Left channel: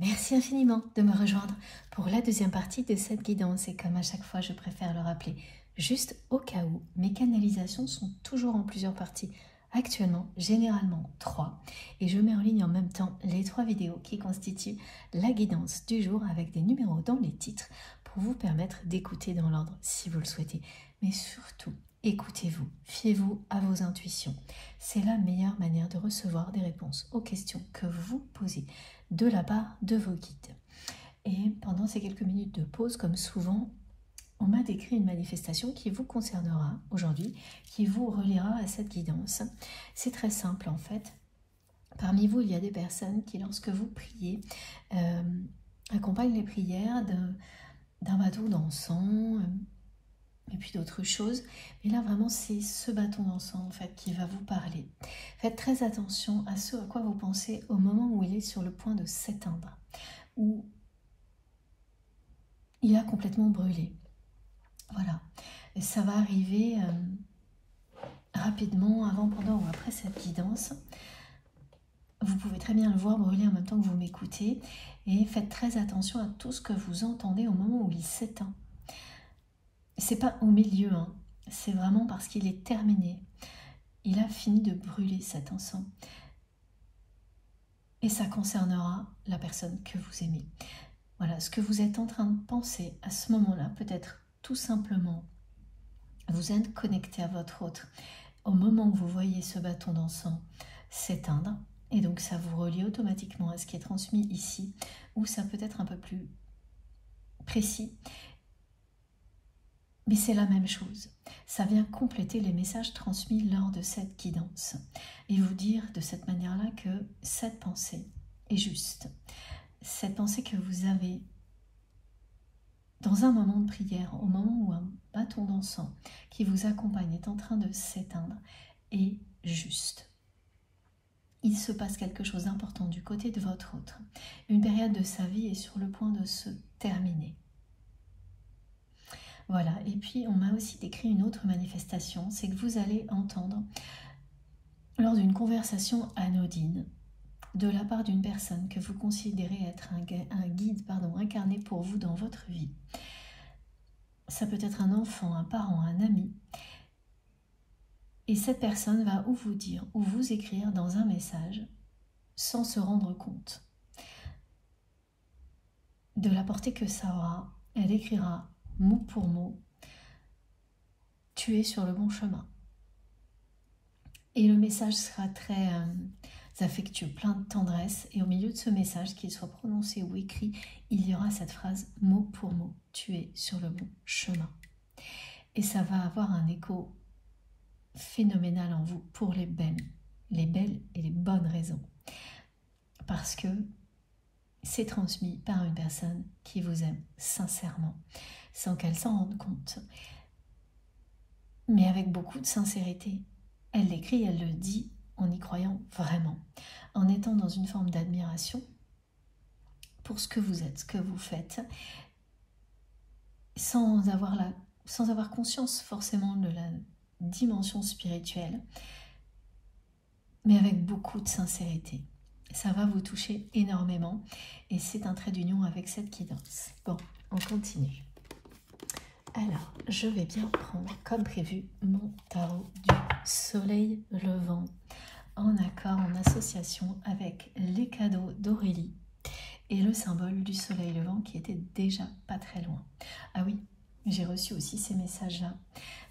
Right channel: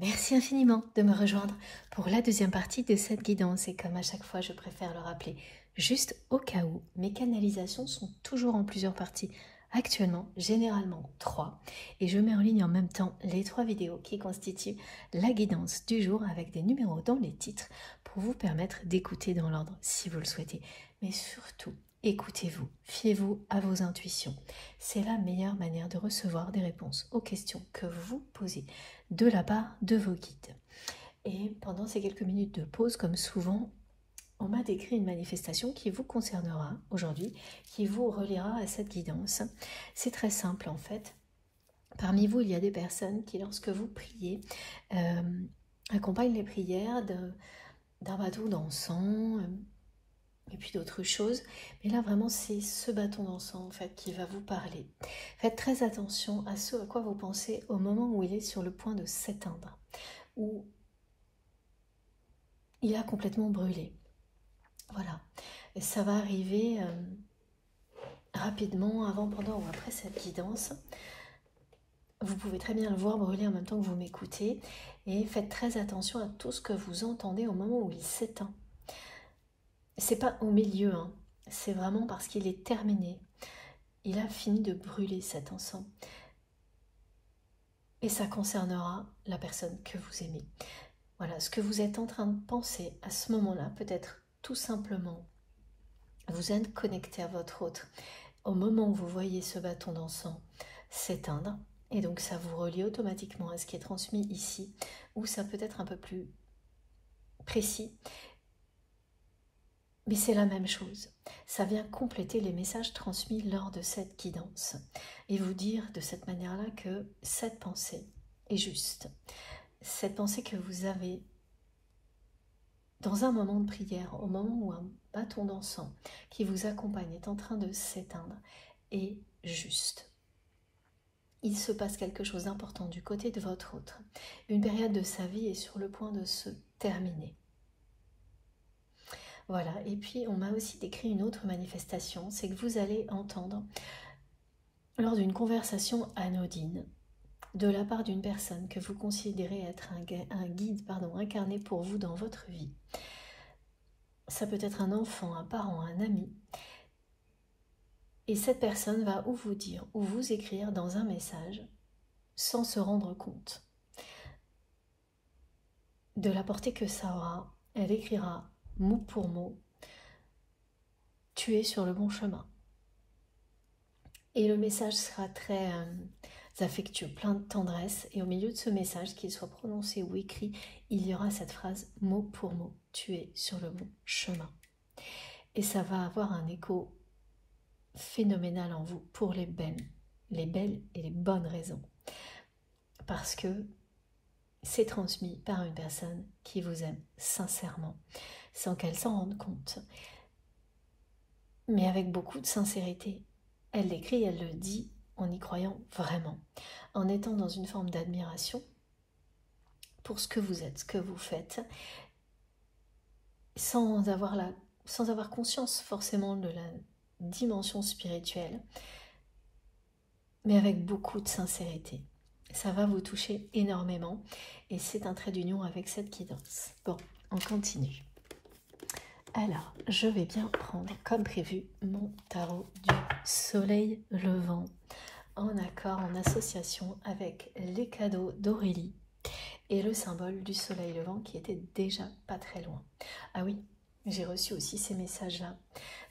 Merci infiniment de me rejoindre pour la deuxième partie de cette guidance et comme à chaque fois je préfère le rappeler juste au cas où, mes canalisations sont toujours en plusieurs parties. Actuellement, généralement 3 et je mets en ligne en même temps les 3 vidéos qui constituent la guidance du jour avec des numéros dans les titres pour vous permettre d'écouter dans l'ordre si vous le souhaitez. Mais surtout, écoutez-vous, fiez-vous à vos intuitions. C'est la meilleure manière de recevoir des réponses aux questions que vous posez de la part de vos guides. Et pendant ces quelques minutes de pause, comme souvent, on m'a décrit une manifestation qui vous concernera aujourd'hui, qui vous reliera à cette guidance. C'est très simple en fait. Parmi vous, il y a des personnes qui, lorsque vous priez, accompagnent les prières d'un bâton d'encens et puis d'autres choses. Mais là, vraiment, c'est ce bâton d'encens en fait qui va vous parler. Faites très attention à ce à quoi vous pensez au moment où il est sur le point de s'éteindre, où il a complètement brûlé. Voilà, et ça va arriver rapidement, avant, pendant ou après cette guidance. Vous pouvez très bien le voir brûler en même temps que vous m'écoutez. Et faites très attention à tout ce que vous entendez au moment où il s'éteint. C'est pas au milieu, hein. C'est vraiment parce qu'il est terminé. Il a fini de brûler cet encens. Et ça concernera la personne que vous aimez. Voilà, ce que vous êtes en train de penser à ce moment-là, peut-être tout simplement, vous êtes connecté à votre autre. Au moment où vous voyez ce bâton d'encens s'éteindre, et donc ça vous relie automatiquement à ce qui est transmis ici, ou ça peut être un peu plus précis, mais c'est la même chose. Ça vient compléter les messages transmis lors de cette guidance, et vous dire de cette manière-là que cette pensée est juste. Cette pensée que vous avez dans un moment de prière, au moment où un bâton d'encens qui vous accompagne est en train de s'éteindre, est juste. Il se passe quelque chose d'important du côté de votre autre. Une période de sa vie est sur le point de se terminer. Voilà, et puis on m'a aussi décrit une autre manifestation, c'est que vous allez entendre, lors d'une conversation anodine, de la part d'une personne que vous considérez être un guide incarné pour vous dans votre vie. Ça peut être un enfant, un parent, un ami. Et cette personne va ou vous dire ou vous écrire dans un message sans se rendre compte de la portée que ça aura. Elle écrira mot pour mot « Tu es sur le bon chemin ». Et le message sera très affectueux, plein de tendresse. Et au milieu de ce message, qu'il soit prononcé ou écrit, il y aura cette phrase mot pour mot « Tu es sur le bon chemin ». Et ça va avoir un écho phénoménal en vous pour les belles et les bonnes raisons. Parce que c'est transmis par une personne qui vous aime sincèrement, sans qu'elle s'en rende compte, mais avec beaucoup de sincérité. Elle l'écrit, elle le dit en y croyant vraiment, en étant dans une forme d'admiration pour ce que vous êtes, ce que vous faites, sans avoir conscience forcément de la dimension spirituelle, mais avec beaucoup de sincérité. Ça va vous toucher énormément et c'est un trait d'union avec cette guidance. Bon, on continue. Alors, je vais bien prendre comme prévu mon tarot du soleil levant en accord, en association avec les cadeaux d'Aurélie et le symbole du soleil levant qui était déjà pas très loin. Ah oui, j'ai reçu aussi ces messages-là.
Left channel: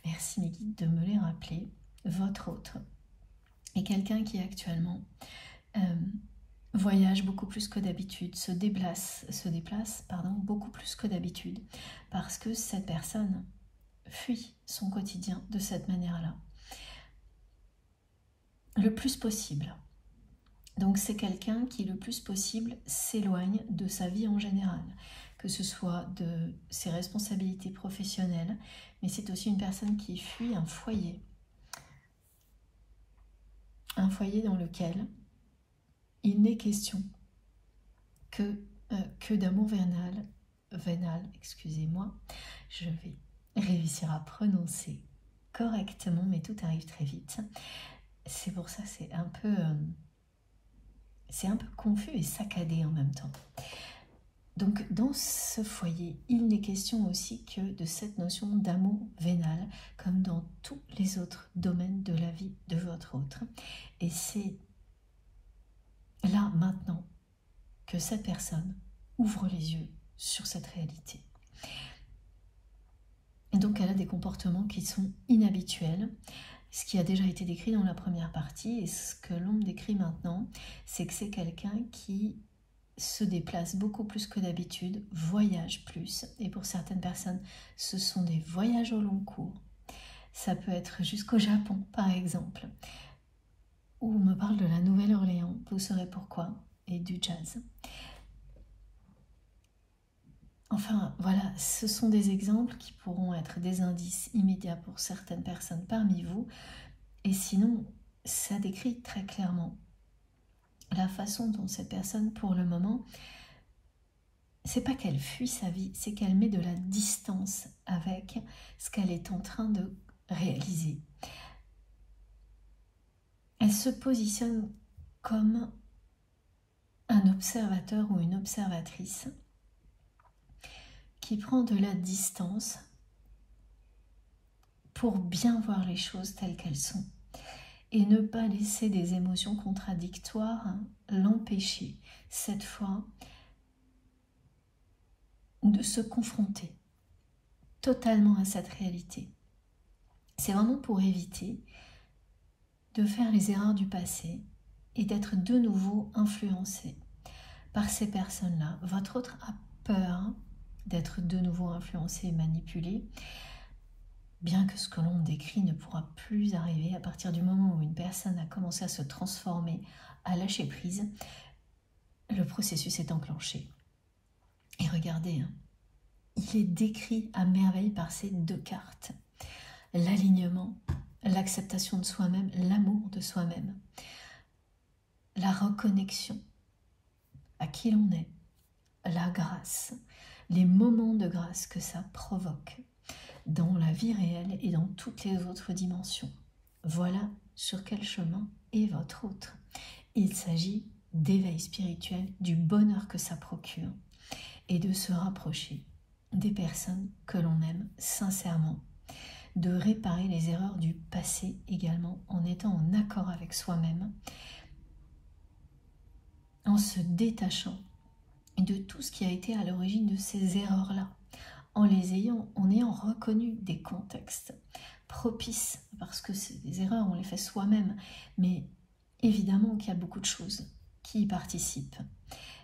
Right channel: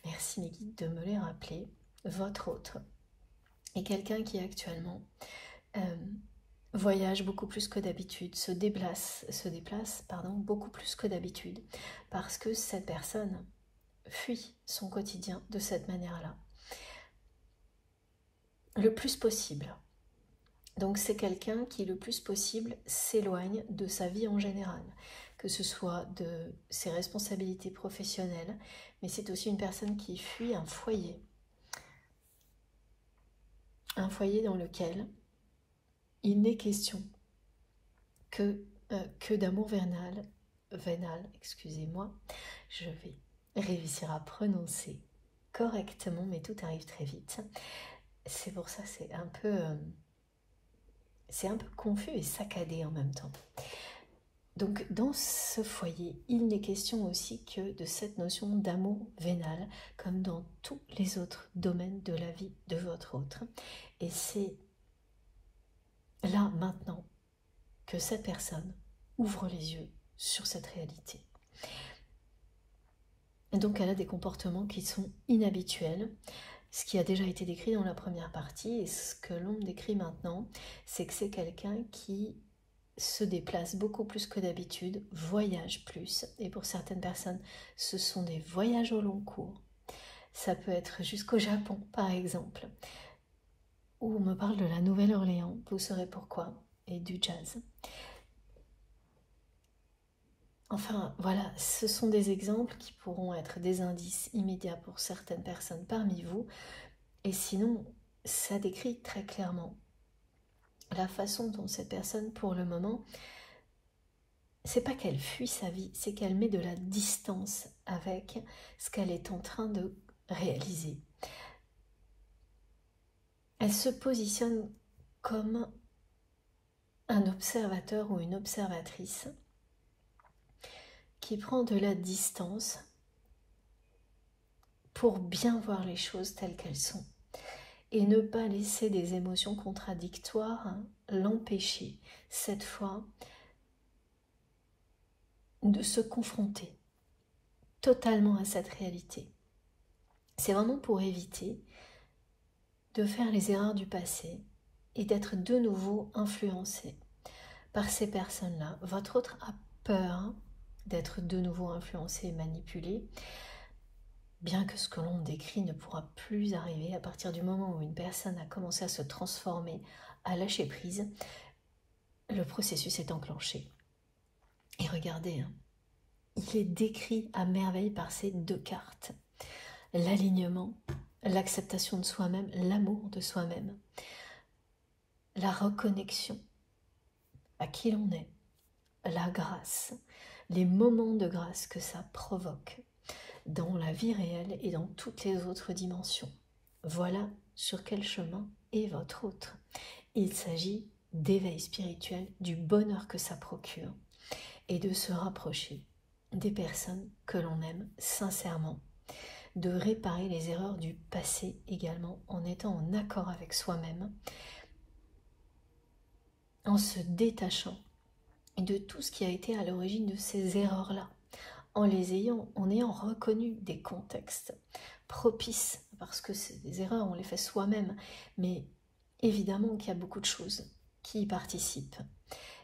Merci mes guides de me les rappeler. Votre autre est quelqu'un qui actuellement voyage beaucoup plus que d'habitude, se déplace beaucoup plus que d'habitude, parce que cette personne fuit son quotidien de cette manière-là, le plus possible. Donc c'est quelqu'un qui le plus possible s'éloigne de sa vie en général, que ce soit de ses responsabilités professionnelles, mais c'est aussi une personne qui fuit un foyer dans lequel il n'est question que d'amour vénal, excusez-moi, je vais réussir à prononcer correctement, mais tout arrive très vite. C'est pour ça c'est un peu confus et saccadé en même temps. Donc dans ce foyer, il n'est question aussi que de cette notion d'amour vénal, comme dans tous les autres domaines de la vie de votre autre. Et c'est là, maintenant, que cette personne ouvre les yeux sur cette réalité. Et donc elle a des comportements qui sont inhabituels. Ce qui a déjà été décrit dans la première partie, et ce que l'on décrit maintenant, c'est que c'est quelqu'un qui se déplace beaucoup plus que d'habitude, voyage plus, et pour certaines personnes, ce sont des voyages au long cours. Ça peut être jusqu'au Japon, par exemple, où on me parle de la Nouvelle-Orléans, vous saurez pourquoi, et du jazz. Enfin, voilà, ce sont des exemples qui pourront être des indices immédiats pour certaines personnes parmi vous, et sinon, ça décrit très clairement la façon dont cette personne, pour le moment, c'est pas qu'elle fuit sa vie, c'est qu'elle met de la distance avec ce qu'elle est en train de réaliser. Elle se positionne comme un observateur ou une observatrice qui prend de la distance pour bien voir les choses telles qu'elles sont et ne pas laisser des émotions contradictoires l'empêcher, cette fois, de se confronter totalement à cette réalité. C'est vraiment pour éviter de faire les erreurs du passé et d'être de nouveau influencé par ces personnes-là. Votre autre a peur d'être de nouveau influencé et manipulé, bien que ce que l'on décrit ne pourra plus arriver à partir du moment où une personne a commencé à se transformer, à lâcher prise, le processus est enclenché. Et regardez, il est décrit à merveille par ces deux cartes. L'alignement, l'acceptation de soi-même, l'amour de soi-même, la reconnexion à qui l'on est, la grâce, les moments de grâce que ça provoque dans la vie réelle et dans toutes les autres dimensions. Voilà sur quel chemin est votre autre. Il s'agit d'éveil spirituel, du bonheur que ça procure et de se rapprocher des personnes que l'on aime sincèrement, de réparer les erreurs du passé également en étant en accord avec soi-même, en se détachant de tout ce qui a été à l'origine de ces erreurs-là, en ayant reconnu des contextes propices, parce que c'est des erreurs, on les fait soi-même, mais évidemment qu'il y a beaucoup de choses qui y participent.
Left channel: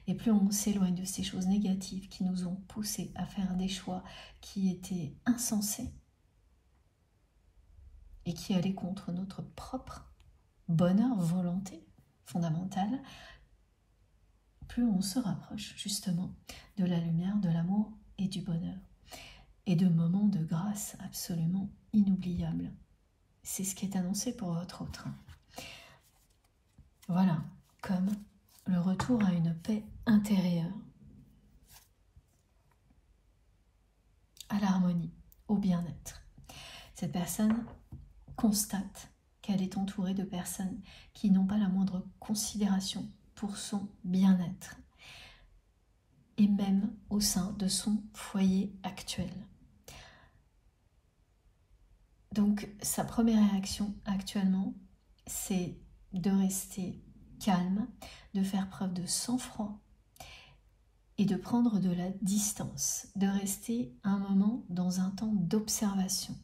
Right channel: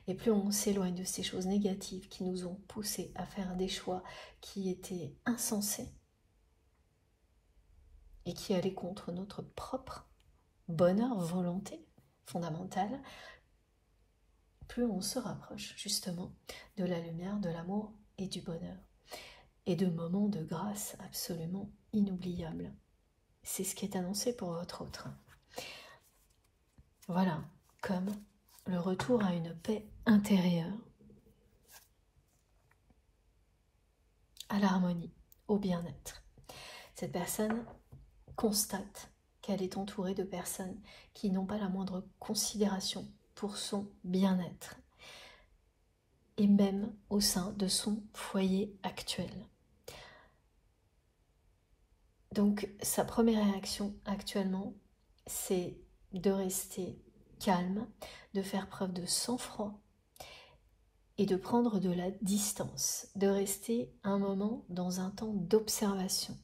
Et plus on s'éloigne de ces choses négatives qui nous ont poussés à faire des choix qui étaient insensés et qui allaient contre notre propre bonheur, volonté fondamentale, plus on se rapproche justement de la lumière, de l'amour et du bonheur. Et de moments de grâce absolument inoubliables. C'est ce qui est annoncé pour votre autre. Voilà, comme le retour à une paix intérieure, à l'harmonie, au bien-être. Cette personne constate qu'elle est entourée de personnes qui n'ont pas la moindre considération pour son bien-être, et même au sein de son foyer actuel. Donc, sa première réaction actuellement, c'est de rester calme, de faire preuve de sang-froid et de prendre de la distance, de rester un moment dans un temps d'observation.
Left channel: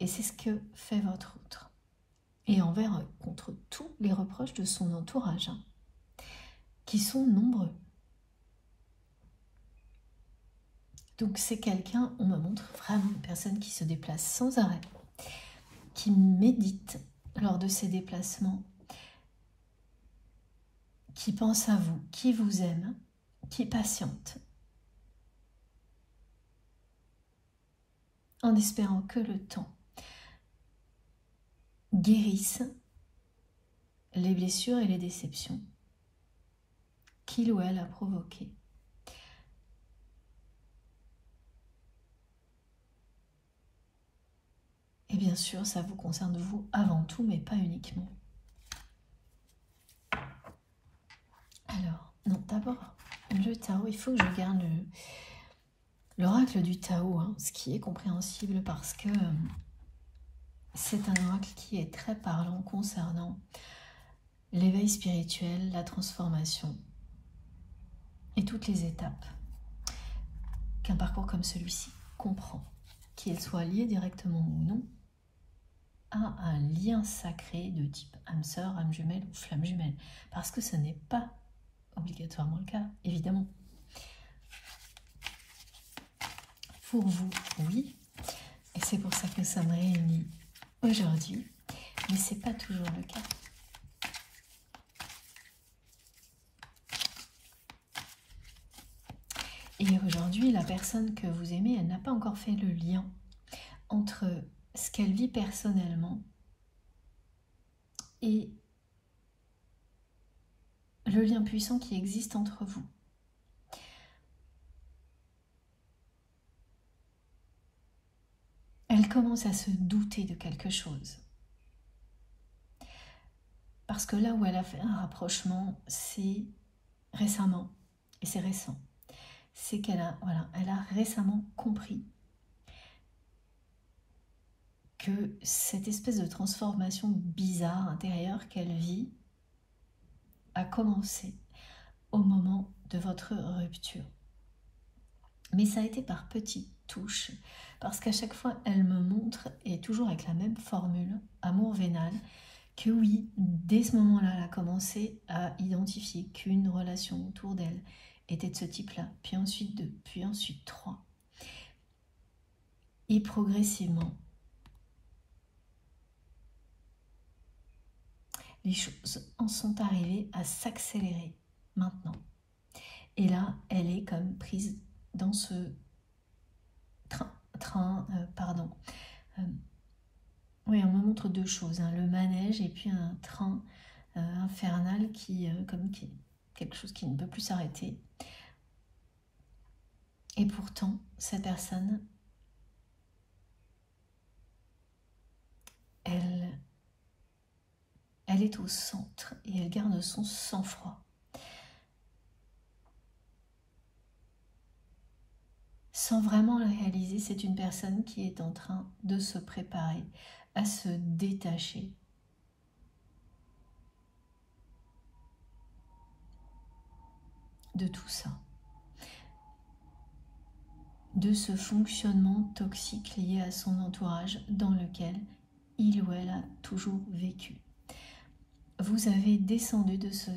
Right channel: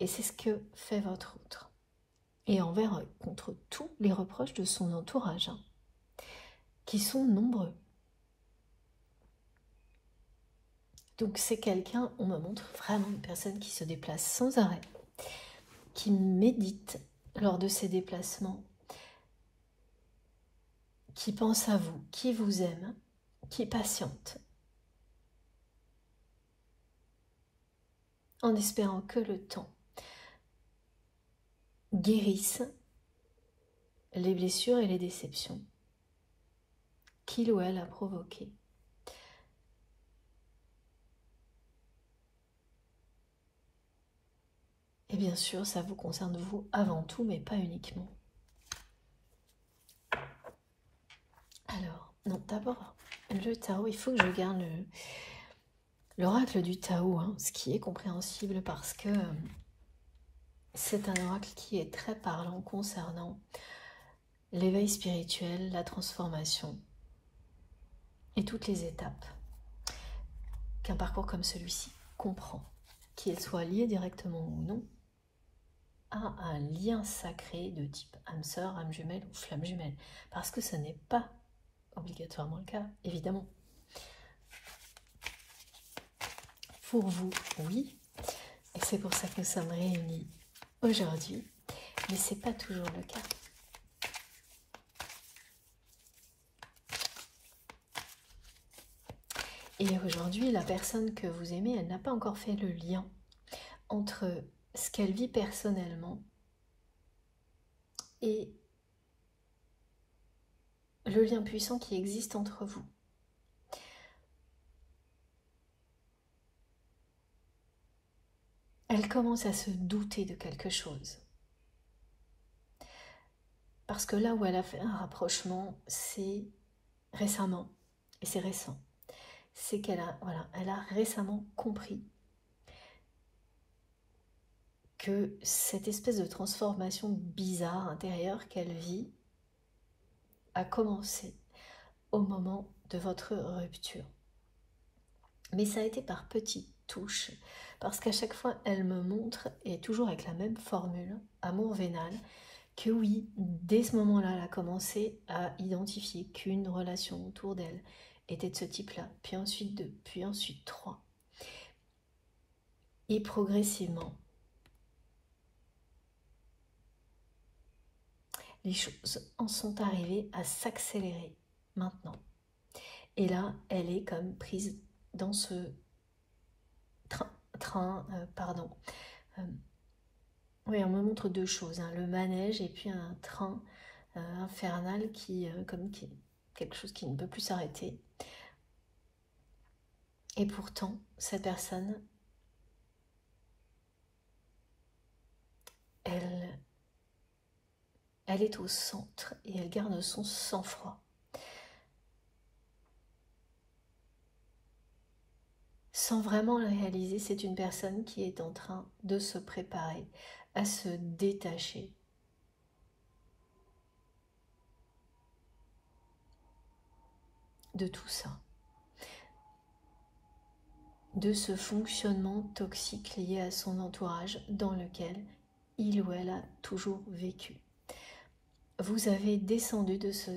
Et c'est ce que fait votre autre. Et contre tous les reproches de son entourage, qui sont nombreux. Donc c'est quelqu'un, on me montre vraiment une personne qui se déplace sans arrêt, qui médite lors de ses déplacements, qui pense à vous, qui vous aime, qui patiente, en espérant que le temps guérisse les blessures et les déceptions qu'il ou elle a provoquées. Et bien sûr, ça vous concerne vous avant tout, mais pas uniquement. Alors, Non, d'abord, le Tao, il faut que je garde l'oracle du Tao, hein, ce qui est compréhensible parce que c'est un oracle qui est très parlant concernant l'éveil spirituel, la transformation et toutes les étapes qu'un parcours comme celui-ci comprend, qu'il soit lié directement ou non à un lien sacré de type âme sœur, âme jumelle ou flamme jumelle, parce que ce n'est pas obligatoirement le cas, évidemment. Pour vous, oui, et c'est pour ça que nous sommes réunis aujourd'hui, mais ce n'est pas toujours le cas. Et aujourd'hui, la personne que vous aimez, elle n'a pas encore fait le lien entre ce qu'elle vit personnellement et le lien puissant qui existe entre vous. Elle commence à se douter de quelque chose. Parce que là où elle a fait un rapprochement, c'est récemment, et c'est récent, c'est qu'elle a, voilà, elle a récemment compris que cette espèce de transformation bizarre intérieure qu'elle vit a commencé au moment de votre rupture. Mais ça a été par petites touches, parce qu'à chaque fois, elle me montre, et toujours avec la même formule, amour vénal, que oui, dès ce moment-là, elle a commencé à identifier qu'une relation autour d'elle était de ce type-là, puis ensuite deux, puis ensuite trois. Et progressivement, les choses en sont arrivées à s'accélérer maintenant. Et là, elle est comme prise dans ce oui, on me montre deux choses, hein, le manège et puis un train infernal qui quelque chose qui ne peut plus s'arrêter. Et pourtant, cette personne, elle est au centre et elle garde son sang-froid. Sans vraiment le réaliser, c'est une personne qui est en train de se préparer à se détacher de tout ça, de ce fonctionnement toxique lié à son entourage dans lequel il ou elle a toujours vécu. Vous êtes descendu de ce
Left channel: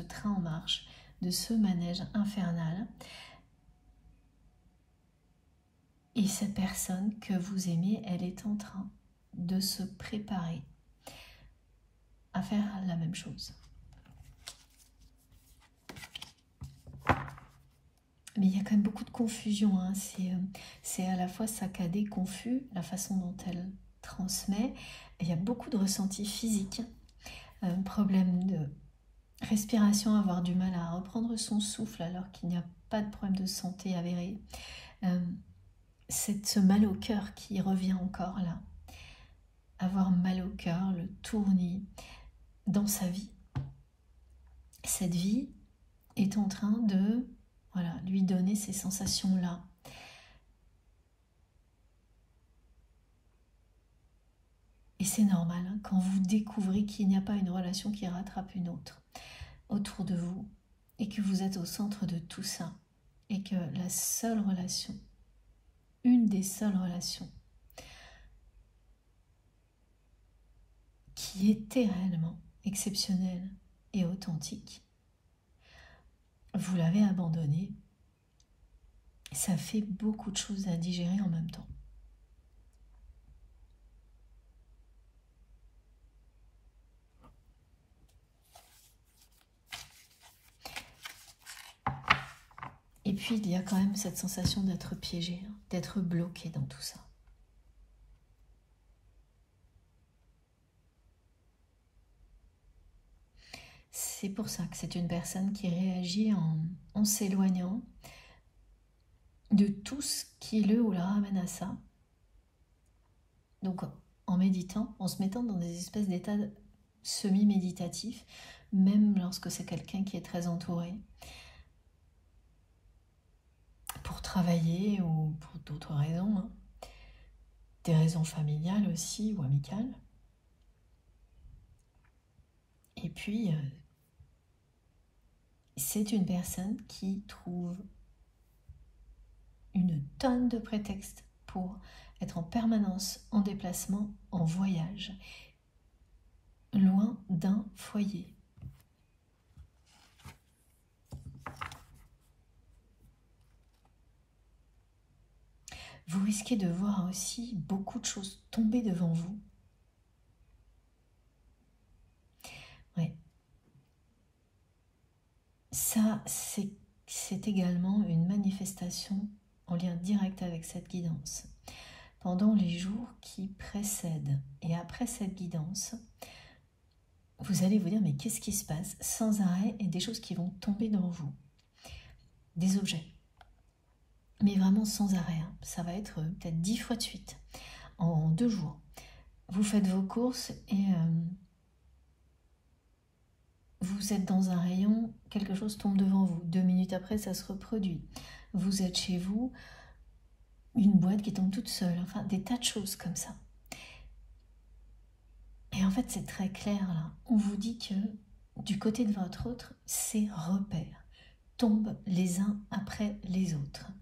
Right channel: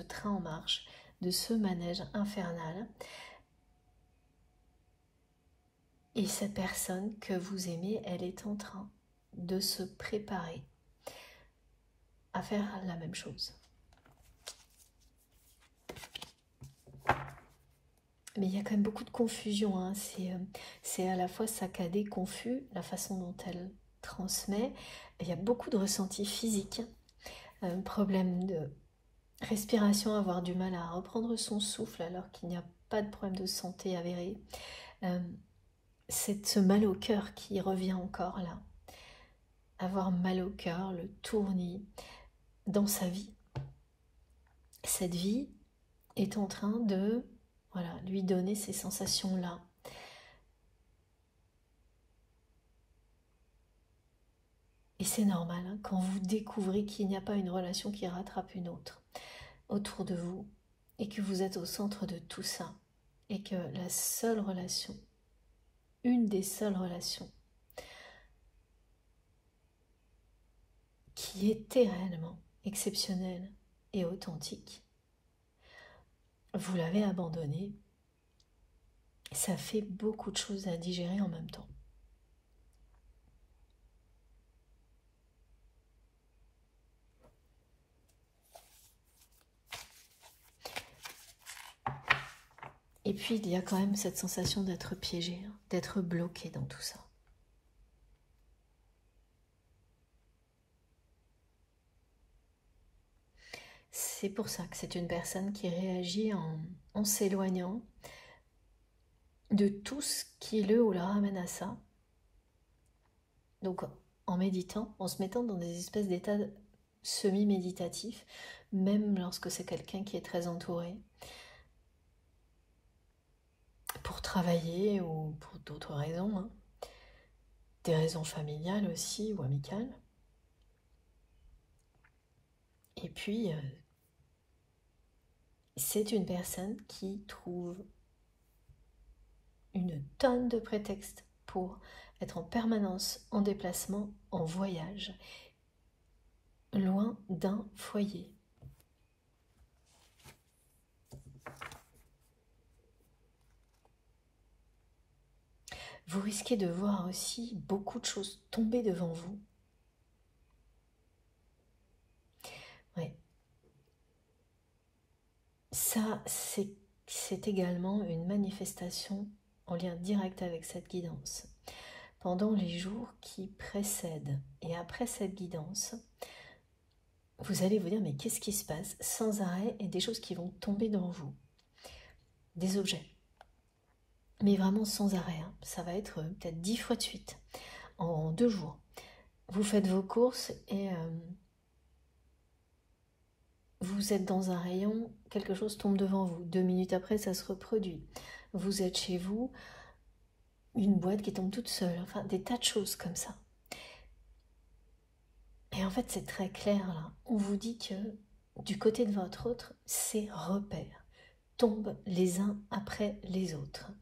train en marche, de ce manège infernal. Et cette personne que vous aimez, elle est en train de se préparer à faire la même chose. Mais il y a quand même beaucoup de confusion, hein. C'est à la fois saccadé, confus, la façon dont elle transmet. Il y a beaucoup de ressentis physiques, problème de respiration, avoir du mal à reprendre son souffle alors qu'il n'y a pas de problème de santé avéré. Ce mal au cœur qui revient encore là. Avoir mal au cœur, le tournis dans sa vie. Cette vie est en train de lui donner ces sensations-là. Et c'est normal, hein, quand vous découvrez qu'il n'y a pas une relation qui rattrape une autre autour de vous et que vous êtes au centre de tout ça et que la seule relation, une des seules relations qui était réellement exceptionnelle et authentique, vous l'avez abandonnée. Ça fait beaucoup de choses à digérer en même temps. Et puis il y a quand même cette sensation d'être piégé, d'être bloqué dans tout ça. C'est pour ça que c'est une personne qui réagit en s'éloignant de tout ce qui le ou la ramène à ça. Donc en méditant, en se mettant dans des espèces d'états semi-méditatifs, même lorsque c'est quelqu'un qui est très entouré, pour travailler ou pour d'autres raisons, hein. Des raisons familiales aussi ou amicales. Et puis, c'est une personne qui trouve une tonne de prétextes pour être en permanence en déplacement, en voyage, loin d'un foyer. Vous risquez de voir aussi beaucoup de choses tomber devant vous. Oui. Ça, c'est également une manifestation en lien direct avec cette guidance. Pendant les jours qui précèdent et après cette guidance, vous allez vous dire, mais qu'est-ce qui se passe sans arrêt et des choses qui vont tomber dans vous. Des objets. Mais vraiment sans arrêt. Hein. Ça va être peut-être 10 fois de suite, en 2 jours. Vous faites vos courses et vous êtes dans un rayon, quelque chose tombe devant vous. 2 minutes après, ça se reproduit. Vous êtes chez vous, une boîte qui tombe toute seule. Enfin, des tas de choses comme ça. Et en fait, c'est très clair là. On vous dit que du côté de votre autre, ces repères tombent les uns après les autres.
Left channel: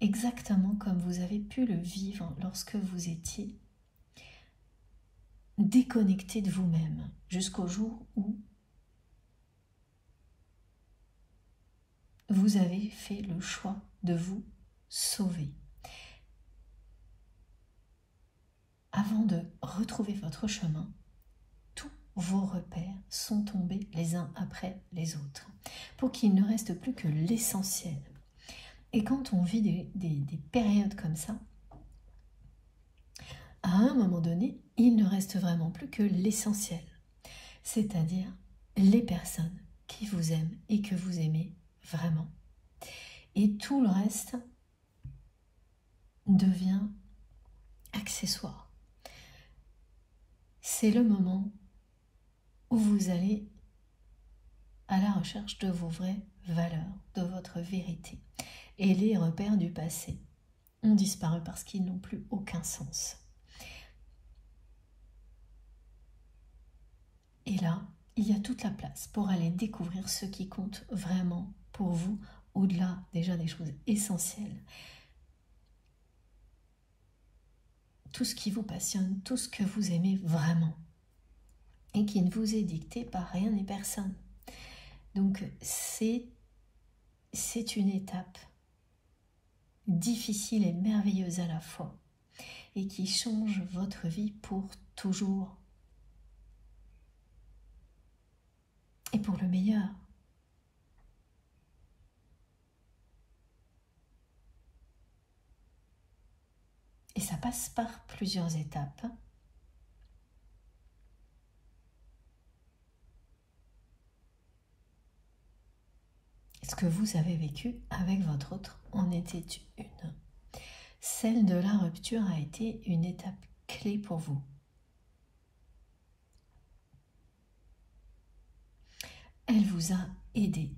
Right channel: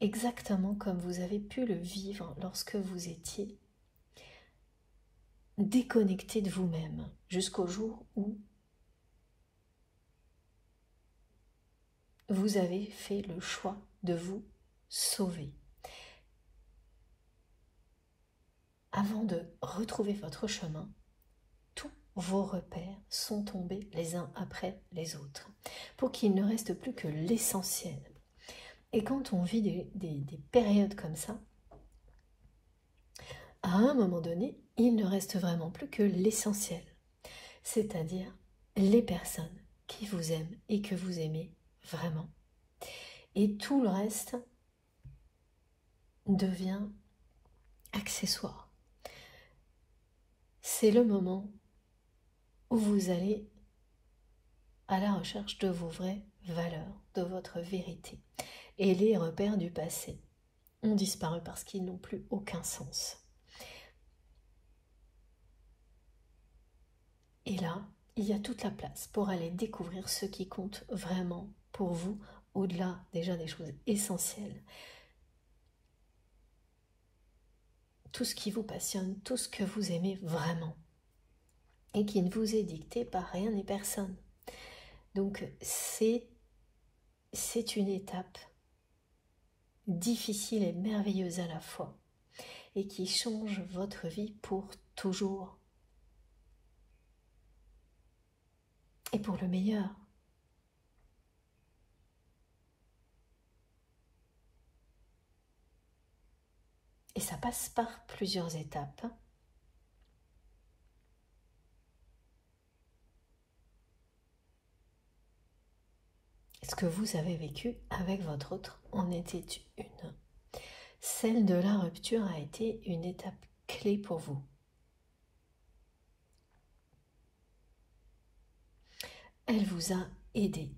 Exactement comme vous avez pu le vivre lorsque vous étiez déconnecté de vous-même, jusqu'au jour où vous avez fait le choix de vous sauver. Avant de retrouver votre chemin, tous vos repères sont tombés les uns après les autres, pour qu'il ne reste plus que l'essentiel. Et quand on vit des périodes comme ça, à un moment donné, il ne reste vraiment plus que l'essentiel, c'est-à-dire les personnes qui vous aiment et que vous aimez vraiment. Et tout le reste devient accessoire. C'est le moment où vous allez à la recherche de vos vraies valeurs, de votre vérité. Et les repères du passé ont disparu parce qu'ils n'ont plus aucun sens. Et là, il y a toute la place pour aller découvrir ce qui compte vraiment pour vous, au-delà déjà des choses essentielles. Tout ce qui vous passionne, tout ce que vous aimez vraiment. Et qui ne vous est dicté par rien ni personne. Donc c'est une étape difficile et merveilleuse à la fois. Et qui change votre vie pour toujours. Et pour le meilleur. Et ça passe par plusieurs étapes. Ce que vous avez vécu avec votre autre en était une. Celle de la rupture a été une étape clé pour vous. Elle vous a aidé.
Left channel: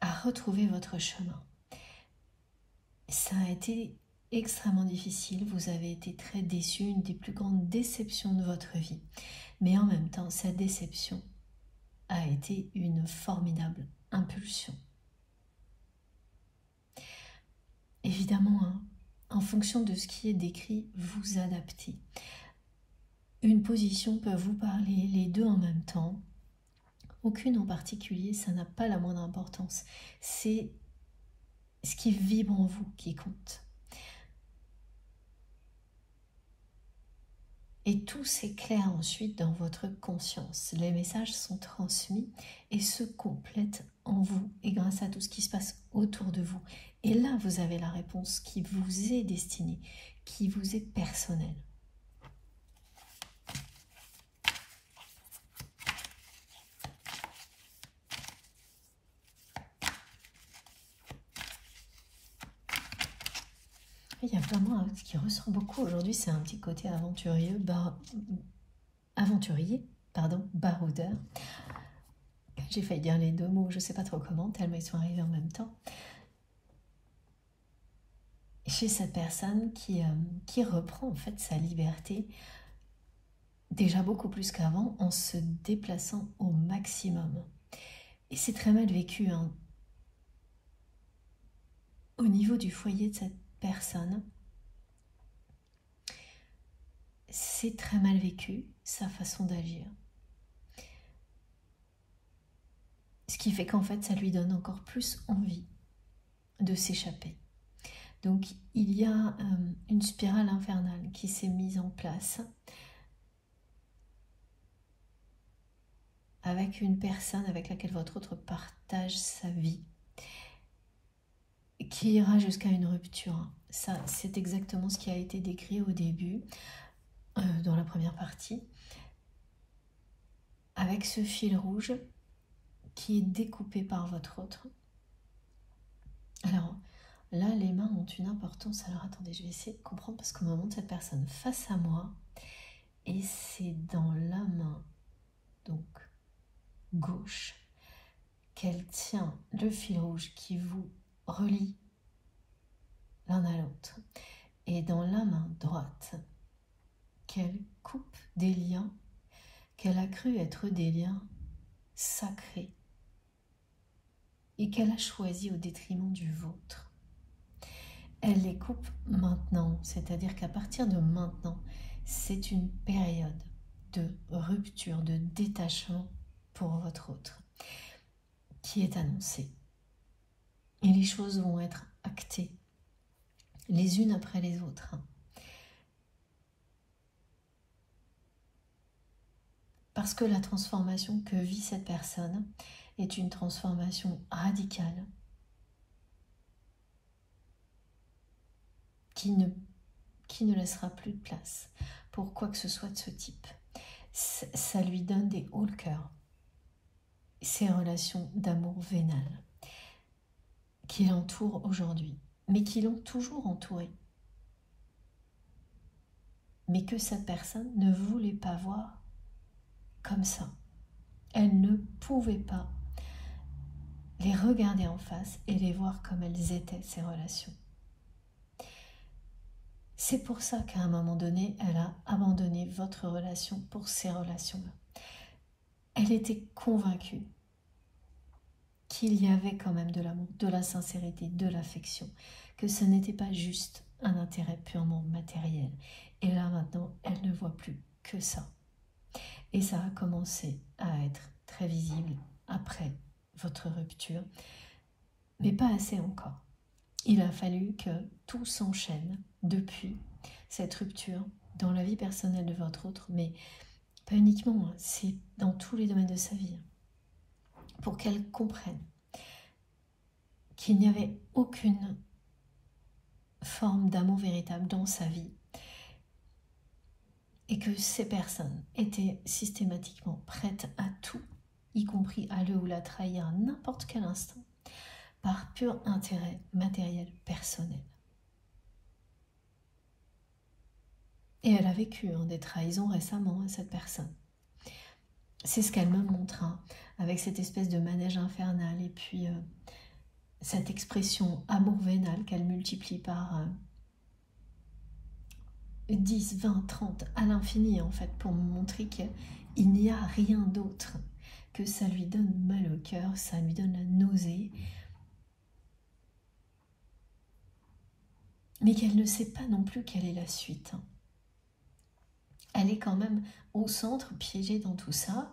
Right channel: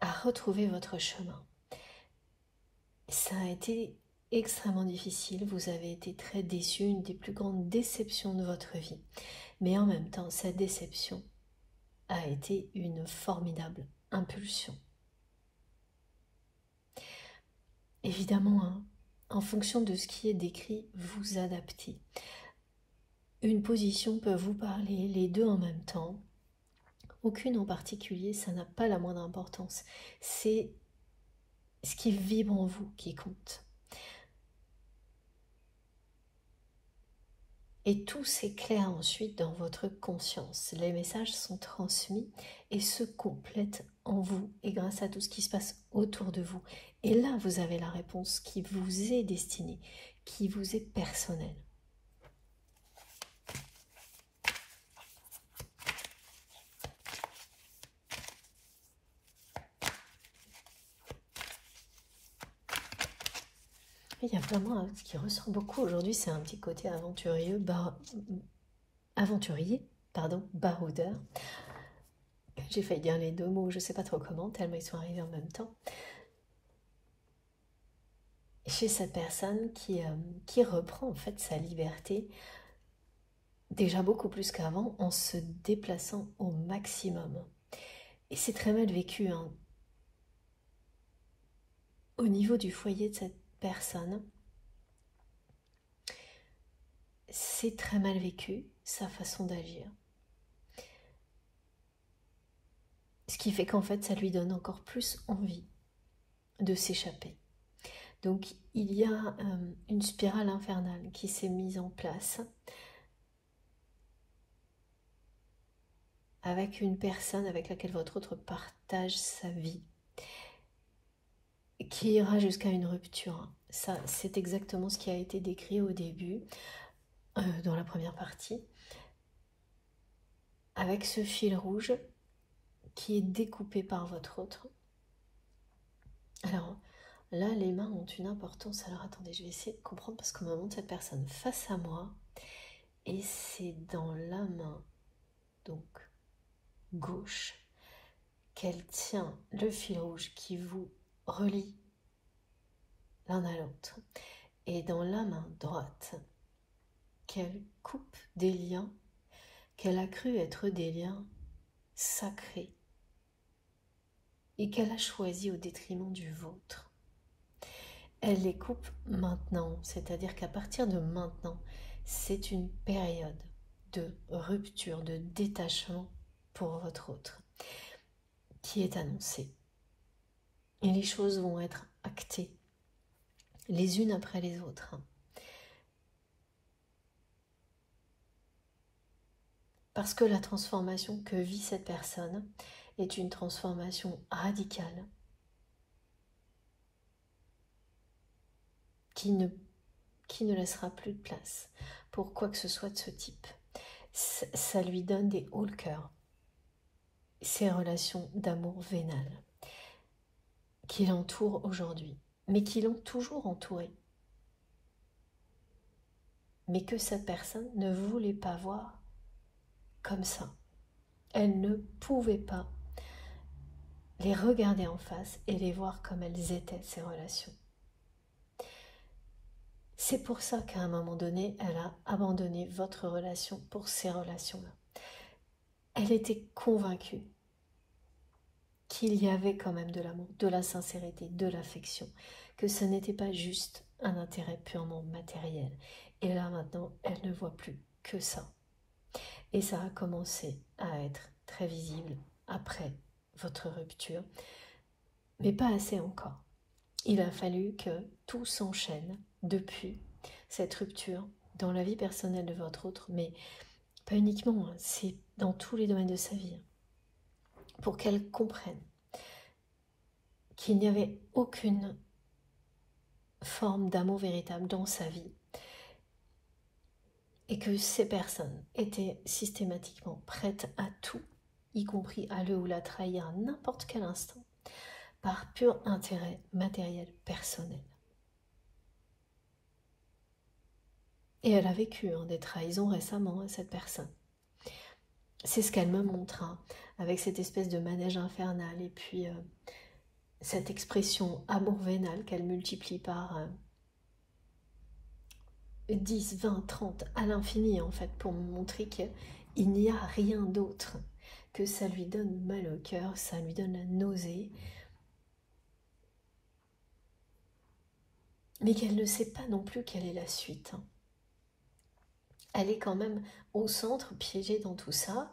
À retrouver votre chemin. Ça a été extrêmement difficile, vous avez été très déçu, une des plus grandes déceptions de votre vie. Mais en même temps, cette déception a été une formidable impulsion. Évidemment, hein, en fonction de ce qui est décrit, vous adaptez. Une position peut vous parler, les deux en même temps. Aucune en particulier, ça n'a pas la moindre importance. C'est ce qui vibre en vous qui compte. Et tout s'éclaire ensuite dans votre conscience. Les messages sont transmis et se complètent en vous et grâce à tout ce qui se passe autour de vous. Et là, vous avez la réponse qui vous est destinée, qui vous est personnelle. Il il y a vraiment ce qui ressort beaucoup aujourd'hui, c'est un petit côté aventurier, baroudeur. J'ai failli dire les deux mots, je ne sais pas trop comment, tellement ils sont arrivés en même temps. Chez cette personne qui reprend en fait sa liberté, déjà beaucoup plus qu'avant, en se déplaçant au maximum. Et c'est très mal vécu, hein. Au niveau du foyer de cette personne, c'est très mal vécu, sa façon d'agir. Ce qui fait qu'en fait, ça lui donne encore plus envie de s'échapper. Donc, il y a une spirale infernale qui s'est mise en place avec une personne avec laquelle votre autre partage sa vie, qui ira jusqu'à une rupture. Ça, c'est exactement ce qui a été décrit au début, dans la première partie, avec ce fil rouge qui est découpé par votre autre. Alors, là, les mains ont une importance. Alors, attendez, je vais essayer de comprendre parce qu'on me montre cette personne face à moi et c'est dans la main, donc gauche, qu'elle tient le fil rouge qui vous relie l'un à l'autre, et dans la main droite qu'elle coupe des liens qu'elle a cru être des liens sacrés et qu'elle a choisi au détriment du vôtre. Elle les coupe maintenant, c'est-à-dire qu'à partir de maintenant, c'est une période de rupture, de détachement pour votre autre qui est annoncée. Et les choses vont être actées les unes après les autres. Parce que la transformation que vit cette personne est une transformation radicale qui ne laissera plus de place pour quoi que ce soit de ce type. Ça lui donne des hauts le cœur. Ces relations d'amour vénal qui l'entourent aujourd'hui, mais qui l'ont toujours entouré. Mais que cette personne ne voulait pas voir comme ça. Elle ne pouvait pas les regarder en face et les voir comme elles étaient, ces relations. C'est pour ça qu'à un moment donné, elle a abandonné votre relation pour ces relations-là. Elle était convaincue qu'il y avait quand même de l'amour, de la sincérité, de l'affection, que ça n'était pas juste un intérêt purement matériel. Et là maintenant, elle ne voit plus que ça. Et ça a commencé à être très visible après votre rupture, mais pas assez encore. Il a fallu que tout s'enchaîne depuis cette rupture dans la vie personnelle de votre autre, mais pas uniquement, c'est dans tous les domaines de sa vie, pour qu'elle comprenne qu'il n'y avait aucune forme d'amour véritable dans sa vie et que ces personnes étaient systématiquement prêtes à tout, y compris à le ou la trahir à n'importe quel instant, par pur intérêt matériel personnel. Et elle a vécu des trahisons récemment à cette personne. C'est ce qu'elle me montre, avec cette espèce de manège infernal et puis cette expression amour vénal qu'elle multiplie par 10, 20, 30 à l'infini en fait, pour me montrer qu'il n'y a rien d'autre, que ça lui donne mal au cœur, ça lui donne la nausée, mais qu'elle ne sait pas non plus quelle est la suite. Elle est quand même au centre, piégée dans tout ça.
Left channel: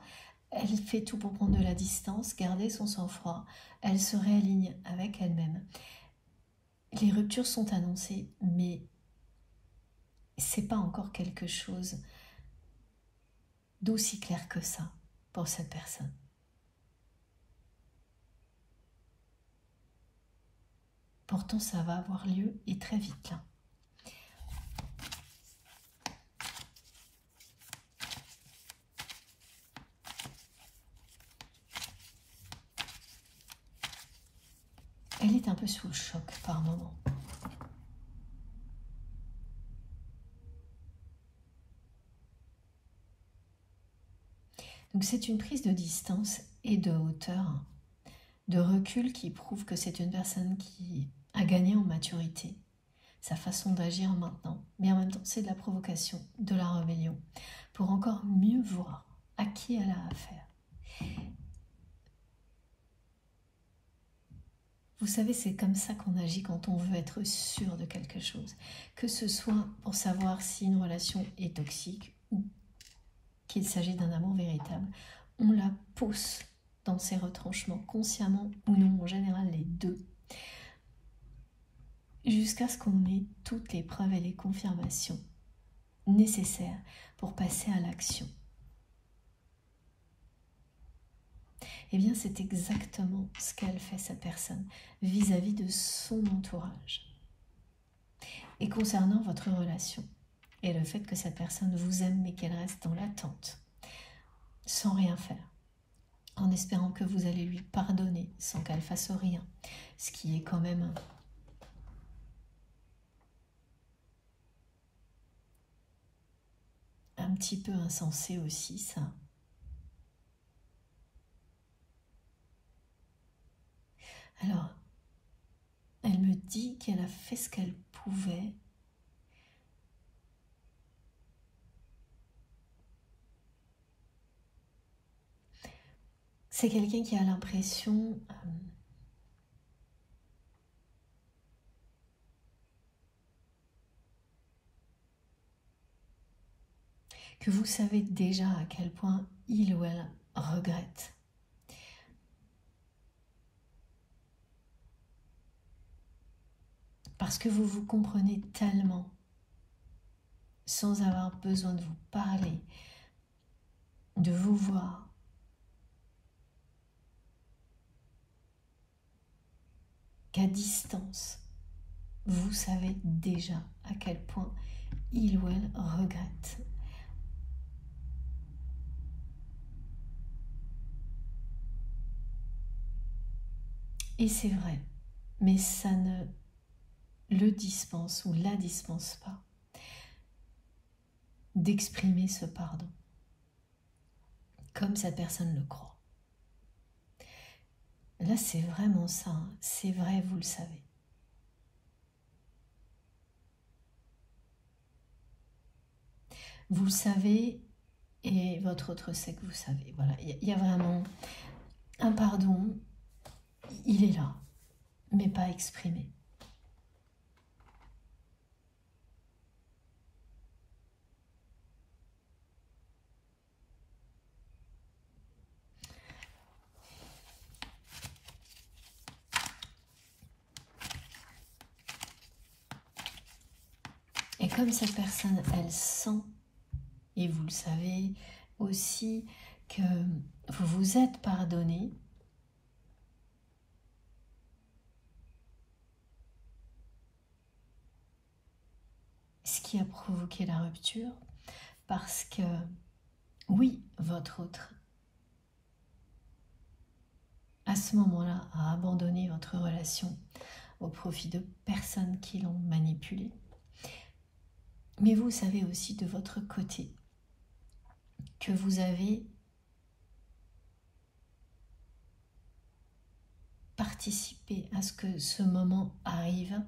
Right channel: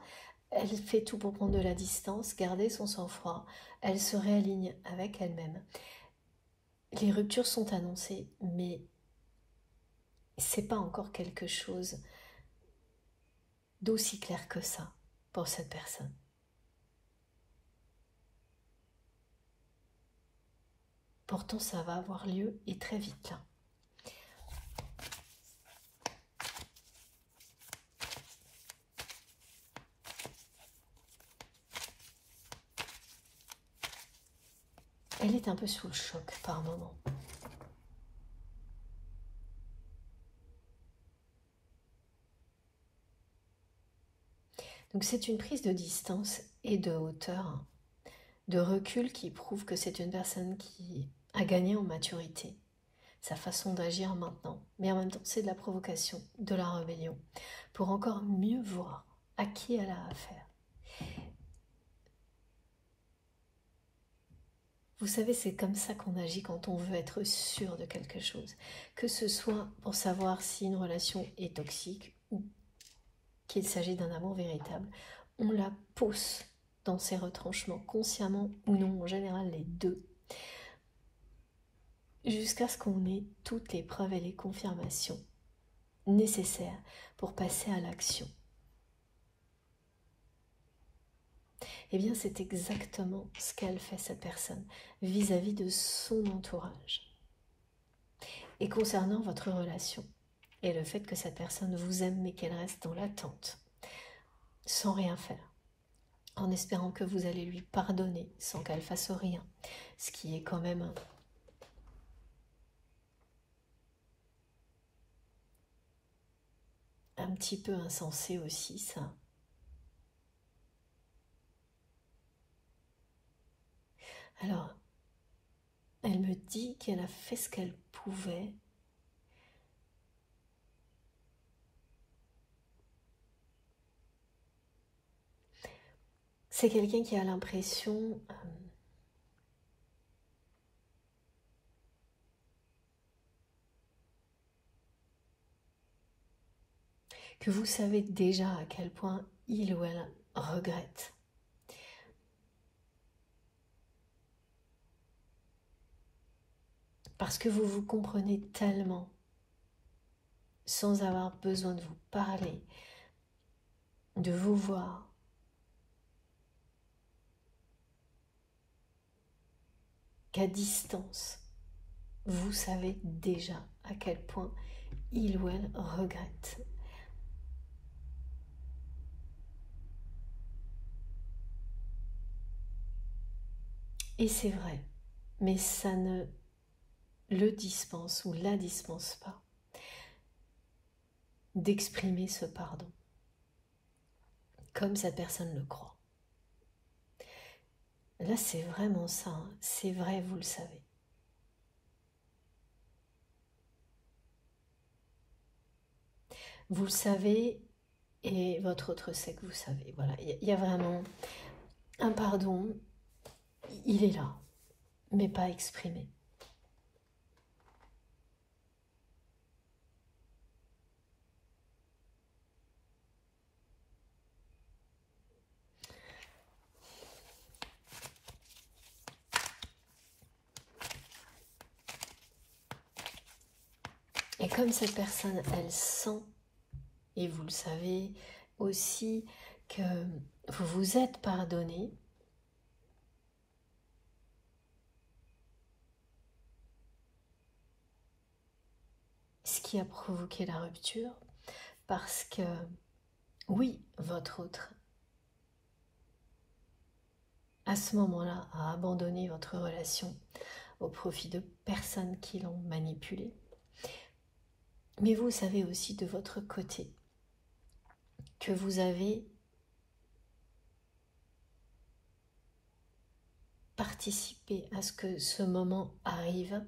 Elle fait tout pour prendre de la distance, garder son sang-froid. Elle se réaligne avec elle-même. Les ruptures sont annoncées, mais c'est pas encore quelque chose d'aussi clair que ça pour cette personne. Pourtant, ça va avoir lieu et très vite là. Elle est un peu sous le choc par moment. Donc c'est une prise de distance et de hauteur, de recul qui prouve que c'est une personne qui a gagné en maturité, sa façon d'agir maintenant, mais en même temps c'est de la provocation, de la rébellion, pour encore mieux voir à qui elle a affaire. Vous savez, c'est comme ça qu'on agit quand on veut être sûr de quelque chose, que ce soit pour savoir si une relation est toxique ou qu'il s'agit d'un amour véritable. On la pousse dans ses retranchements, consciemment ou non, en général les deux, jusqu'à ce qu'on ait toutes les preuves et les confirmations nécessaires pour passer à l'action. Eh bien, c'est exactement ce qu'elle fait, cette personne, vis-à-vis de son entourage. Et concernant votre relation, et le fait que cette personne vous aime, mais qu'elle reste dans l'attente, sans rien faire, en espérant que vous allez lui pardonner sans qu'elle fasse rien, ce qui est quand même un petit peu insensé aussi, ça. Alors, elle me dit qu'elle a fait ce qu'elle pouvait. C'est quelqu'un qui a l'impression que vous savez déjà à quel point il ou elle regrette. Parce que vous vous comprenez tellement, sans avoir besoin de vous parler, de vous voir, qu'à distance, vous savez déjà à quel point il ou elle regrette. Et c'est vrai, mais ça ne le dispense ou la dispense pas d'exprimer ce pardon, comme cette personne le croit. Là, c'est vraiment ça, hein. C'est vrai, vous le savez. Vous le savez et votre autre sait que vous savez. Voilà, il y a vraiment un pardon, il est là, mais pas exprimé. Et comme cette personne, elle sent, et vous le savez aussi, que vous vous êtes pardonné, ce qui a provoqué la rupture, parce que, oui, votre autre, à ce moment-là, a abandonné votre relation au profit de personnes qui l'ont manipulé. Mais vous savez aussi de votre côté que vous avez participé à ce que ce moment arrive,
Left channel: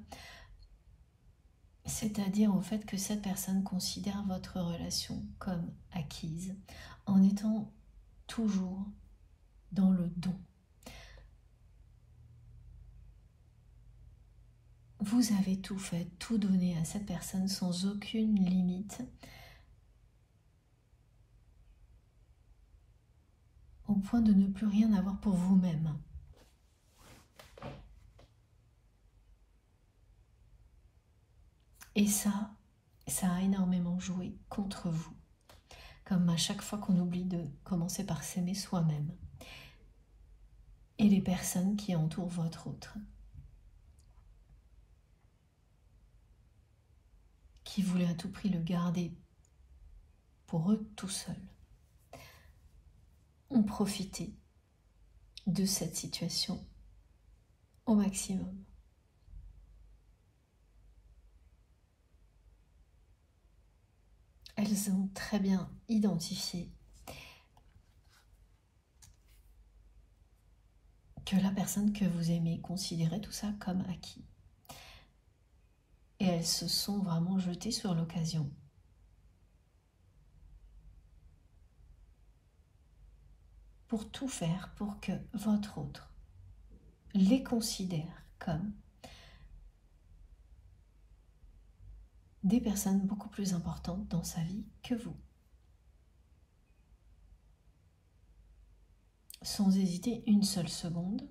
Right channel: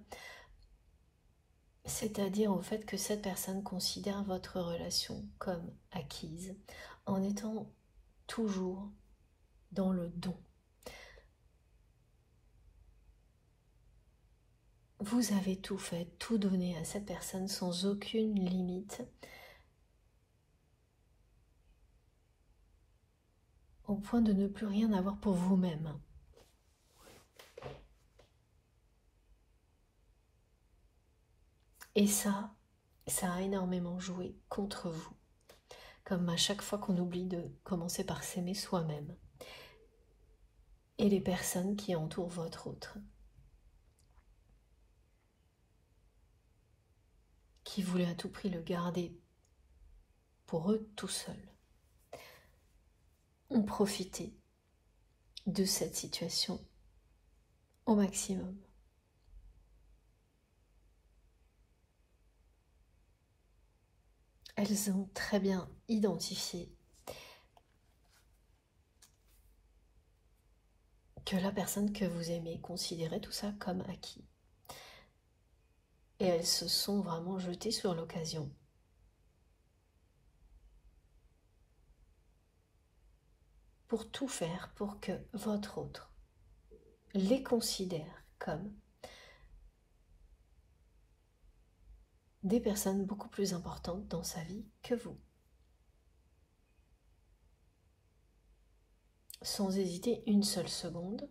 c'est-à-dire au fait que cette personne considère votre relation comme acquise, en étant toujours dans le don. Vous avez tout fait, tout donné à cette personne sans aucune limite, au point de ne plus rien avoir pour vous-même. Et ça a énormément joué contre vous, comme à chaque fois qu'on oublie de commencer par s'aimer soi-même et les personnes qui entourent votre autre, qui voulaient à tout prix le garder pour eux tout seuls, ont profité de cette situation au maximum. Elles ont très bien identifié que la personne que vous aimez considérait tout ça comme acquis. Et elles se sont vraiment jetées sur l'occasion. Pour tout faire pour que votre autre les considère comme des personnes beaucoup plus importantes dans sa vie que vous. Sans hésiter une seule seconde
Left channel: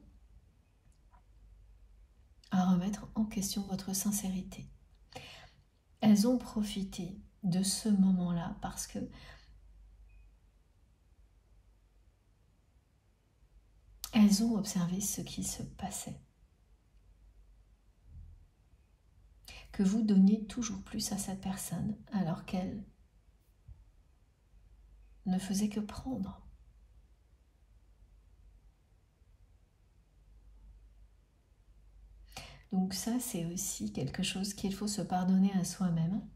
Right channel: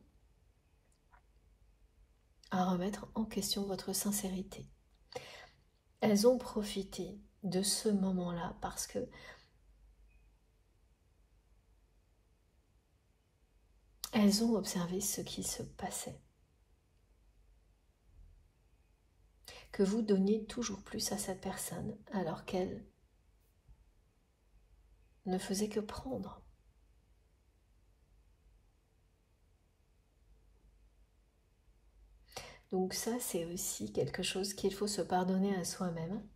à remettre en question votre sincérité. Elles ont profité de ce moment-là parce que elles ont observé ce qui se passait. Que vous donniez toujours plus à cette personne alors qu'elle ne faisait que prendre. Donc ça, c'est aussi quelque chose qu'il faut se pardonner à soi-même.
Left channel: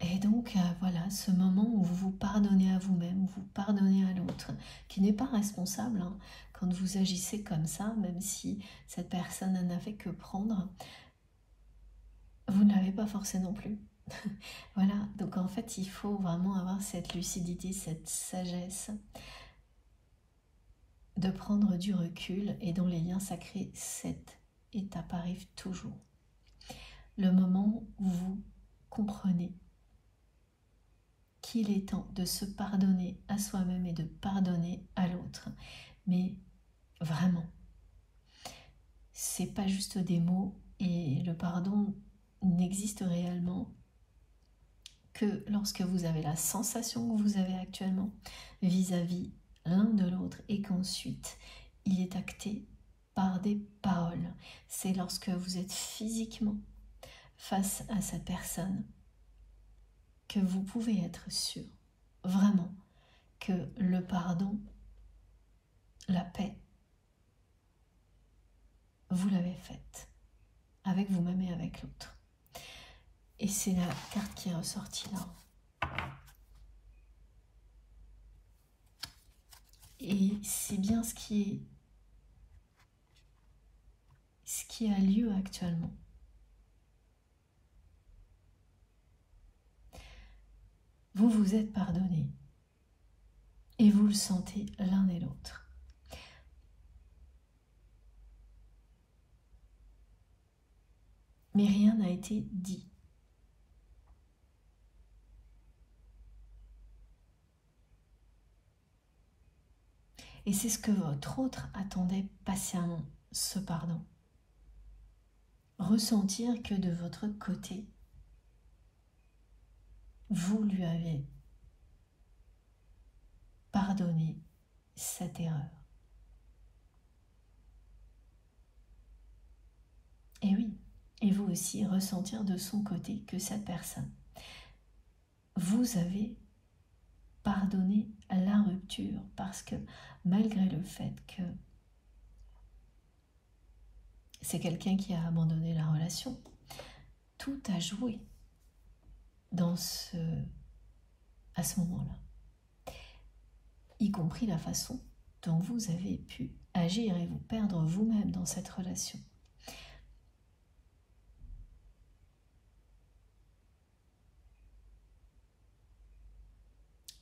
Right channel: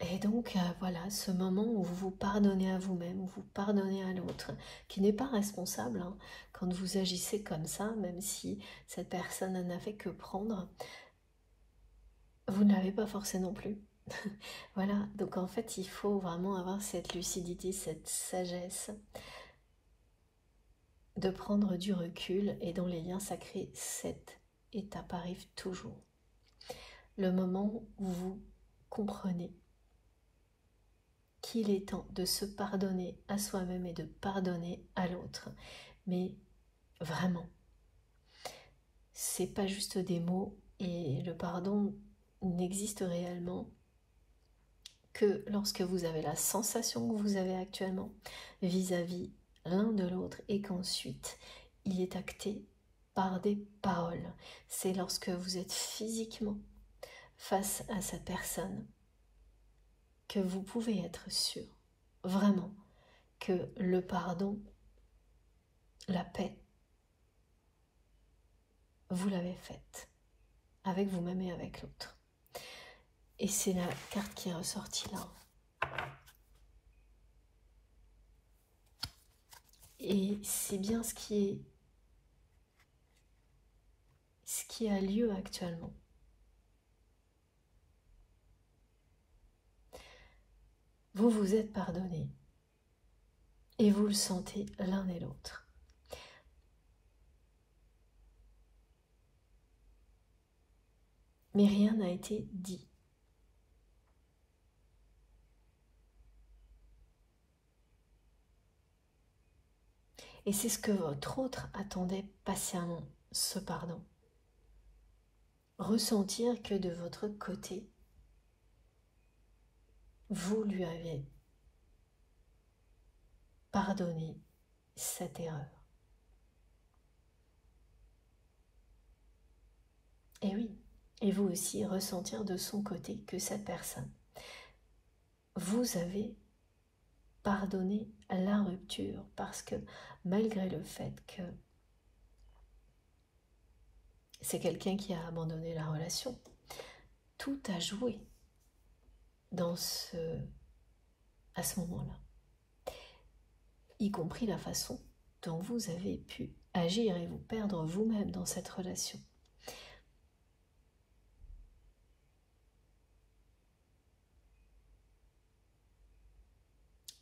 Et donc, voilà, ce moment où vous vous pardonnez à vous-même, vous pardonnez à l'autre, qui n'est pas responsable hein, quand vous agissez comme ça, même si cette personne n'a fait que prendre, vous ne l'avez pas forcé non plus. Voilà, donc en fait, il faut vraiment avoir cette lucidité, cette sagesse, de prendre du recul, et dans les liens sacrés, cette étape arrive toujours. Le moment où vous comprenez qu'il est temps de se pardonner à soi-même et de pardonner à l'autre. Mais vraiment, c'est pas juste des mots, et le pardon n'existe réellement que lorsque vous avez la sensation que vous avez actuellement vis-à-vis l'un de l'autre et qu'ensuite il est acté par des paroles. C'est lorsque vous êtes physiquement face à cette personne que vous pouvez être sûr, vraiment, que le pardon, la paix, vous l'avez faite, avec vous-même et avec l'autre. Et c'est la carte qui est ressortie là. Et c'est bien ce qui a lieu actuellement. Vous vous êtes pardonné et vous le sentez l'un et l'autre. Mais rien n'a été dit. Et c'est ce que votre autre attendait patiemment, ce pardon. Ressentir que de votre côté, vous lui avez pardonné cette erreur. Et oui, et vous aussi ressentir de son côté que cette personne, vous avez pardonné la rupture, parce que malgré le fait que c'est quelqu'un qui a abandonné la relation, tout a joué à ce moment-là, y compris la façon dont vous avez pu agir et vous perdre vous-même dans cette relation.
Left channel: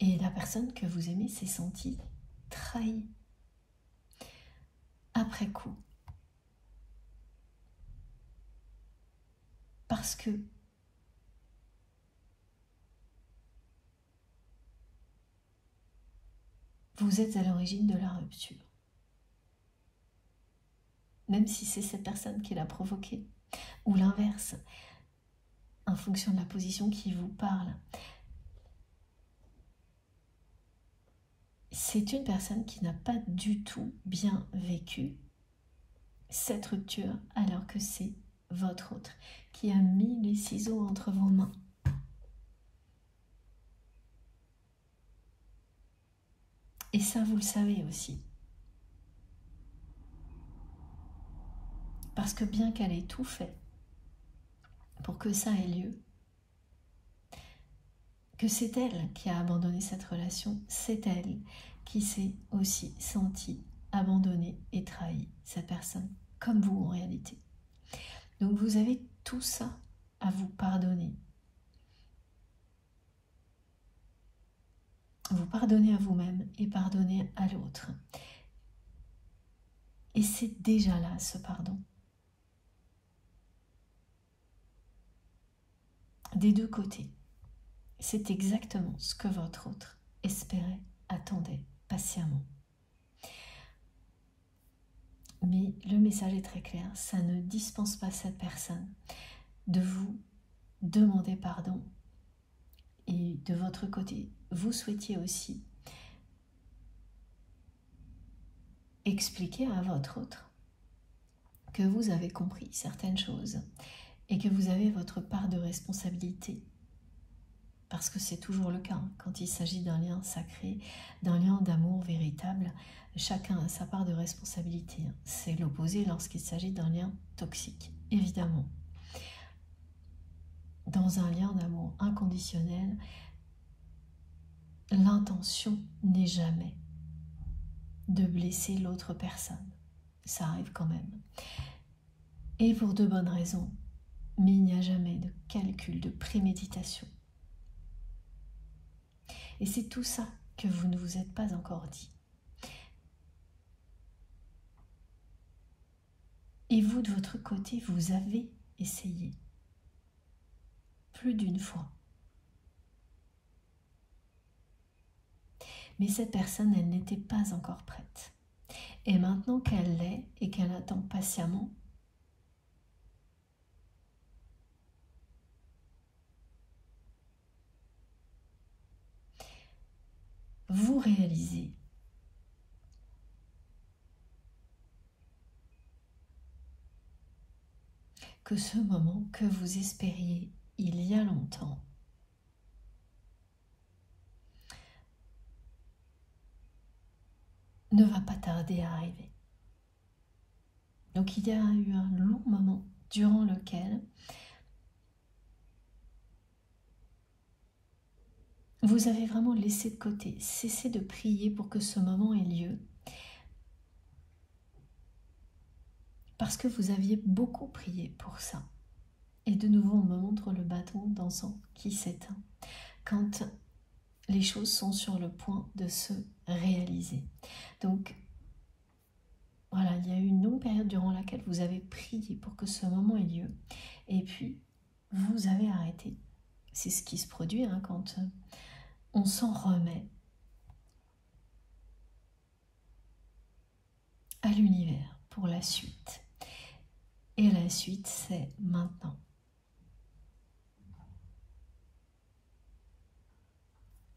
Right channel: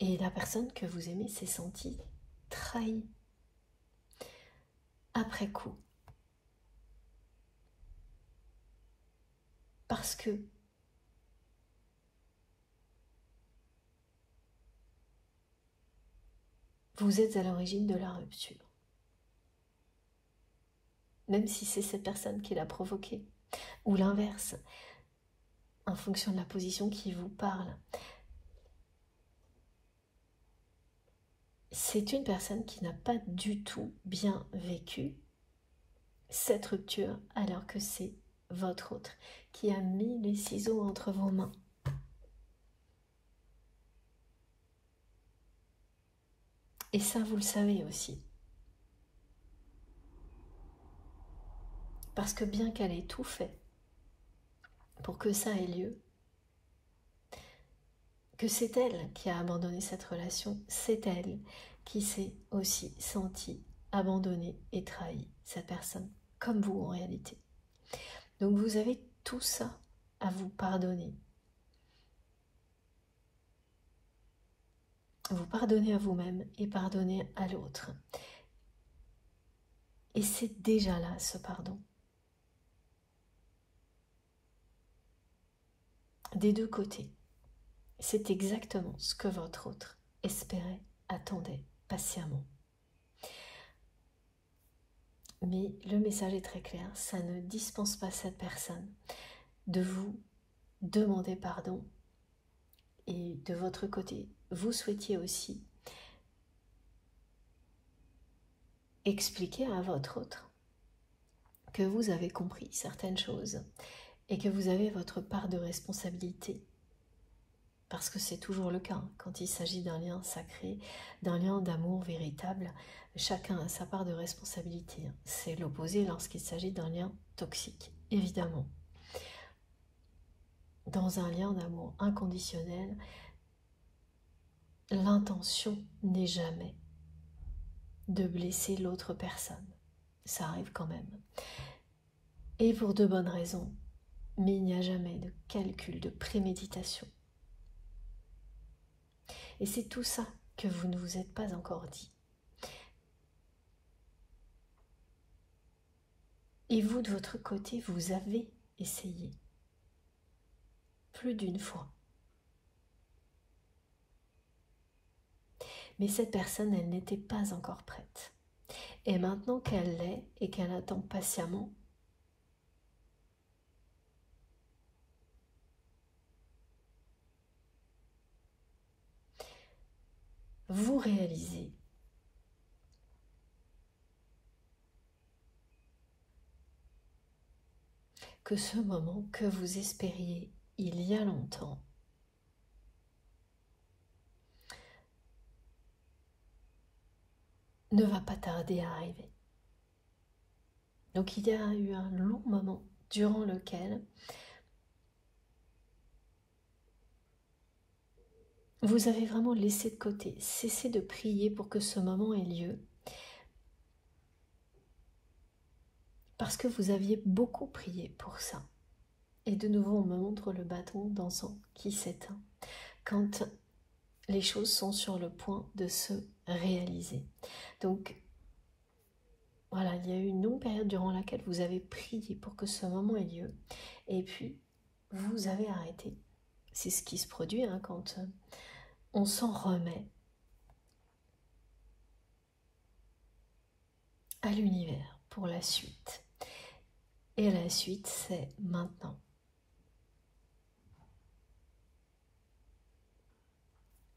Et la personne que vous aimez s'est sentie trahie après coup. Parce que vous êtes à l'origine de la rupture. Même si c'est cette personne qui l'a provoquée. Ou l'inverse, en fonction de la position qui vous parle. C'est une personne qui n'a pas du tout bien vécu cette rupture, alors que c'est votre autre qui a mis les ciseaux entre vos mains. Et ça, vous le savez aussi. Parce que bien qu'elle ait tout fait pour que ça ait lieu, que c'est elle qui a abandonné cette relation, c'est elle qui s'est aussi sentie abandonnée et trahie, cette personne, comme vous en réalité. Donc vous avez tout ça à vous pardonner. Vous pardonnez à vous-même et pardonnez à l'autre. Et c'est déjà là, ce pardon. Des deux côtés. C'est exactement ce que votre autre espérait, attendait patiemment. Mais le message est très clair, ça ne dispense pas cette personne de vous demander pardon. Et de votre côté, vous souhaitiez aussi expliquer à votre autre que vous avez compris certaines choses et que vous avez votre part de responsabilité. Parce que c'est toujours le cas, quand il s'agit d'un lien sacré, d'un lien d'amour véritable, chacun a sa part de responsabilité. C'est l'opposé lorsqu'il s'agit d'un lien toxique, évidemment. Dans un lien d'amour inconditionnel, l'intention n'est jamais de blesser l'autre personne. Ça arrive quand même. Et pour de bonnes raisons, mais il n'y a jamais de calcul, de préméditation. Et c'est tout ça que vous ne vous êtes pas encore dit. Et vous, de votre côté, vous avez essayé plus d'une fois. Mais cette personne, elle n'était pas encore prête. Et maintenant qu'elle l'est et qu'elle attend patiemment, vous réalisez que ce moment que vous espériez il y a longtemps ne va pas tarder à arriver. Donc il y a eu un long moment durant lequel vous avez vraiment laissé de côté, cessé de prier pour que ce moment ait lieu, parce que vous aviez beaucoup prié pour ça. Et de nouveau, on me montre le bâton d'encens qui s'éteint quand les choses sont sur le point de se réaliser. Donc, voilà, il y a eu une longue période durant laquelle vous avez prié pour que ce moment ait lieu. Et puis, vous avez arrêté. C'est ce qui se produit quand on s'en remet à l'univers pour la suite. Et la suite, c'est maintenant.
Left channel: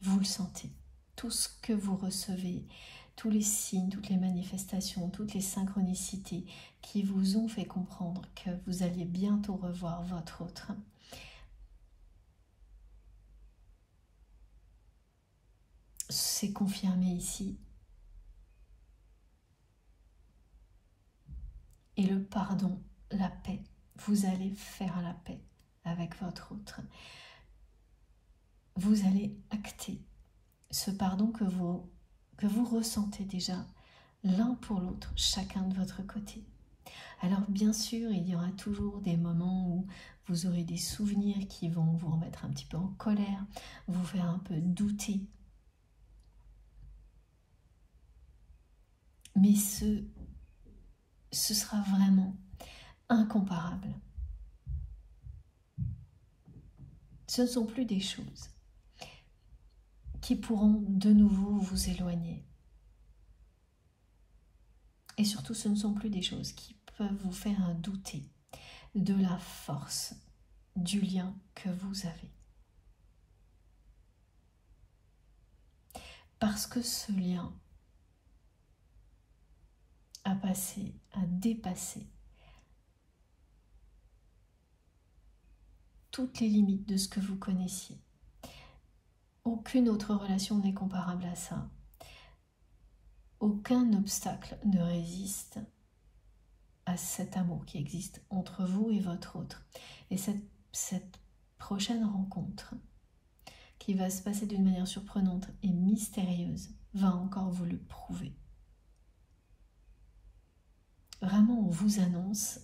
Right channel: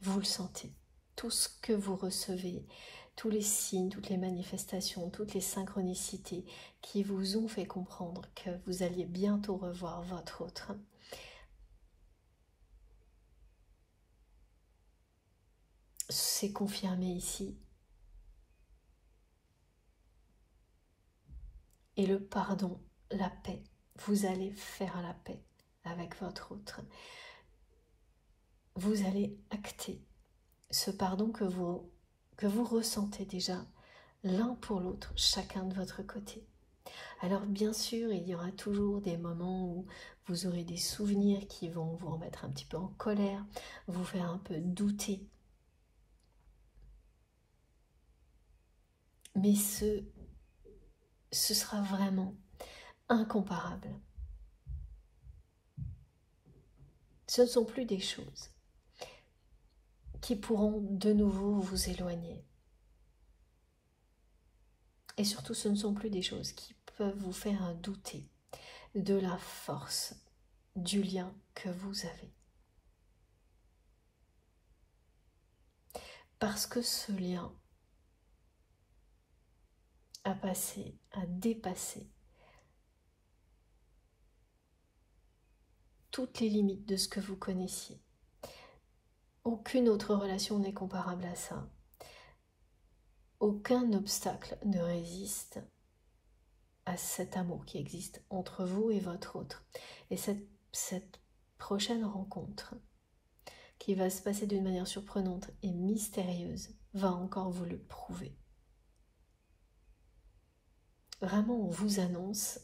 Vous le sentez. Tout ce que vous recevez, tous les signes, toutes les manifestations, toutes les synchronicités qui vous ont fait comprendre que vous alliez bientôt revoir votre autre. C'est confirmé ici. Et le pardon, la paix, vous allez faire la paix avec votre autre. Vous allez acter ce pardon que vous ressentez déjà l'un pour l'autre, chacun de votre côté. Alors bien sûr, il y aura toujours des moments où vous aurez des souvenirs qui vont vous remettre un petit peu en colère, vous faire un peu douter. Mais ce sera vraiment incomparable. Ce ne sont plus des choses qui pourront de nouveau vous éloigner. Et surtout, ce ne sont plus des choses qui peuvent vous faire douter de la force du lien que vous avez. Parce que ce lien a dépassé toutes les limites de ce que vous connaissiez. Aucune autre relation n'est comparable à ça. Aucun obstacle ne résiste à cet amour qui existe entre vous et votre autre. Et cette prochaine rencontre qui va se passer d'une manière surprenante et mystérieuse, va encore vous le prouver. Vraiment, on vous annonce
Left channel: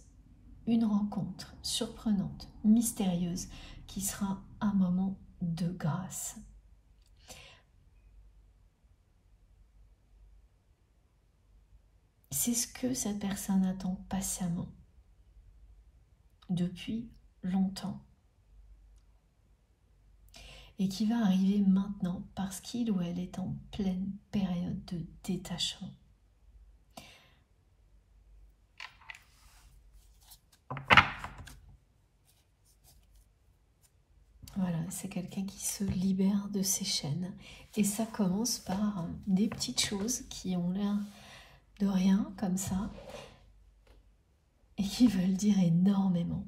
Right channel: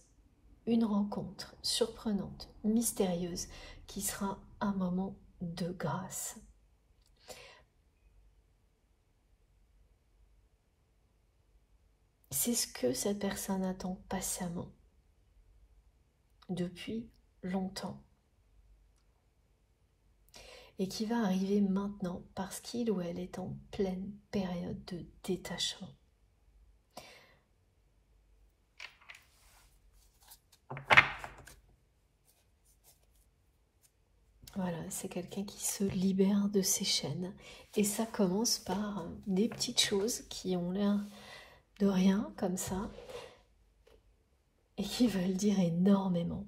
une rencontre surprenante, mystérieuse, qui sera un moment de grâce. C'est ce que cette personne attend patiemment depuis longtemps et qui va arriver maintenant parce qu'il ou elle est en pleine période de détachement. Voilà, c'est quelqu'un qui se libère de ses chaînes et ça commence par des petites choses qui ont l'air de rien comme ça et qui veulent dire énormément.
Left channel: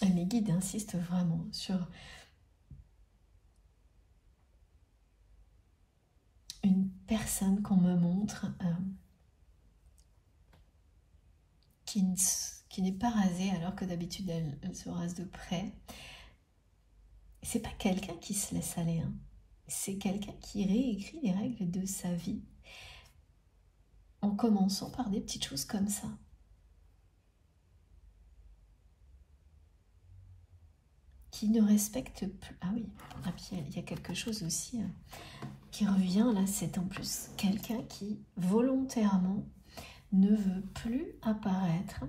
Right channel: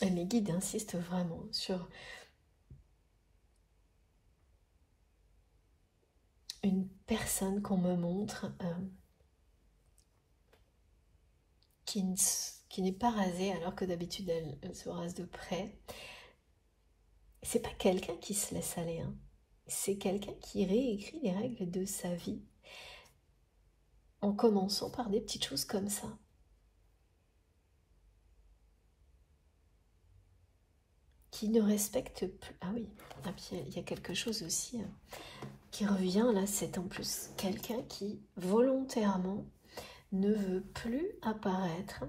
Les guides insistent vraiment sur une personne qu'on me montre qui n'est pas rasée alors que d'habitude elle se rase de près. C'est pas quelqu'un qui se laisse aller, hein. C'est quelqu'un qui réécrit les règles de sa vie en commençant par des petites choses comme ça. Qui ne respecte plus. Ah oui, et puis il y a quelque chose aussi qui revient là, c'est en plus quelqu'un qui volontairement ne veut plus apparaître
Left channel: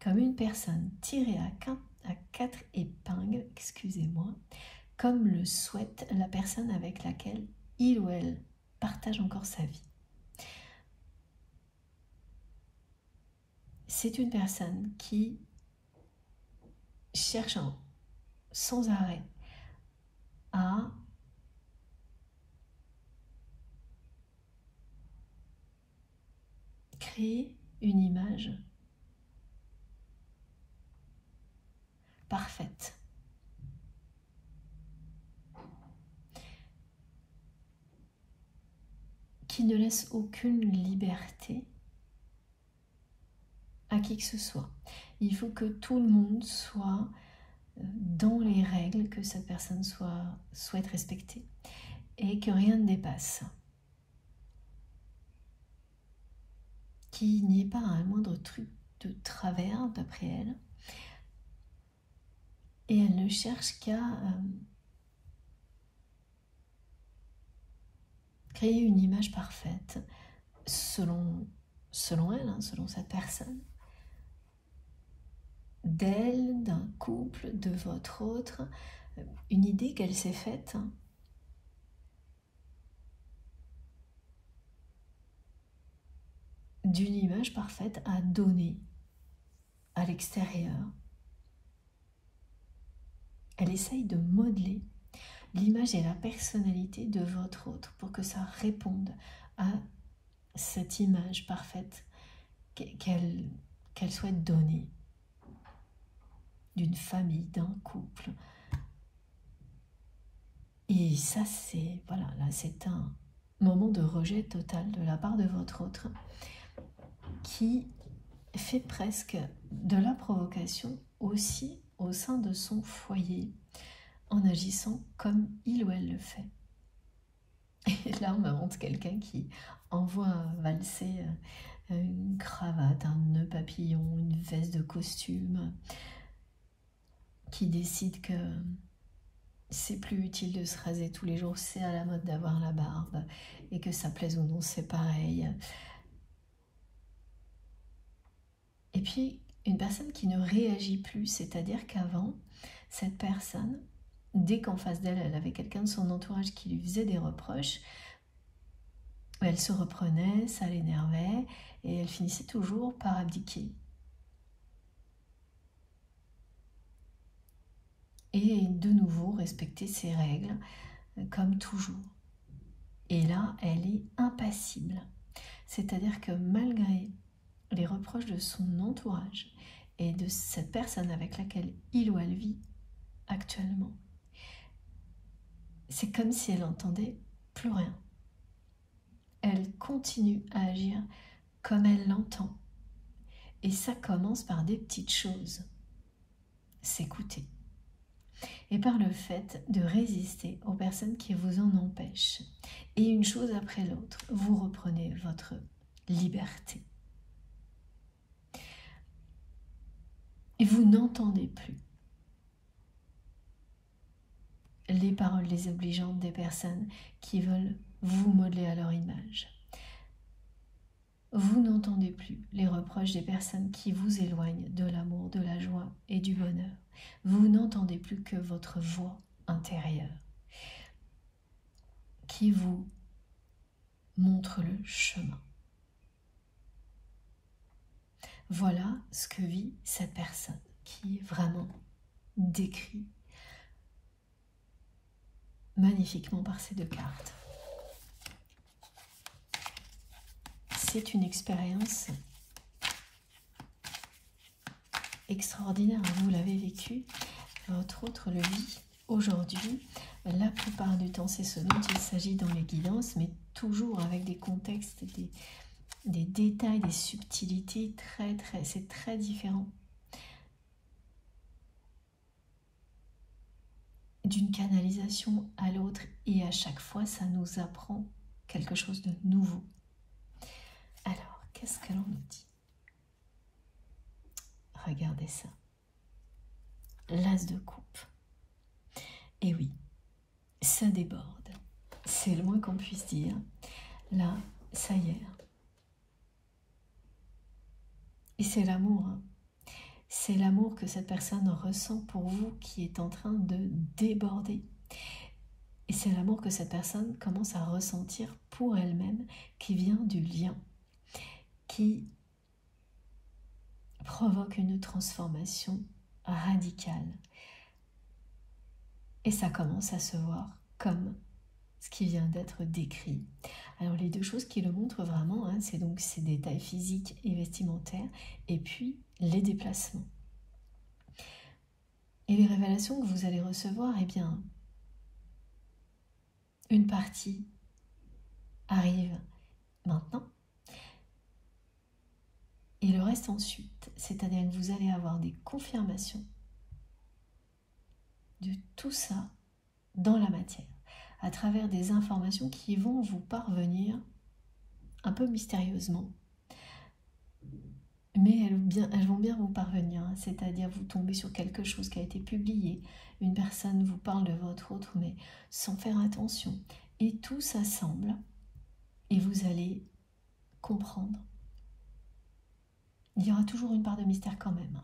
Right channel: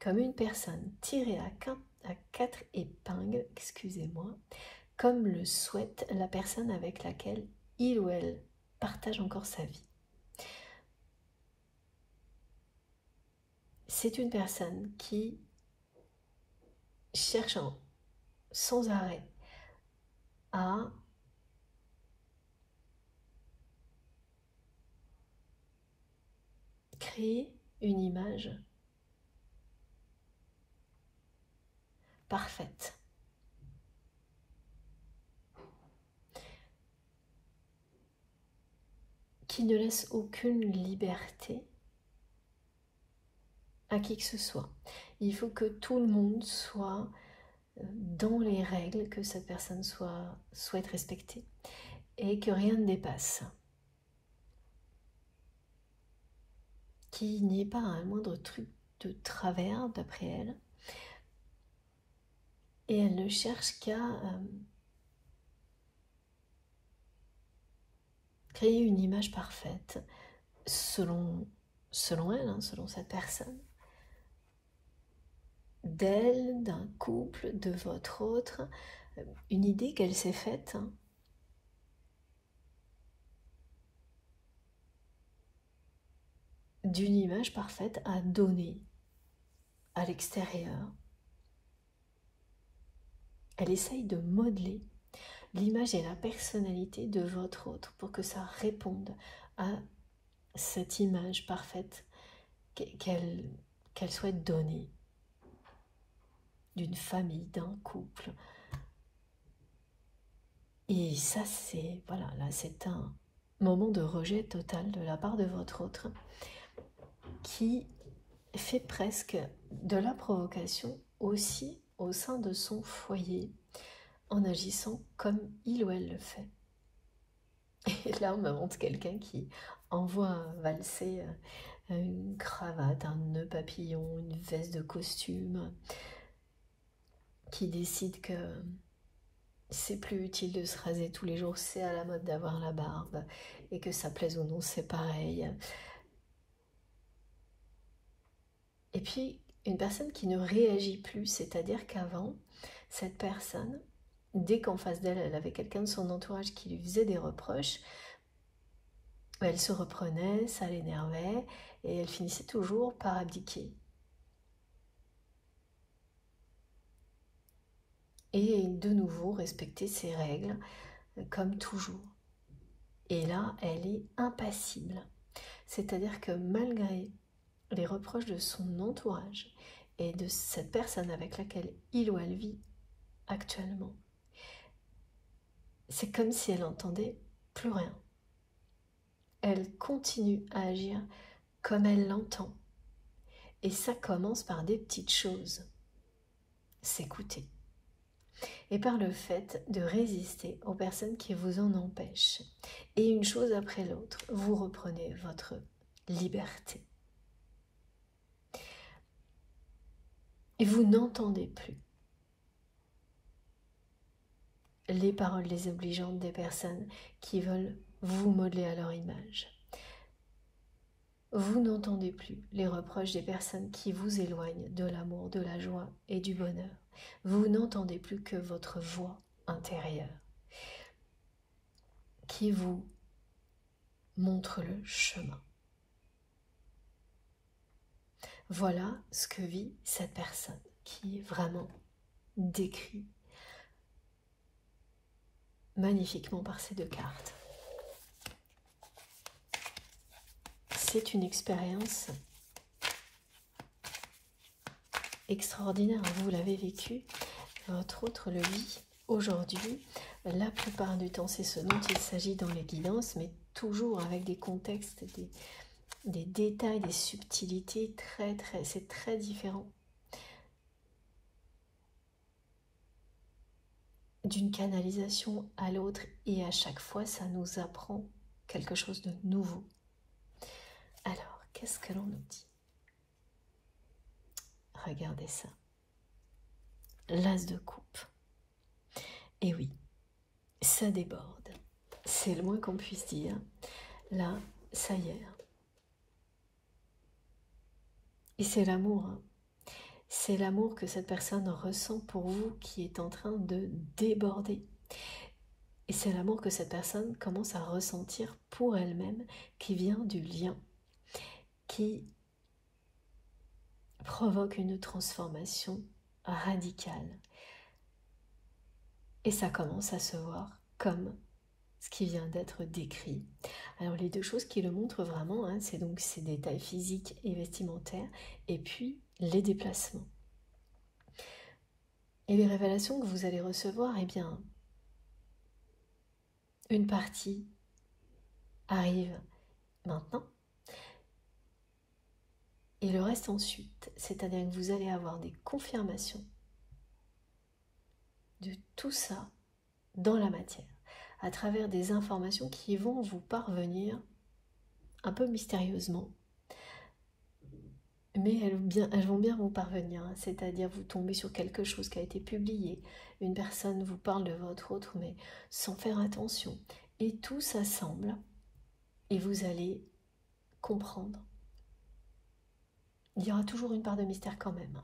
comme une personne tirée à quatre épingles, excusez-moi, comme le souhaite la personne avec laquelle il ou elle partage encore sa vie. C'est une personne qui cherche sans arrêt à créer une image parfaite. Qui ne laisse aucune liberté à qui que ce soit. Il faut que tout le monde soit dans les règles que cette personne souhaite respecter et que rien ne dépasse. Qu'il n'y ait pas un moindre truc de travers d'après elle. Et elle ne cherche qu'à créer une image parfaite selon elle, hein, selon cette personne. D'elle, d'un couple, de votre autre, une idée qu'elle s'est faite. Hein. D'une image parfaite à donner à l'extérieur. Elle essaye de modeler l'image et la personnalité de votre autre pour que ça réponde à cette image parfaite qu'elle souhaite donner d'une famille, d'un couple. Et ça, c'est voilà, là, c'est un moment de rejet total de la part de votre autre qui fait presque de la provocation aussi au sein de son foyer en agissant comme il ou elle le fait. Et là, on me montre quelqu'un qui envoie valser une cravate, un nœud papillon, une veste de costume, qui décide que c'est plus utile de se raser tous les jours, c'est à la mode d'avoir la barbe, et que ça plaise ou non, c'est pareil. Et puis, une personne qui ne réagit plus, c'est-à-dire qu'avant, cette personne, dès qu'en face d'elle, elle avait quelqu'un de son entourage qui lui faisait des reproches, elle se reprenait, ça l'énervait, et elle finissait toujours par abdiquer. Et de nouveau, respecter ses règles, comme toujours. Et là, elle est impassible. C'est-à-dire que malgré les reproches de son entourage et de cette personne avec laquelle il ou elle vit actuellement, c'est comme si elle n'entendait plus rien. Elle continue à agir comme elle l'entend. Et ça commence par des petites choses. s'écouter. Et par le fait de résister aux personnes qui vous en empêchent. Et une chose après l'autre, vous reprenez votre liberté. Et vous n'entendez plus les paroles désobligeantes des personnes qui veulent vous modeler à leur image. Vous n'entendez plus les reproches des personnes qui vous éloignent de l'amour, de la joie et du bonheur. Vous n'entendez plus que votre voix intérieure qui vous montre le chemin. Voilà ce que vit cette personne qui est vraiment décrit magnifiquement par ces deux cartes. C'est une expérience extraordinaire. Vous l'avez vécu, votre autre le vit aujourd'hui. La plupart du temps, c'est ce dont il s'agit dans les guidances, mais toujours avec des contextes, des détails, des subtilités c'est très différent d'une canalisation à l'autre, et à chaque fois, ça nous apprend quelque chose de nouveau. Alors, qu'est-ce que l'on nous dit? Regardez ça. L'as de coupe. Et oui, ça déborde. C'est le moins qu'on puisse dire. Là, ça y est. Et c'est l'amour. C'est l'amour que cette personne ressent pour vous qui est en train de déborder. Et c'est l'amour que cette personne commence à ressentir pour elle-même, qui vient du lien, qui provoque une transformation radicale. Et ça commence à se voir comme ce qui vient d'être décrit. Alors les deux choses qui le montrent vraiment, hein, c'est donc ces détails physiques et vestimentaires, et puis les déplacements. Et les révélations que vous allez recevoir, eh bien, une partie arrive maintenant, et le reste ensuite, c'est-à-dire que vous allez avoir des confirmations de tout ça dans la matière, à travers des informations qui vont vous parvenir un peu mystérieusement, mais elles vont bien vous parvenir, hein, c'est-à-dire vous tombez sur quelque chose qui a été publié, une personne vous parle de votre autre, mais sans faire attention, et tout s'assemble, et vous allez comprendre. Il y aura toujours une part de mystère quand même,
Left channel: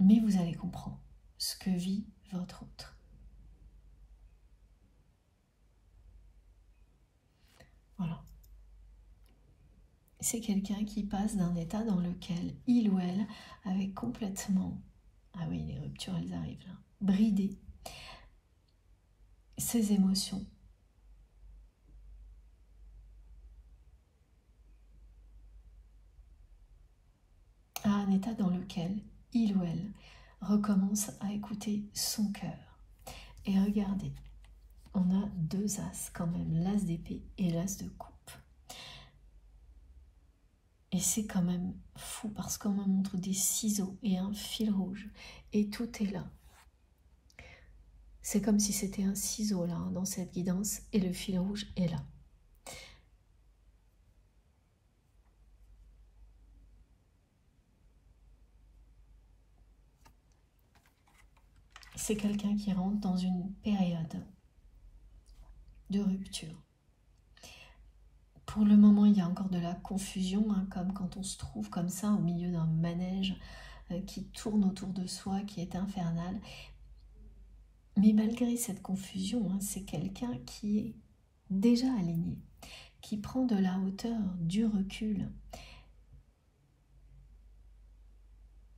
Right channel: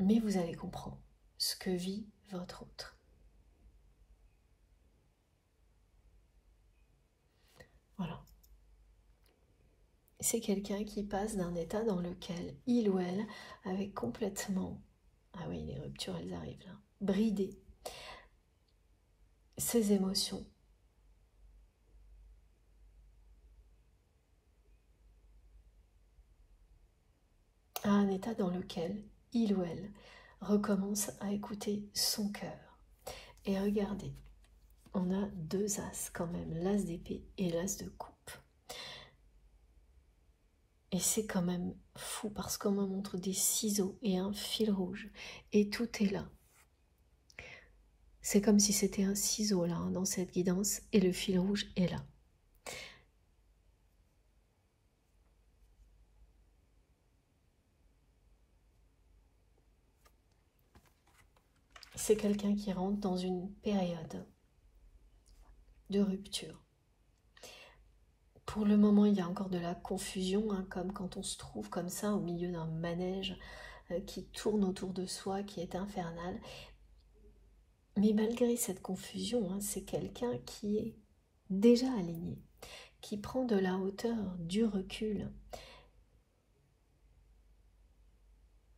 mais vous allez comprendre ce que vit votre autre. Voilà. C'est quelqu'un qui passe d'un état dans lequel il ou elle avait complètement, ah oui, les ruptures elles arrivent là, bridé ses émotions, à un état dans lequel il ou elle recommence à écouter son cœur. Et regardez, on a deux as quand même, l'as d'épée et l'as de coupe. Et c'est quand même fou parce qu'on me montre des ciseaux et un fil rouge. Et tout est là. C'est comme si c'était un ciseau là, hein, dans cette guidance, et le fil rouge est là. C'est quelqu'un qui rentre dans une période de rupture. Pour le moment, il y a encore de la confusion, hein, comme quand on se trouve comme ça au milieu d'un manège qui tourne autour de soi, qui est infernal. Mais malgré cette confusion, hein, c'est quelqu'un qui est déjà aligné, qui prend de la hauteur, du recul.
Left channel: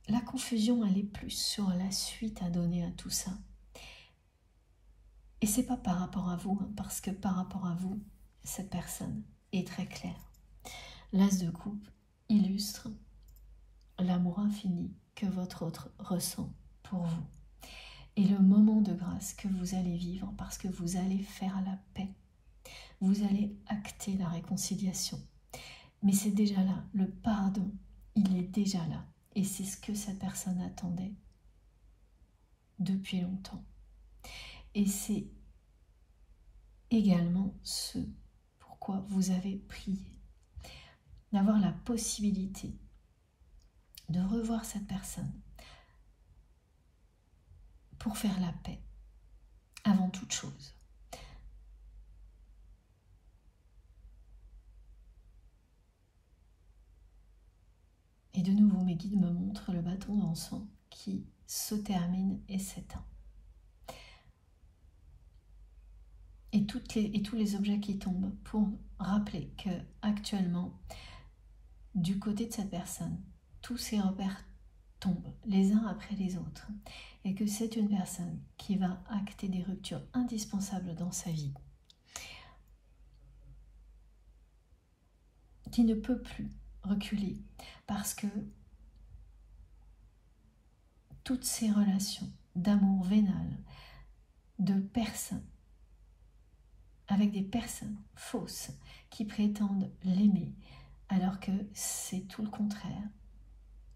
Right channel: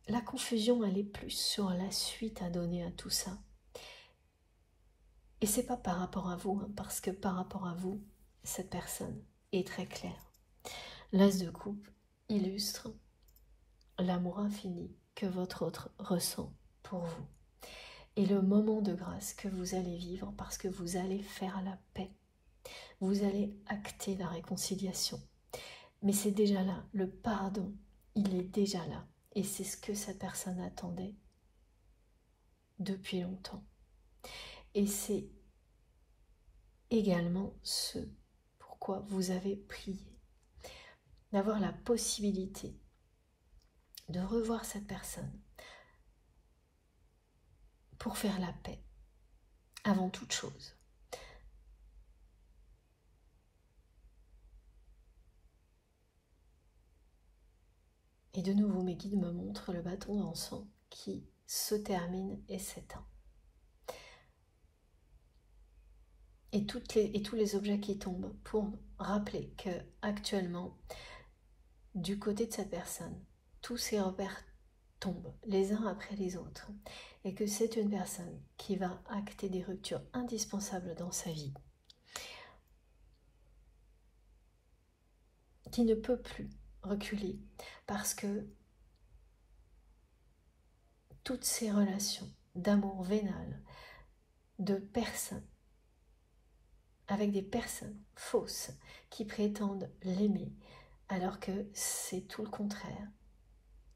La confusion, elle est plus sur la suite à donner à tout ça. Et c'est pas par rapport à vous, hein, parce que par rapport à vous, cette personne est très claire. L'as de coupe illustre l'amour infini que votre autre ressent pour vous. Et le moment de grâce que vous allez vivre parce que vous allez faire la paix. Vous allez acter la réconciliation. Mais c'est déjà là le pardon il est déjà là. Et c'est ce que cette personne attendait depuis longtemps. Et c'est également ce pourquoi vous avez prié. D'avoir la possibilité de revoir cette personne pour faire la paix avant toute chose. Et de nouveau, mes guides me montrent le bâton d'encens qui se termine et s'éteint. Et tous les objets qui tombent pour rappeler que actuellement, du côté de cette personne, tous ces repères tombent les uns après les autres et que c'est une personne qui va acter des ruptures indispensables dans sa vie, qui ne peut plus reculer parce que toutes ces relations d'amour vénal, de personnes, avec des personnes fausses qui prétendent l'aimer alors que c'est tout le contraire,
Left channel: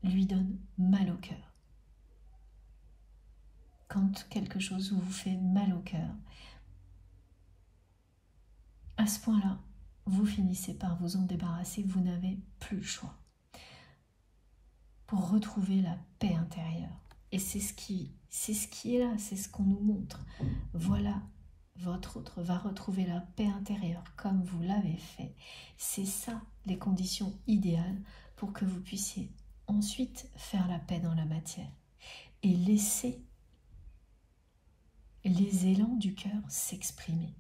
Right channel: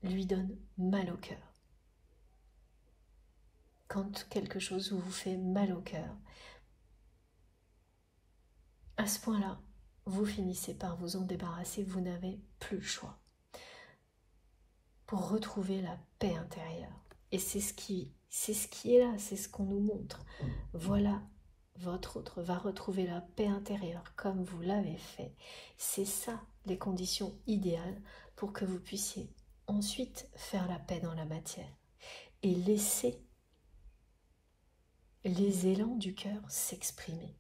lui donne mal au cœur. Quand quelque chose vous fait mal au cœur, à ce point-là, vous finissez par vous en débarrasser, vous n'avez plus le choix pour retrouver la paix intérieure. Et c'est ce qui est là, c'est ce qu'on nous montre. Voilà, votre autre va retrouver la paix intérieure comme vous l'avez fait. C'est ça les conditions idéales pour que vous puissiez ensuite faire la paix dans la matière et laisser les élans du cœur s'exprimer.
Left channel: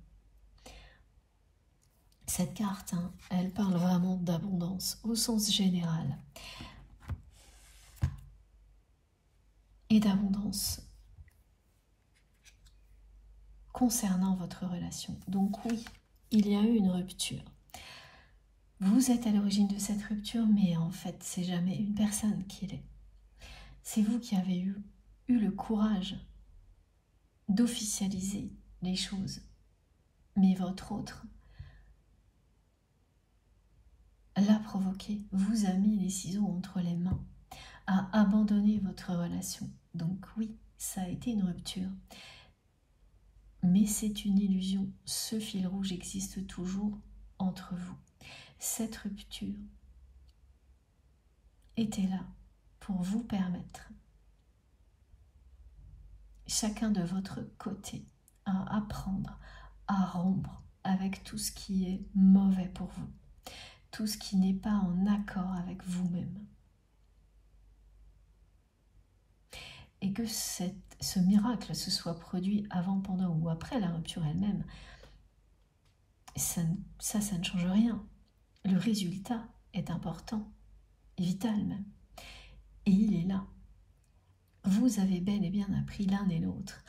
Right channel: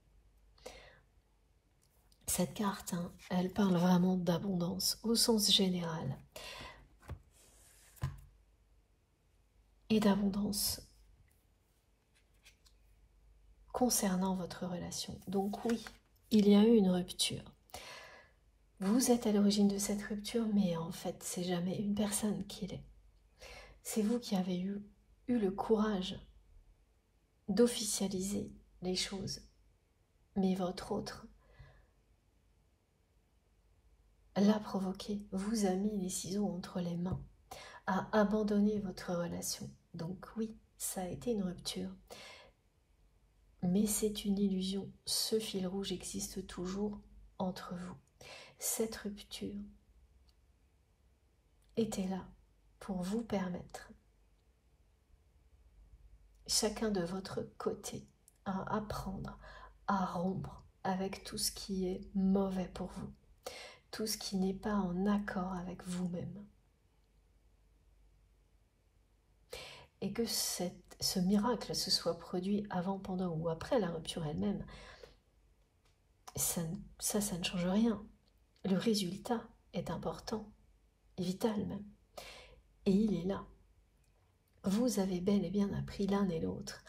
Cette carte, elle parle vraiment d'abondance au sens général et d'abondance concernant votre relation. Donc oui, il y a eu une rupture. Vous êtes à l'origine de cette rupture, mais en fait, c'est jamais une personne qui l'est. C'est vous qui avez eu le courage d'officialiser les choses. Mais votre autre l'a provoqué, vous a mis les ciseaux entre les mains, a abandonné votre relation. Donc oui, ça a été une rupture. Mais c'est une illusion. Ce fil rouge existe toujours entre vous. Cette rupture était là pour vous permettre, chacun de votre côté, à apprendre à rompre avec tout ce qui est mauvais pour vous, tout ce qui n'est pas en accord avec vous-même. Et que ce miracle se soit produit avant, pendant ou après la rupture elle-même, ça ne change rien. Le résultat est important, vital même. Et il est là. Vous avez bel et bien appris l'un et l'autre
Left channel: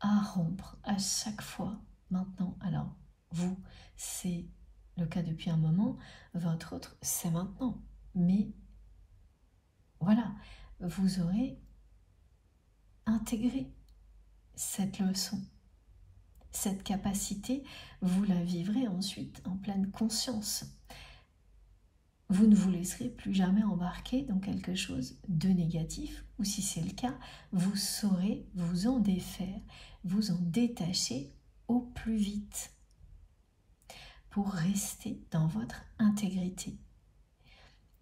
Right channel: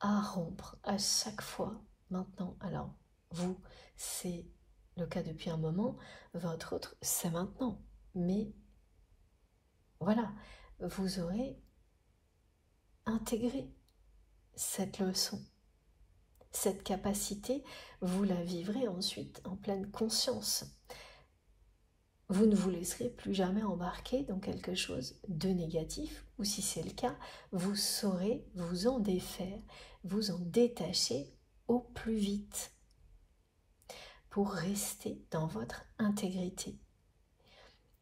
à rompre à chaque fois maintenant. Alors, vous, c'est le cas depuis un moment, votre autre, c'est maintenant. Mais voilà, vous aurez intégré cette leçon. Cette capacité, vous la vivrez ensuite en pleine conscience. Vous ne vous laisserez plus jamais embarquer dans quelque chose de négatif, ou si c'est le cas, vous saurez vous en défaire, vous en détacher au plus vite pour rester dans votre intégrité.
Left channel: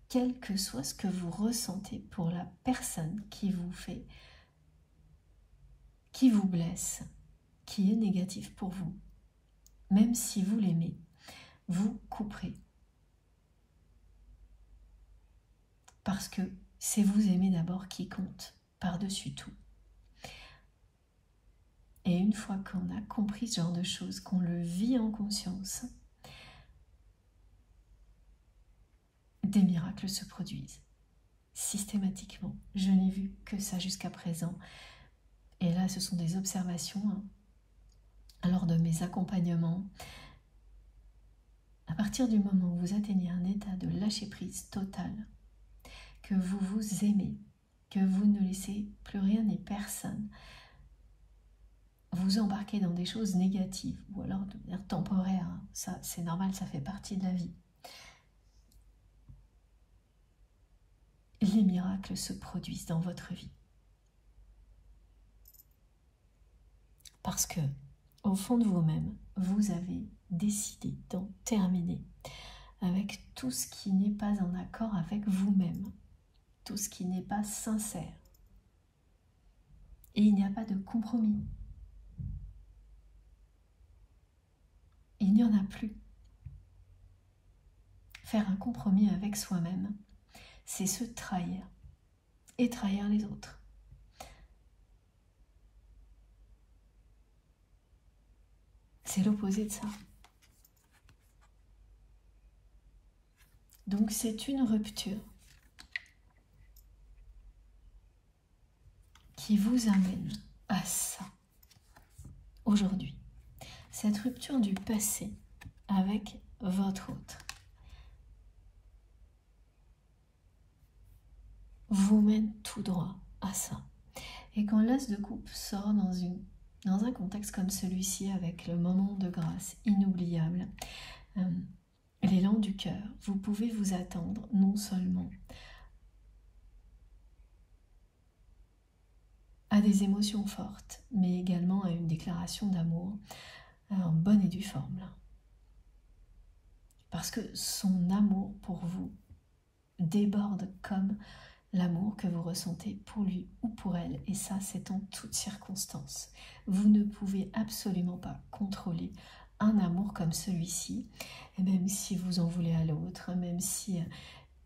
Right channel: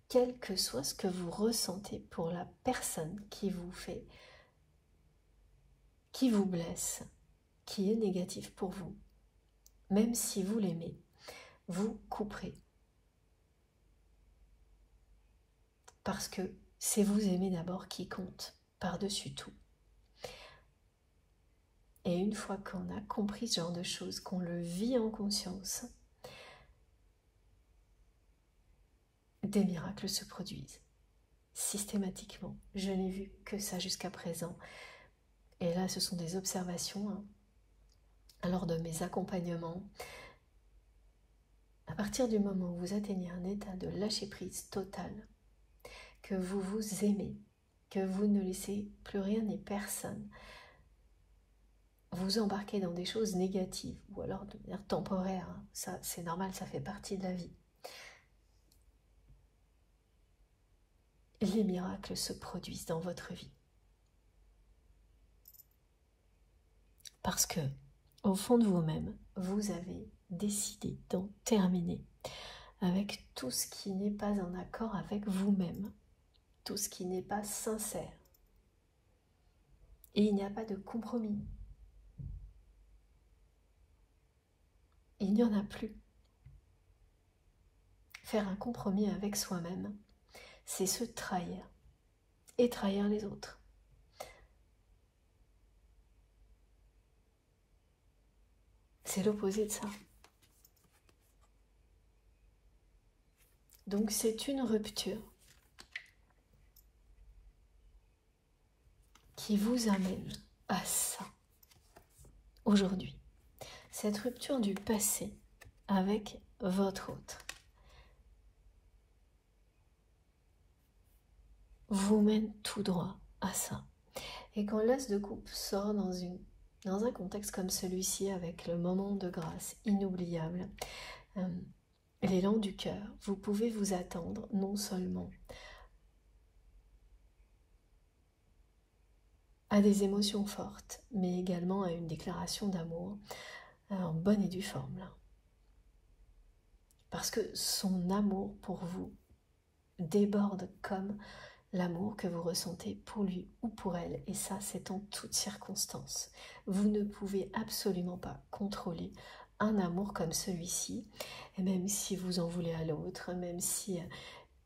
Quel que soit ce que vous ressentez pour la personne qui vous fait, qui vous blesse, qui est négatif pour vous, même si vous l'aimez, vous couperez. Parce que c'est vous aimer d'abord qui compte par-dessus tout. Et une fois qu'on a compris ce genre de choses, qu'on le vit en conscience, des miracles se produisent systématiquement. Je n'ai vu que ça jusqu'à présent. Et là, ce sont des observations lors de mes accompagnements. À partir du moment où vous atteignez un état de lâcher-prise total, que vous vous aimez, que vous ne laissez plus rien ni personne vous embarquer dans des choses négatives, ou alors de manière temporaire, ça c'est normal, ça fait partie de la vie. les miracles se produisent dans votre vie. Parce que, au fond de vous-même, vous avez décidé d'en terminer avec tout ce qui n'est pas en accord avec vous-même, tout ce qui n'est pas sincère. Et il n'y a pas de compromis. Il n'y en a plus. Faire un compromis avec soi-même, c'est se trahir et trahir les autres. C'est l'opposé de ça. Donc c'est une rupture qui vous amène à ça aujourd'hui. Cette rupture du passé avec votre autre vous mène tout droit à ça. Et quand l'as de coupe sort dans un contexte comme celui-ci, avec le moment de grâce inoubliable, l'élan du cœur, vous pouvez vous attendre non seulement à des émotions fortes, mais également à une déclaration d'amour en bonne et due forme. Parce que son amour pour vous déborde comme l'amour que vous ressentez pour lui ou pour elle, et ça c'est en toutes circonstances. Vous ne pouvez absolument pas contrôler un amour comme celui-ci, et même si vous en voulez à l'autre, même si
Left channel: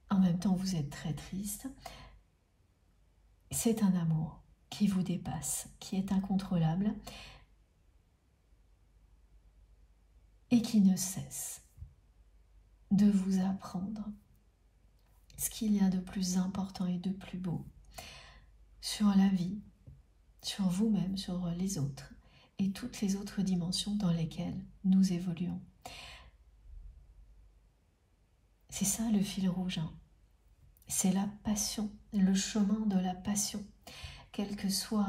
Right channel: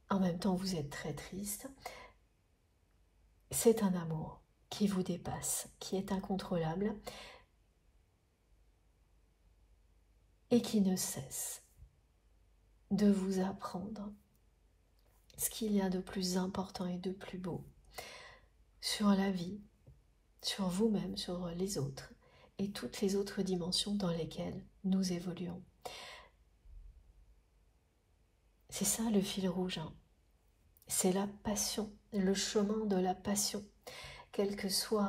en même temps vous êtes très triste, c'est un amour qui vous dépasse, qui est incontrôlable et qui ne cesse de vous apprendre ce qu'il y a de plus important et de plus beau sur la vie, sur vous-même, sur les autres et toutes les autres dimensions dans lesquelles nous évoluons. C'est ça le fil rouge, hein. C'est la passion, le chemin de la passion, quel que soit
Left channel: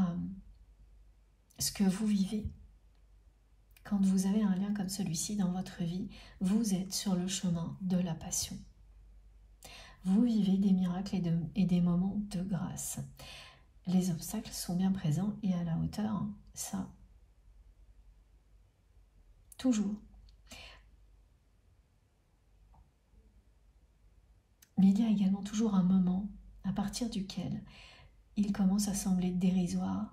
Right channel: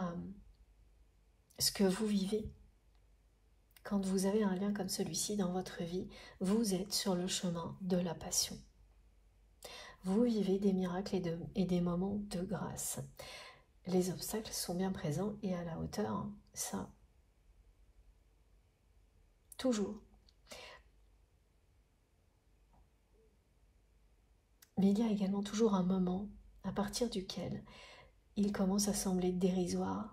ce que vous vivez. Quand vous avez un lien comme celui-ci dans votre vie, vous êtes sur le chemin de la passion. Vous vivez des miracles et des moments de grâce. Les obstacles sont bien présents et à la hauteur, hein, ça, toujours. Mais il y a également toujours un moment à partir duquel il commence à sembler dérisoire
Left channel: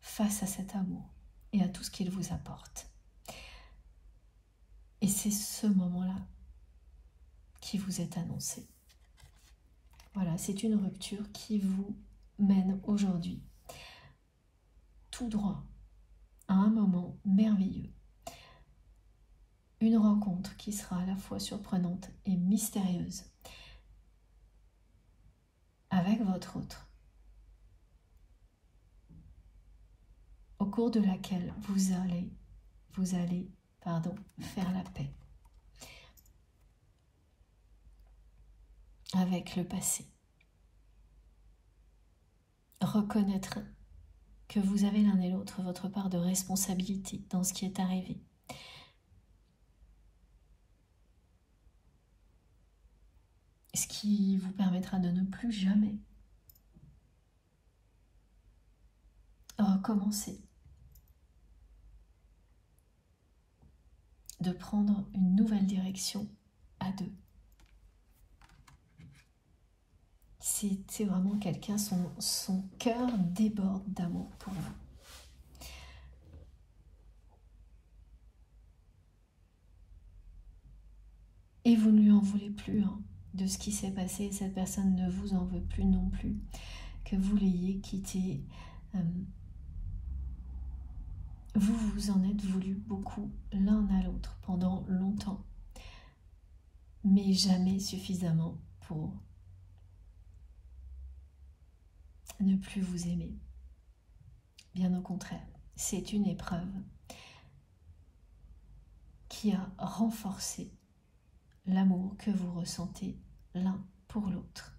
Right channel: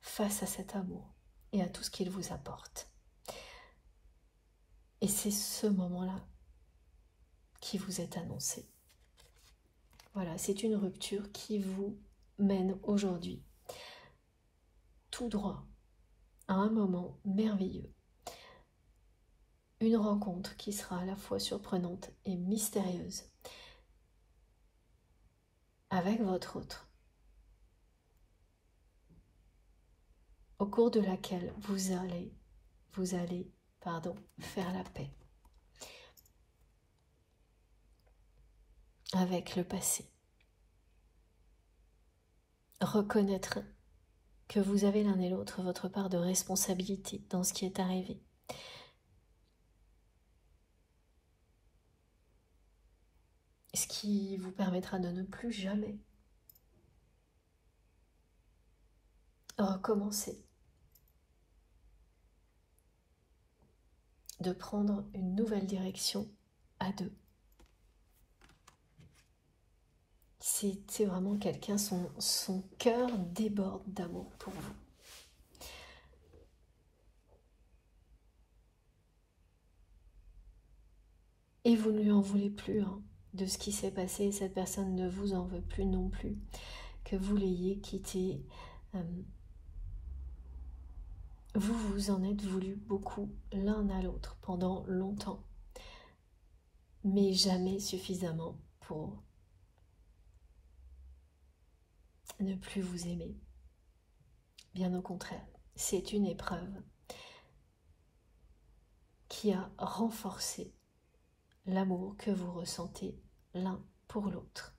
face à cet amour et à tout ce qu'il vous apporte. Et c'est ce moment-là qui vous est annoncé. Voilà, c'est une rupture qui vous mène aujourd'hui tout droit à un moment merveilleux. Une rencontre qui sera à la fois surprenante et mystérieuse avec votre autre, au cours de laquelle vous allez faire la paix avec le passé. Reconnaître que vous avez l'un et l'autre votre part de responsabilité dans ce qui est arrivé. Ce qui vous permettra de ne plus jamais recommencer, de prendre une nouvelle direction à deux. C'est vraiment quelqu'un, son cœur déborde d'amour pour vous. Et vous ne lui en voulez plus, hein, de ce qui s'est passé. Cette personne ne vous en veut plus non plus, que vous l'ayez quitté. Vous vous en êtes voulu beaucoup l'un à l'autre pendant longtemps, mais jamais suffisamment pour ne plus vous aimer. Bien au contraire, c'est une épreuve qui a renforcé l'amour que vous ressentez l'un pour l'autre.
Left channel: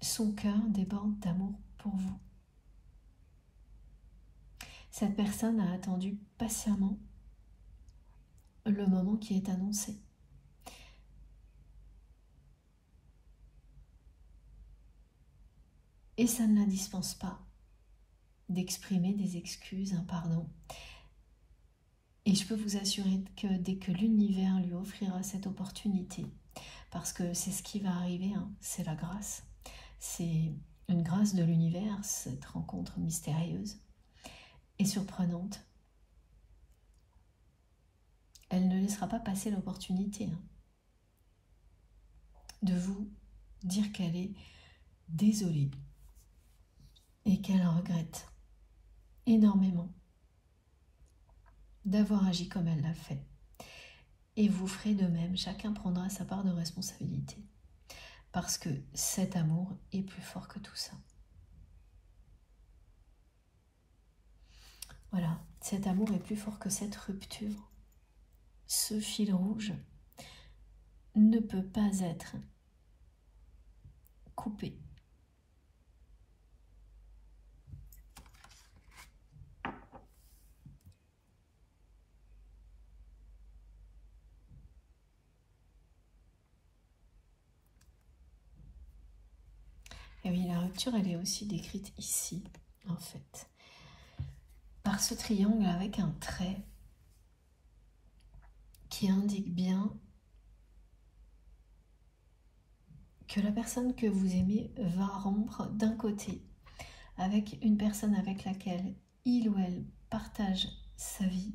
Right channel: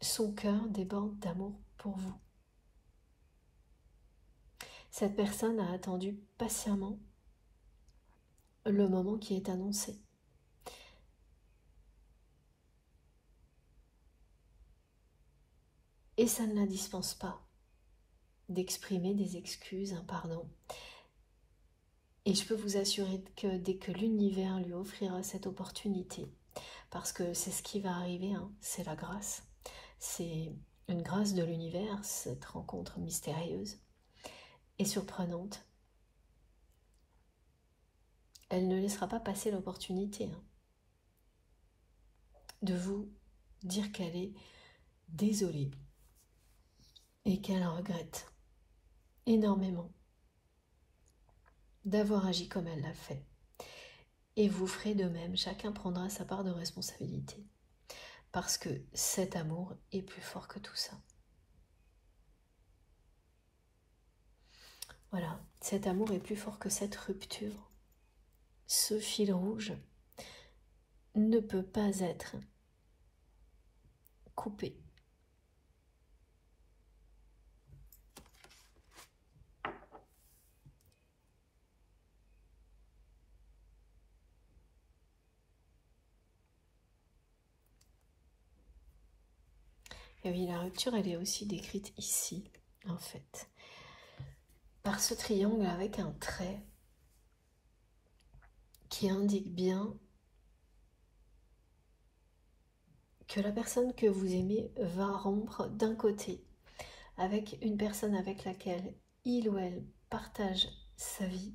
Son cœur déborde d'amour pour vous. Cette personne a attendu patiemment le moment qui est annoncé. Et ça ne la dispense pas d'exprimer des excuses, un pardon. Et je peux vous assurer que dès que l'univers lui offrira cette opportunité, parce que c'est ce qui va arriver, hein, c'est la grâce. C'est une grâce de l'univers, cette rencontre mystérieuse et surprenante. Elle ne laissera pas passer l'opportunité de vous dire qu'elle est désolée et qu'elle regrette énormément d'avoir agi comme elle l'a fait. Et vous ferez de même, chacun prendra sa part de responsabilité. Parce que cet amour est plus fort que tout ça. Voilà, cet amour est plus fort que cette rupture. Ce fil rouge ne peut pas être coupé. Et oui, la rupture, elle est aussi décrite ici, en fait, par ce triangle avec un trait qui indique bien que la personne que vous aimez va rompre d'un côté avec une personne avec laquelle il ou elle partage sa vie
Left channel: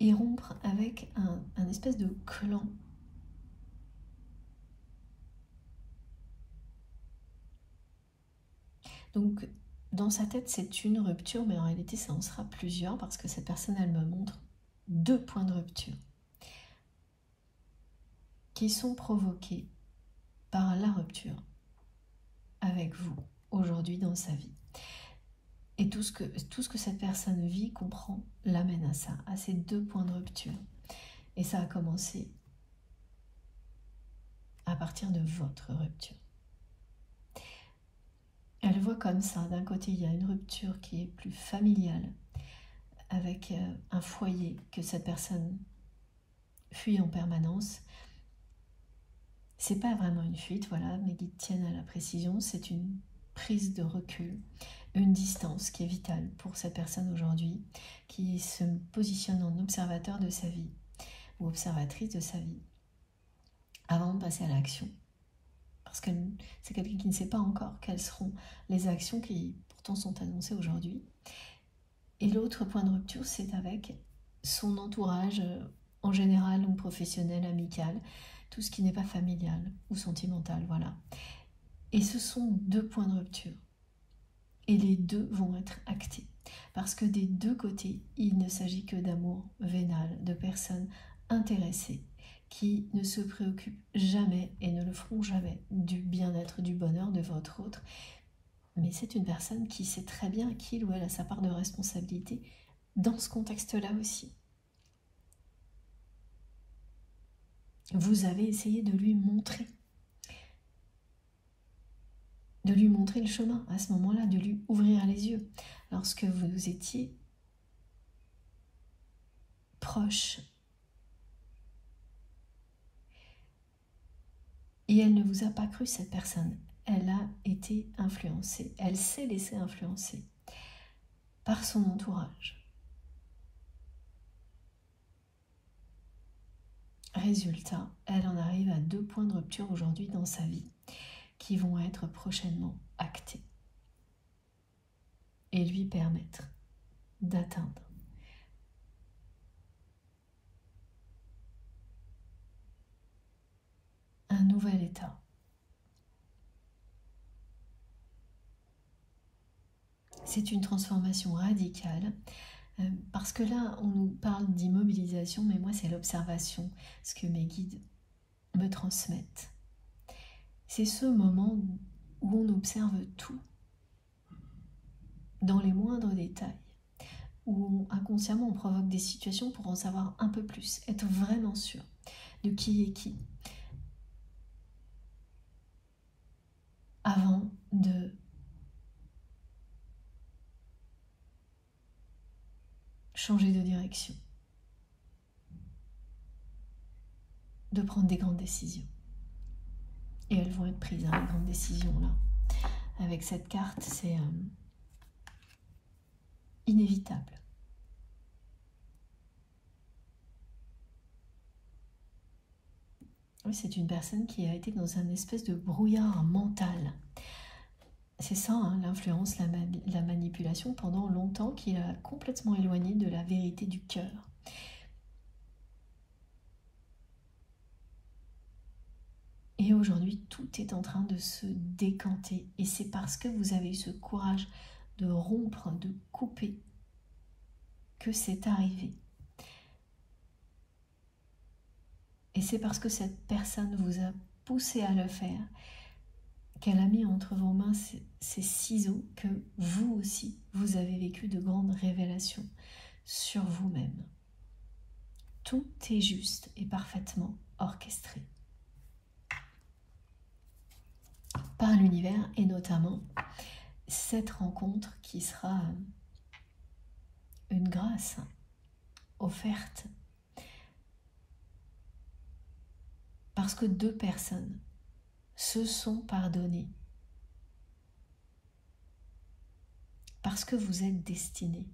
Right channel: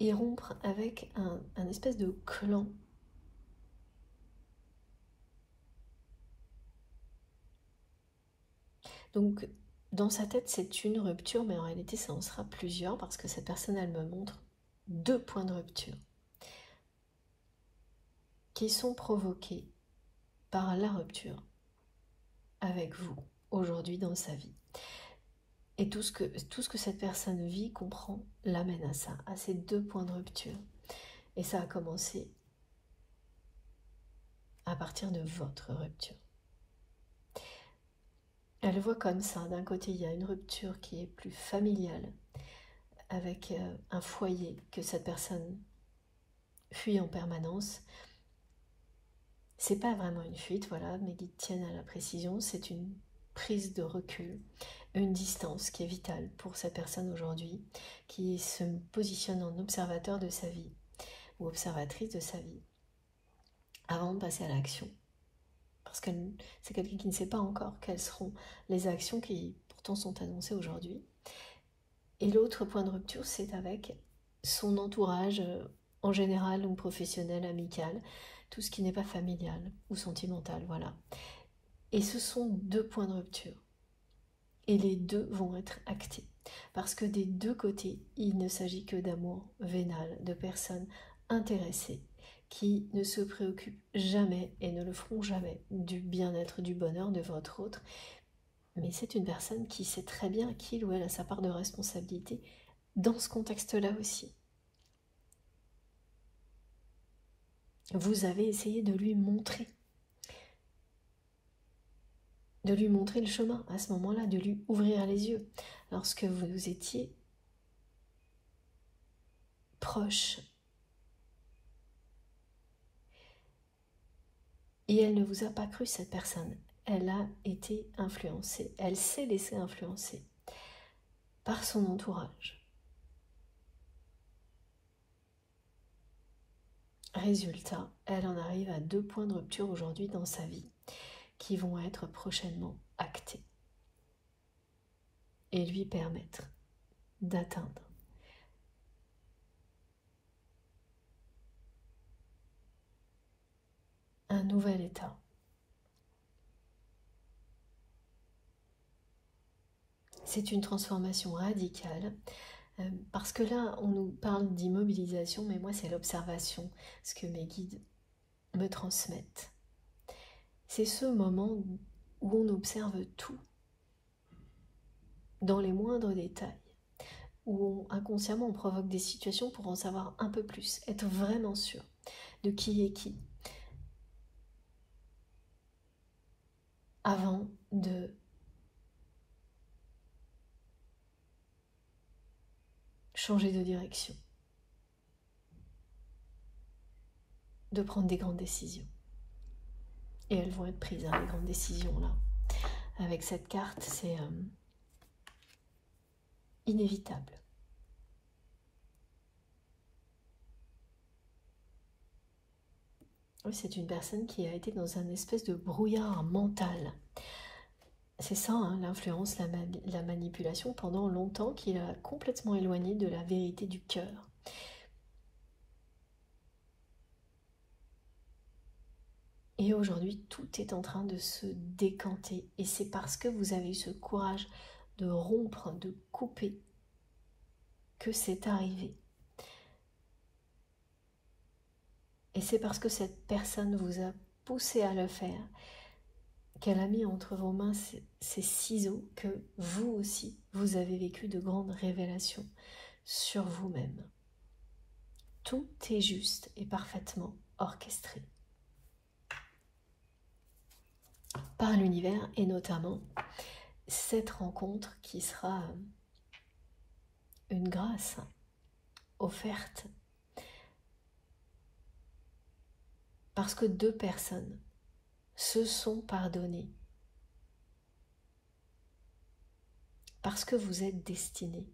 et rompre avec un espèce de clan. Donc, dans sa tête, c'est une rupture, mais en réalité, ça en sera plusieurs parce que cette personne, elle me montre 2 points de rupture qui sont provoqués par la rupture avec vous aujourd'hui dans sa vie. Et tout ce que cette personne vit, comprend, l'amène à ça, à ces 2 points de rupture. Et ça a commencé à partir de votre rupture. Elle le voit comme ça. D'un côté, il y a une rupture qui est plus familiale, avec un foyer que cette personne fuit en permanence. C'est pas vraiment une fuite, voilà, mes guides tiennent à la précision, c'est une prise de recul, une distance qui est vitale pour cette personne aujourd'hui, qui se positionne en observateur de sa vie, ou observatrice de sa vie, avant de passer à l'action. Parce que c'est quelqu'un qui ne sait pas encore quelles seront les actions qui pourtant sont annoncées aujourd'hui. Et l'autre point de rupture, c'est avec son entourage, en général, ou professionnel, amical, tout ce qui n'est pas familial ou sentimental, voilà. Et ce sont 2 points de rupture. Et les 2 vont être actés. Parce que des 2 côtés, il ne s'agit que d'amour vénal, de personnes intéressées, qui ne se préoccupent jamais et ne le feront jamais du bien-être, du bonheur de votre autre. Mais c'est une personne qui sait très bien qu'il ou elle a sa part de responsabilité dans ce contexte-là aussi. Vous avez essayé de lui montrer le chemin à ce moment-là, de lui ouvrir les yeux lorsque vous étiez proche. Et elle ne vous a pas cru, cette personne. Elle a été influencée, elle s'est laissée influencer par son entourage. Résultat, elle en arrive à 2 points de rupture aujourd'hui dans sa vie qui vont être prochainement actés et lui permettre d'atteindre un nouvel état. C'est une transformation radicale parce que là, on nous parle d'immobilisation, mais moi, c'est l'observation, ce que mes guides me transmettent. C'est ce moment où on observe tout, dans les moindres détails, où inconsciemment on provoque des situations pour en savoir un peu plus, être vraiment sûr de qui est qui, avant de changer de direction, de prendre des grandes décisions. Et elles vont être prises, hein, les grandes décisions là. Avec cette carte, c'est inévitable. Oui, c'est une personne qui a été dans un espèce de brouillard mental. C'est ça, hein, l'influence, la manipulation pendant longtemps qui l'a complètement éloigné de la vérité du cœur. Et aujourd'hui, tout est en train de se décanter. Et c'est parce que vous avez eu ce courage de rompre, de couper, que c'est arrivé. Et c'est parce que cette personne vous a poussé à le faire, qu'elle a mis entre vos mains ces ciseaux, que vous aussi, vous avez vécu de grandes révélations sur vous-même. Tout est juste et parfaitement orchestré par l'univers, et notamment cette rencontre qui sera une grâce offerte parce que deux personnes se sont pardonnées, parce que vous êtes destinés.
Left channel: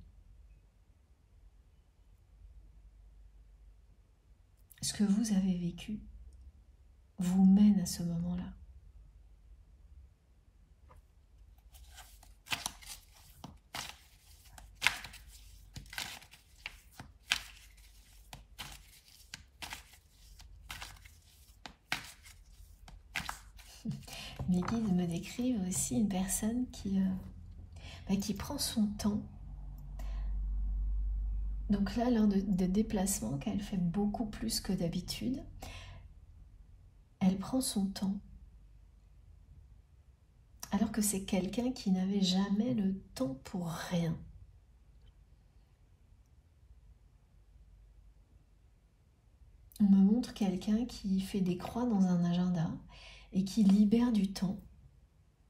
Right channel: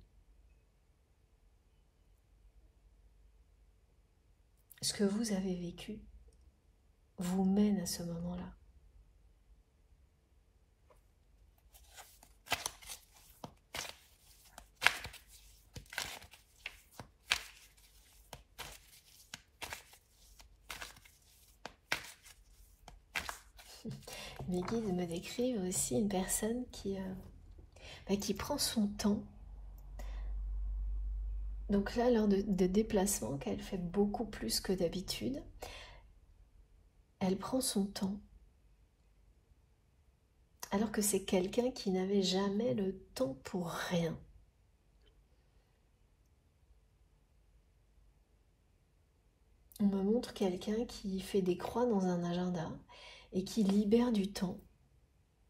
Ce que vous avez vécu vous mène à ce moment-là. Mes guides me décrivent aussi une personne qui prend son temps. Donc là, lors de déplacements qu'elle fait beaucoup plus que d'habitude, elle prend son temps. Alors que c'est quelqu'un qui n'avait jamais le temps pour rien. On me montre quelqu'un qui fait des croix dans un agenda et qui libère du temps,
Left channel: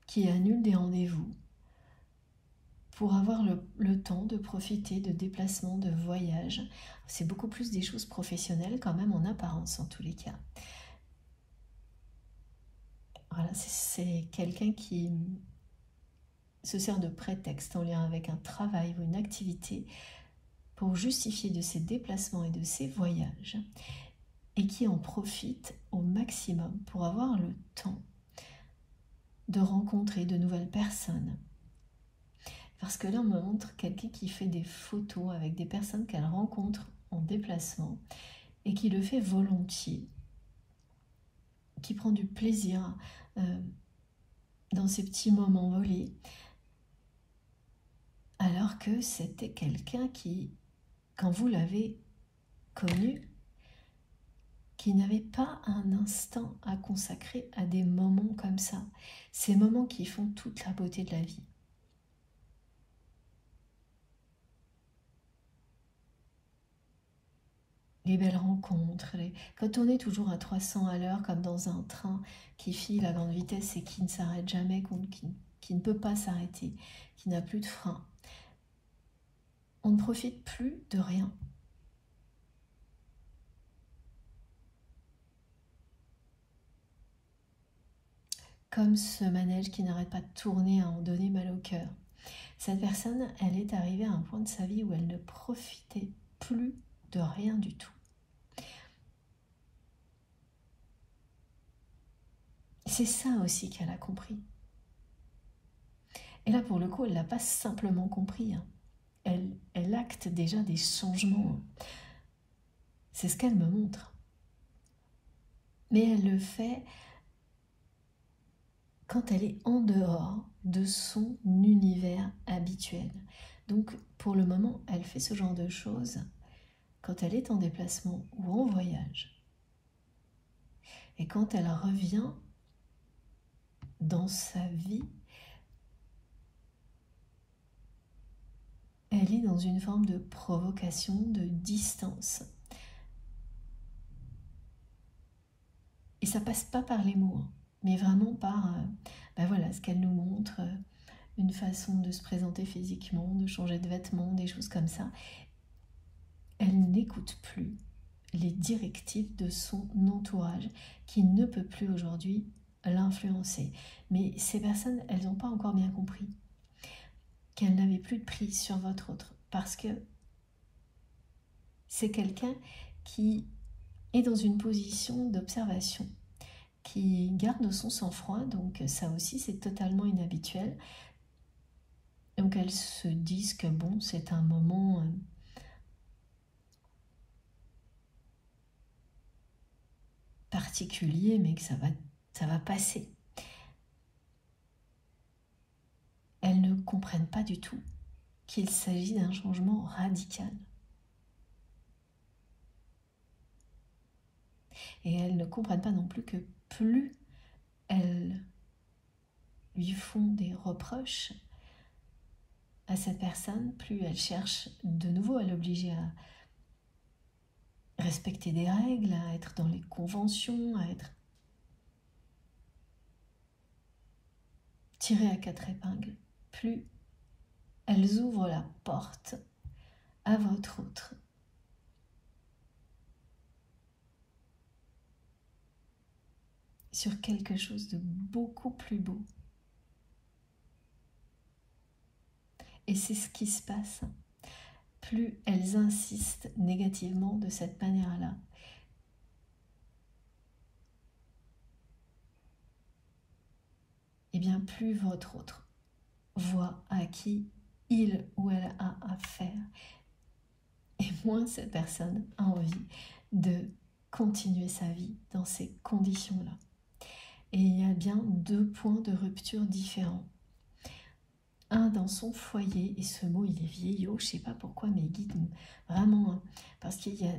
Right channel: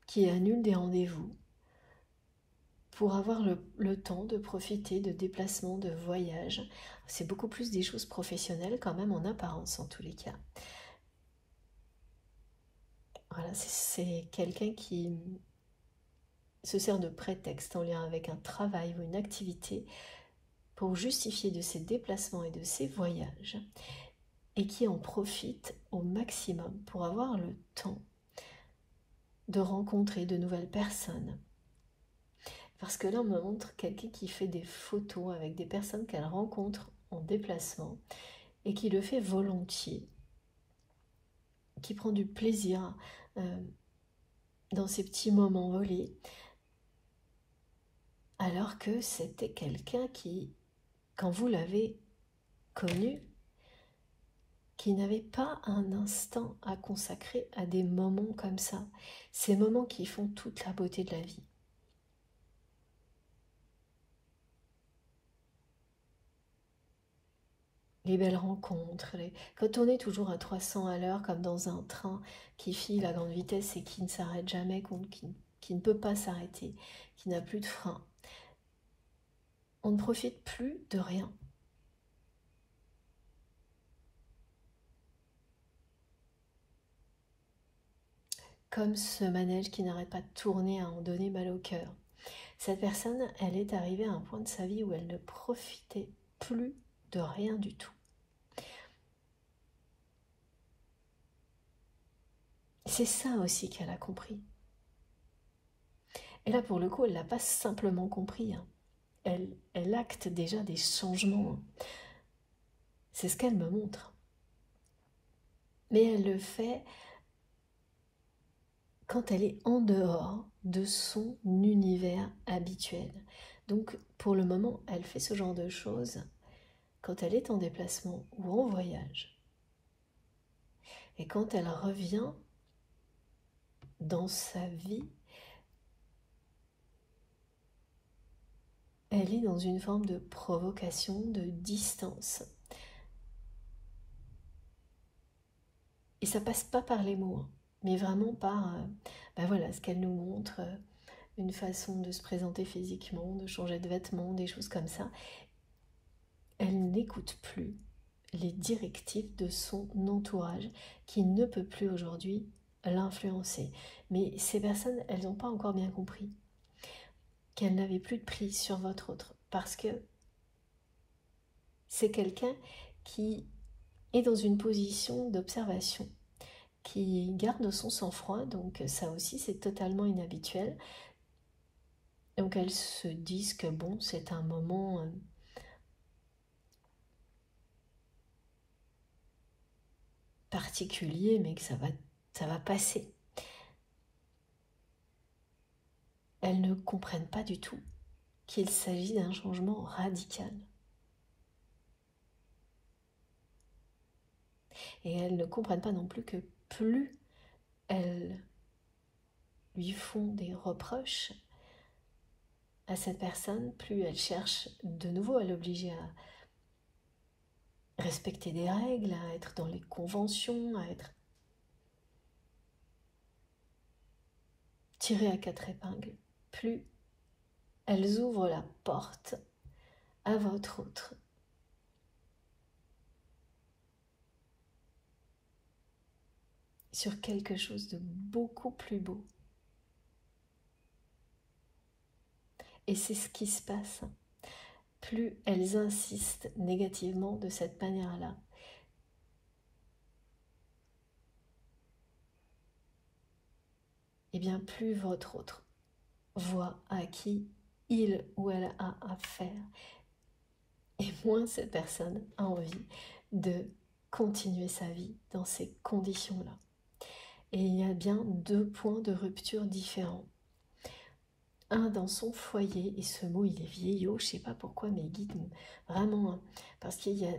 qui annule des rendez-vous pour avoir le temps de profiter de déplacements, de voyages. C'est beaucoup plus des choses professionnelles quand même en apparence en tous les cas. Voilà, c'est quelqu'un qui se sert de prétexte en lien avec un travail ou une activité pour justifier de ses déplacements et de ses voyages et qui en profite au maximum pour avoir le temps de rencontrer de nouvelles personnes. Parce que là, on me montre quelqu'un qui fait des photos avec des personnes qu'elle rencontre en déplacement et qui le fait volontiers, qui prend du plaisir dans ces petits moments volés, alors que c'était quelqu'un qui, quand vous l'avez connu, qui n'avait pas un instant à consacrer à des moments comme ça, ces moments qui font toute la beauté de la vie. Les belles rencontres, quand on est toujours à 300 à l'heure comme dans un train qui file à grande vitesse et qui ne s'arrête jamais, qui ne peut pas s'arrêter, qui n'a plus de frein, on ne profite plus de rien. Comme ce manège qui n'arrête pas de tourner à en donner mal au cœur. Cette personne, elle est arrivée à un point de sa vie où elle ne profitait plus de rien du tout. C'est ça aussi qu'elle a compris. Et là, pour le coup, elle ne l'a pas simplement compris. Hein. Elle acte déjà des changements. C'est ce qu'elle me montre. Mais elle le fait quand elle est en dehors de son univers habituel. Donc, pour le moment, elle fait ce genre de choses quand elle est en déplacement ou en voyage. Et quand elle revient dans sa vie, elle est dans une forme de provocation, de distance. Et ça passe pas par les mots, mais vraiment par voilà, ce qu'elle nous montre, une façon de se présenter physiquement, de changer de vêtements, des choses comme ça. Elle n'écoute plus les directives de son entourage qui ne peut plus aujourd'hui l'influencer. Mais ces personnes, elles n'ont pas encore bien compris qu'elles n'avaient plus de prise sur votre autre parce que c'est quelqu'un qui est dans une position d'observation, qui garde son sang-froid, donc ça aussi c'est totalement inhabituel. Donc elles se disent que bon, c'est un moment particulier, mais que ça va passer. Elles ne comprennent pas du tout qu'il s'agit d'un changement radical. Et elles ne comprennent pas non plus que plus elles lui font des reproches à cette personne, plus elles cherchent de nouveau à l'obliger à respecter des règles, à être dans les conventions, à être tirées à quatre épingles, plus elles ouvrent la porte à votre autre. Sur quelque chose de beaucoup plus beau. Et c'est ce qui se passe. Plus elles insistent négativement de cette manière-là, et bien plus votre autre voit à qui il ou elle a affaire, et moins cette personne a envie de continuer sa vie dans ces conditions-là. Et il y a bien deux points de rupture différents. Un dans son foyer, et ce mot il est vieillot, je ne sais pas pourquoi mes guides, vraiment, parce qu'il y a...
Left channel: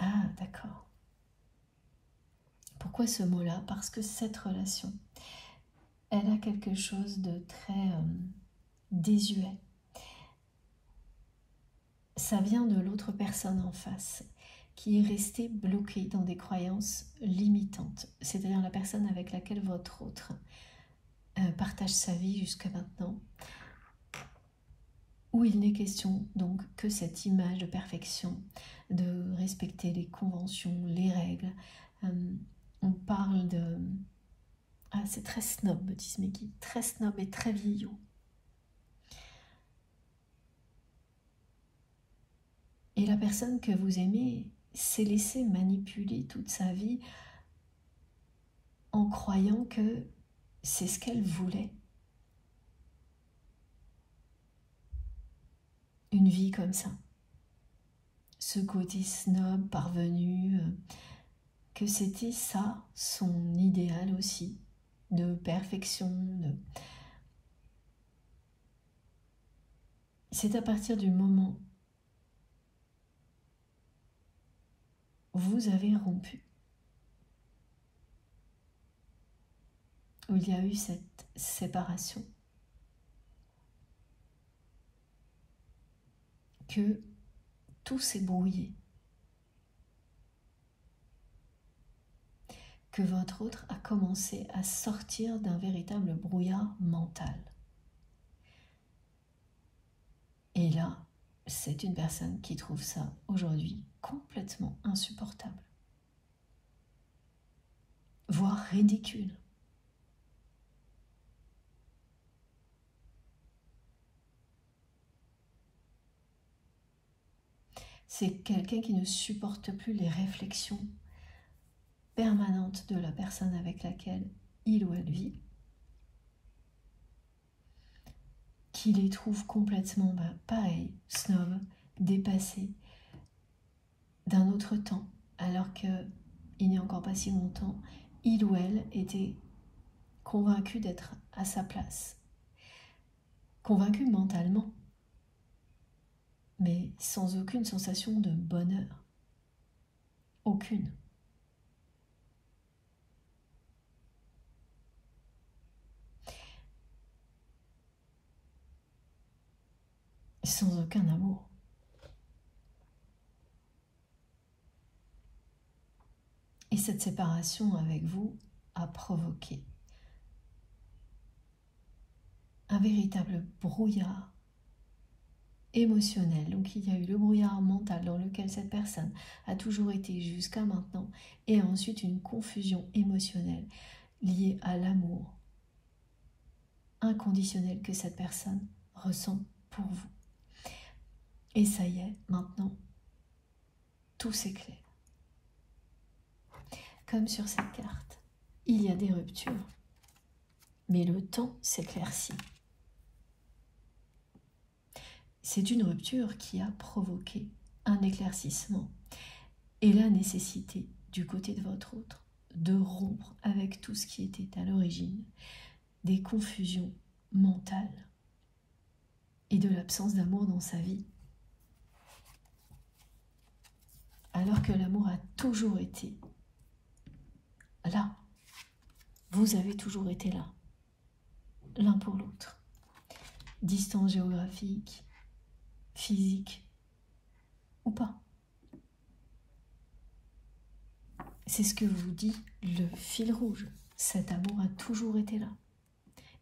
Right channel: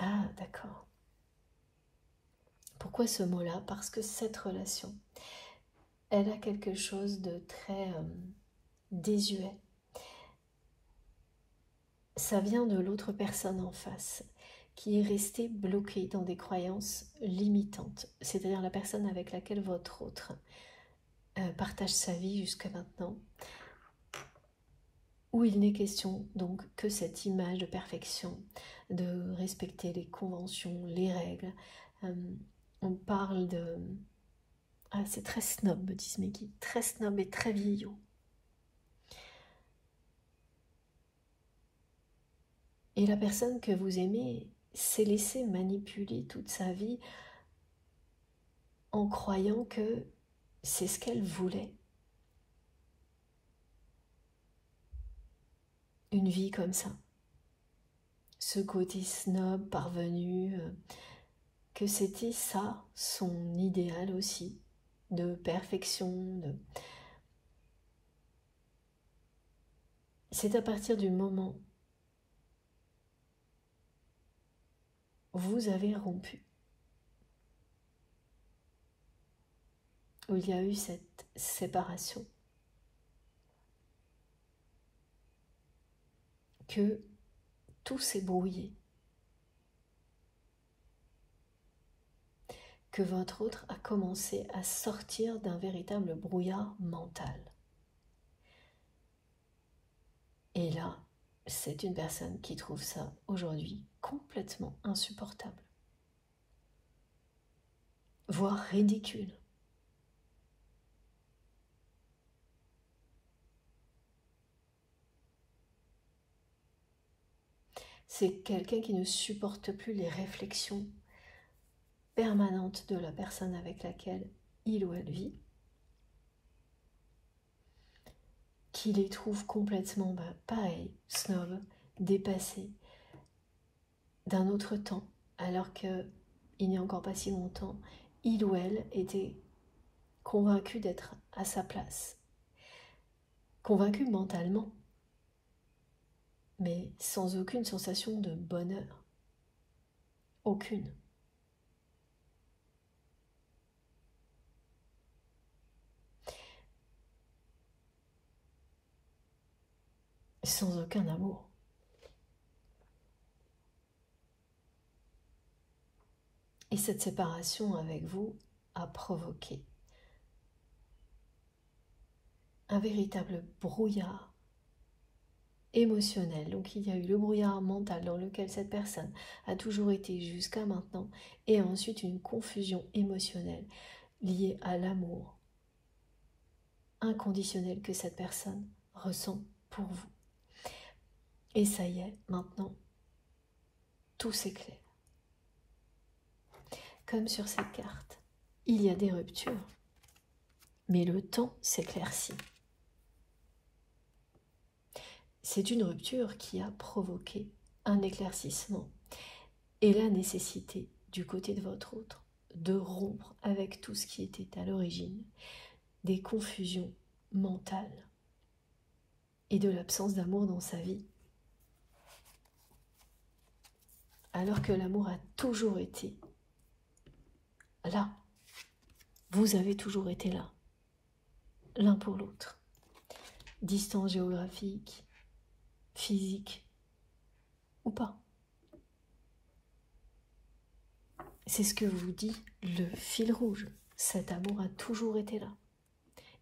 Ah d'accord. Pourquoi ce mot-là? Parce que cette relation, elle a quelque chose de très désuet. Ça vient de l'autre personne en face, qui est restée bloquée dans des croyances limitantes, c'est-à-dire la personne avec laquelle votre autre partage sa vie jusqu'à maintenant, où il n'est question donc que cette image de perfection, de respecter les conventions, les règles. On parle de... Ah, c'est très snob, me disent mes guides, très snob et très vieillot. Et la personne que vous aimez s'est laissée manipuler toute sa vie en croyant que c'est ce qu'elle voulait. Une vie comme ça. Ce côté snob parvenu, que c'était ça son idéal aussi, de perfection. C'est à partir du moment où vous avez rompu, où il y a eu cette séparation, que tout s'est brouillé, que votre autre a commencé à sortir d'un véritable brouillard mental. Et là, c'est une personne qui trouve ça aujourd'hui complètement insupportable, voire ridicule. C'est quelqu'un qui ne supporte plus les réflexions permanentes de la personne avec laquelle il ou elle vit, qui les trouve complètement, pareil, snob, dépassés, d'un autre temps, alors qu'il n'y a encore pas si longtemps, il ou elle était convaincu d'être à sa place, convaincu mentalement, mais sans aucune sensation de bonheur, aucune. Sans aucun amour. Et cette séparation avec vous a provoqué un véritable brouillard émotionnel. Donc il y a eu le brouillard mental dans lequel cette personne a toujours été jusqu'à maintenant, et ensuite une confusion émotionnelle liée à l'amour inconditionnel que cette personne ressent pour vous. Et ça y est, maintenant, tout s'éclaire. Comme sur cette carte, il y a des ruptures, mais le temps s'éclaircit. C'est une rupture qui a provoqué un éclaircissement et la nécessité du côté de votre autre de rompre avec tout ce qui était à l'origine des confusions mentales et de l'absence d'amour dans sa vie, alors que l'amour a toujours été là. Vous avez toujours été là, l'un pour l'autre. Distance géographique, physique ou pas. C'est ce que vous dit le fil rouge. Cet amour a toujours été là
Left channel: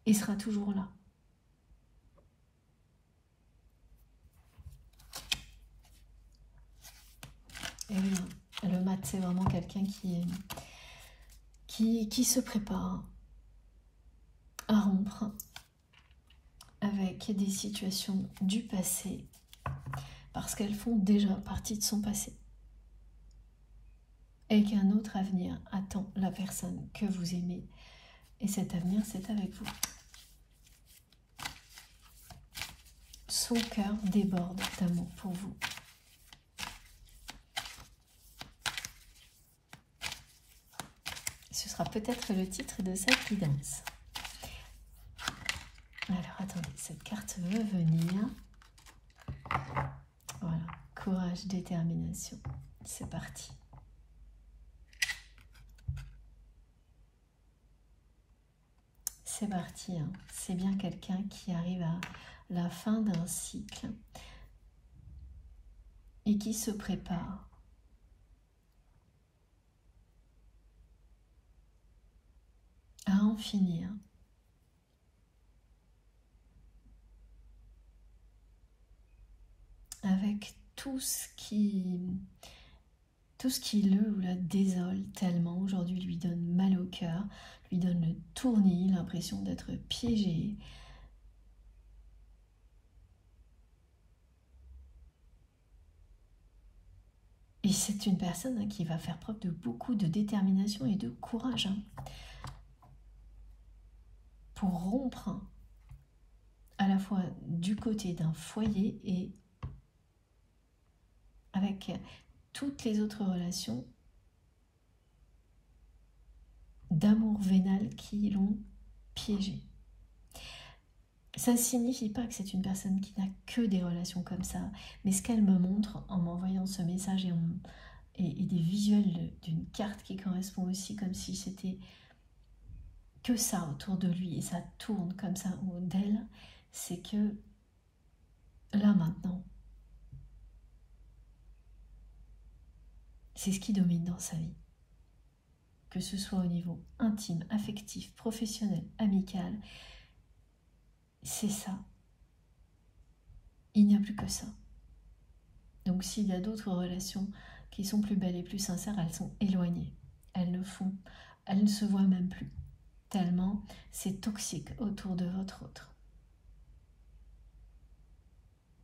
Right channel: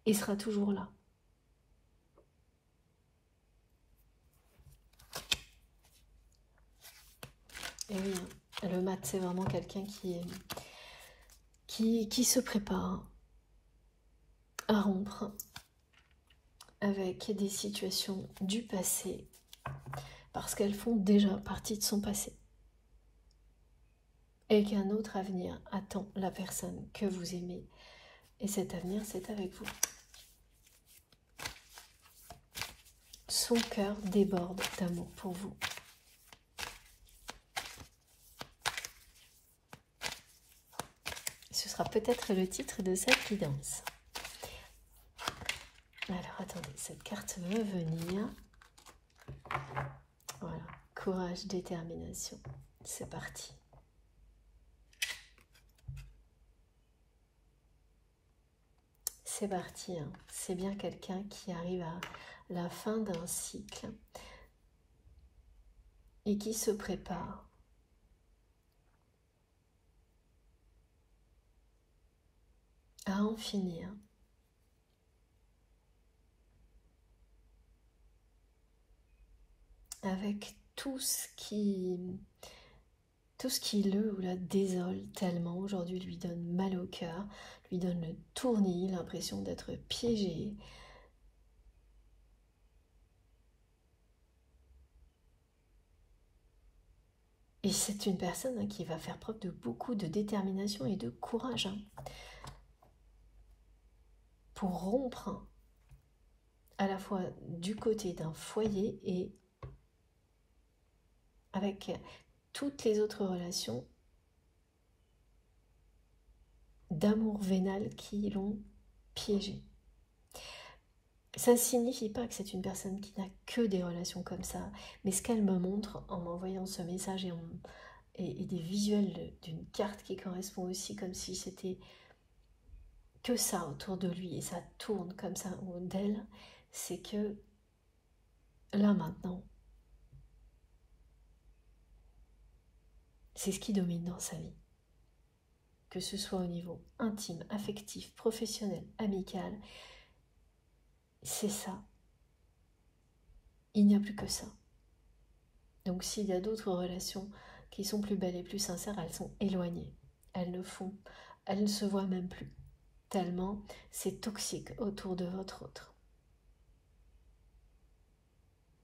et sera toujours là. Et oui, le mat, c'est vraiment quelqu'un qui se prépare à rompre avec des situations du passé parce qu'elles font déjà partie de son passé. Et qu'un autre avenir attend la personne que vous aimez. Et cet avenir, c'est avec vous. Son cœur déborde d'amour pour vous. Ce sera peut-être le titre de cette guidance. Alors, attendez, cette carte va venir. Voilà, courage, détermination. C'est parti. C'est parti, hein. C'est bien quelqu'un qui arrive à la fin d'un cycle et qui se prépare à en finir avec tout ce qui le ou la désole tellement, aujourd'hui lui donne mal au cœur, lui donne le tournis, l'impression d'être piégé. Et c'est une personne qui va faire preuve de beaucoup de détermination et de courage pour rompre à la fois du côté d'un foyer et avec toutes les autres relations d'amour vénal qui l'ont piégé. Ça ne signifie pas que c'est une personne qui n'a que des relations comme ça, mais ce qu'elle me montre en m'envoyant ce message et des visuels d'une carte qui correspond aussi comme si c'était que ça autour de lui et ça tourne comme ça autour d'elle, c'est que là maintenant, c'est ce qui domine dans sa vie. Que ce soit au niveau intime, affectif, professionnel, amical, c'est ça. Il n'y a plus que ça. Donc s'il y a d'autres relations qui sont plus belles et plus sincères, elles sont éloignées. Elles ne se voient même plus. Tellement c'est toxique autour de votre autre.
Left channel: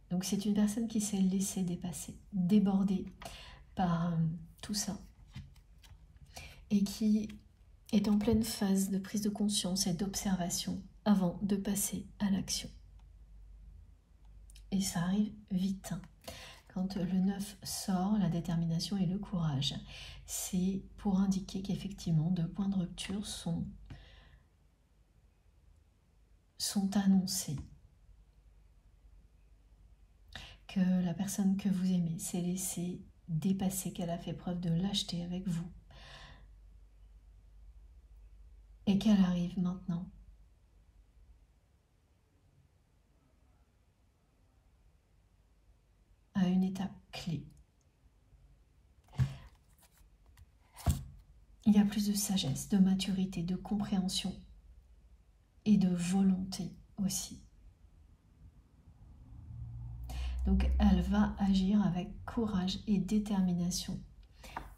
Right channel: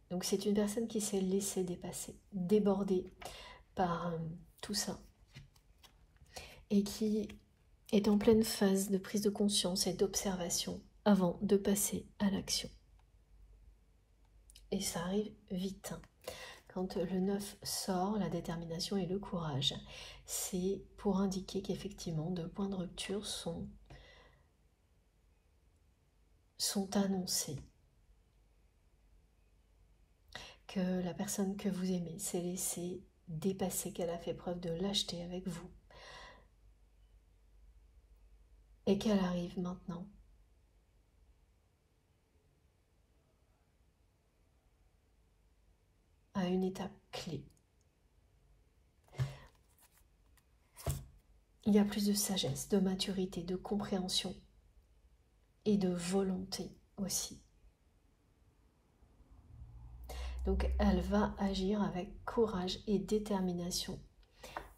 Donc c'est une personne qui s'est laissée dépasser, débordée par tout ça. Et qui est en pleine phase de prise de conscience et d'observation avant de passer à l'action. Et ça arrive vite. Quand le 9 sort, la détermination et le courage, c'est pour indiquer qu'effectivement, deux points de rupture sont annoncés. Que la personne que vous aimez s'est laissée dépasser, qu'elle a fait preuve de lâcheté avec vous. Et qu'elle arrive maintenant à une étape clé. Il y a plus de sagesse, de maturité, de compréhension et de volonté aussi. Donc elle va agir avec courage et détermination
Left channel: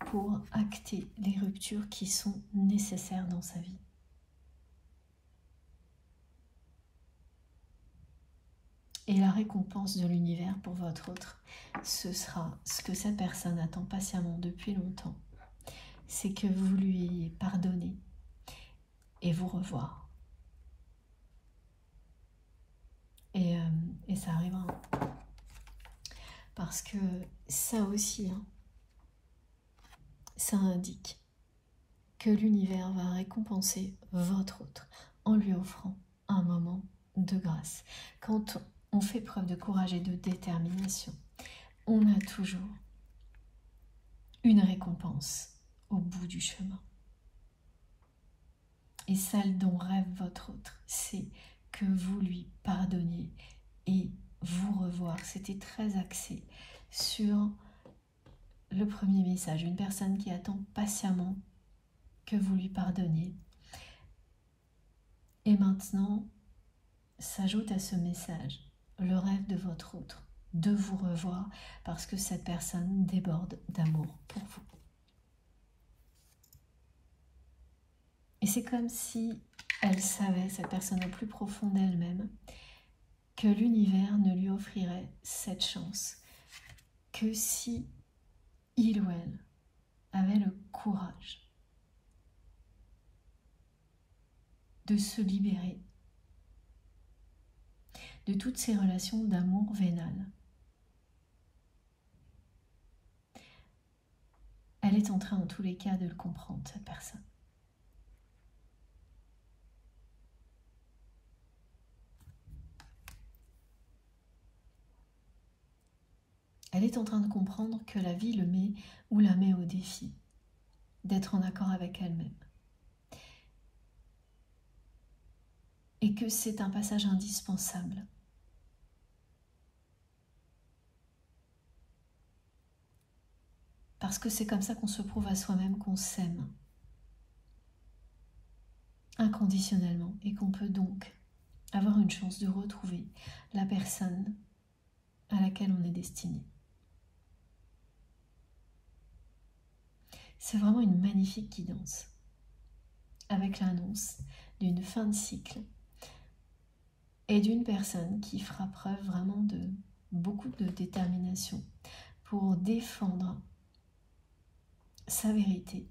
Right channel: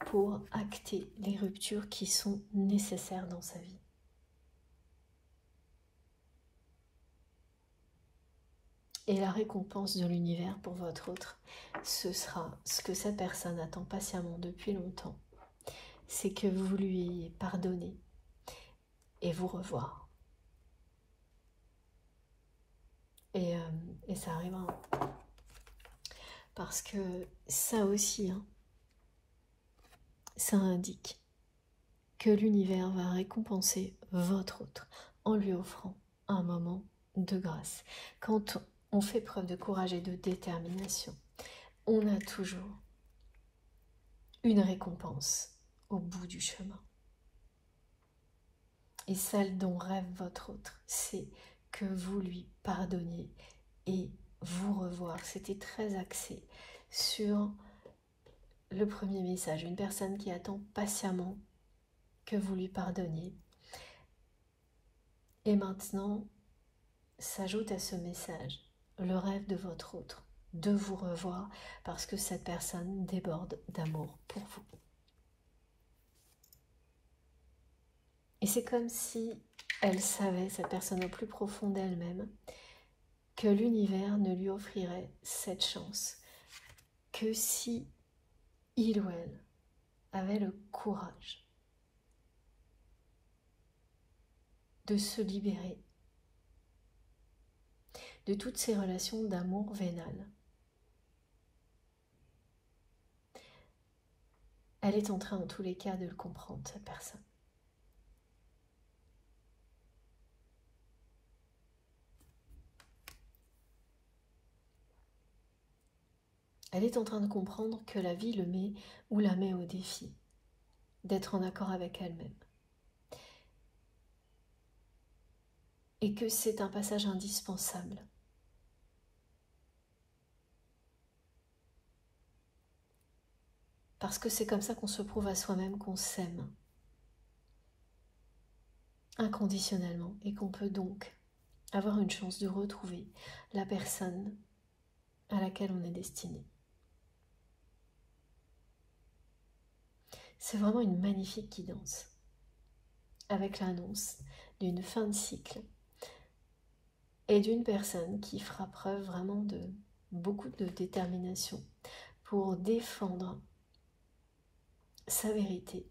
pour acter les ruptures qui sont nécessaires dans sa vie. Et la récompense de l'univers pour votre autre, ce sera ce que cette personne attend patiemment depuis longtemps. C'est que vous lui ayez pardonné et vous revoir. Et ça arrivera. Parce que ça aussi, hein, ça indique que l'univers va récompenser votre autre en lui offrant un moment de grâce. Quand on fait preuve de courage et de détermination, on a toujours une récompense au bout du chemin. Et celle dont rêve votre autre, c'est que vous lui pardonniez et vous revoir. C'était très axé sur le premier message, une personne qui attend patiemment que vous lui pardonniez. Et maintenant, s'ajoute à ce message le rêve de votre autre, de vous revoir parce que cette personne déborde d'amour pour vous. Et c'est comme si elle savait, cette personne au plus profond d'elle-même, que l'univers ne lui offrirait cette chance que si il ou elle avait le courage de se libérer de toutes ces relations d'amour vénal. Elle est en train, en tous les cas, de le comprendre, cette personne. Elle est en train de comprendre que la vie le met ou la met au défi d'être en accord avec elle-même. Et que c'est un passage indispensable. Parce que c'est comme ça qu'on se prouve à soi-même qu'on s'aime inconditionnellement et qu'on peut donc avoir une chance de retrouver la personne à laquelle on est destiné. C'est vraiment une magnifique guidance avec l'annonce d'une fin de cycle et d'une personne qui fera preuve vraiment de beaucoup de détermination pour défendre sa vérité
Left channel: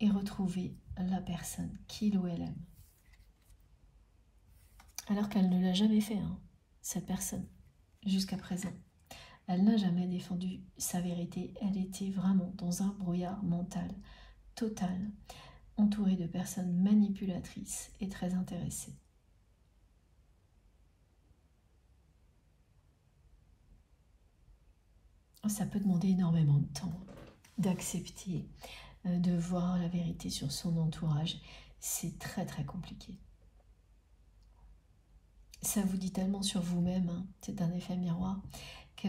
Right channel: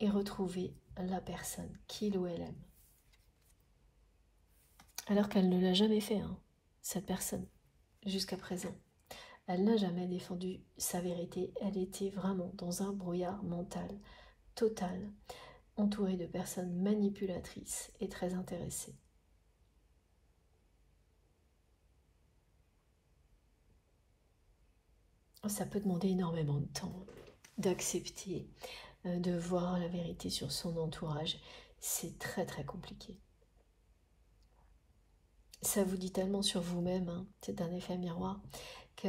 et retrouver la personne qu'il ou elle aime. Alors qu'elle ne l'a jamais fait, hein, cette personne, jusqu'à présent. Elle n'a jamais défendu sa vérité, elle était vraiment dans un brouillard mental total, entourée de personnes manipulatrices et très intéressées. Ça peut demander énormément de temps d'accepter, de voir la vérité sur son entourage. C'est très très compliqué. Ça vous dit tellement sur vous-même, hein, c'est un effet miroir, que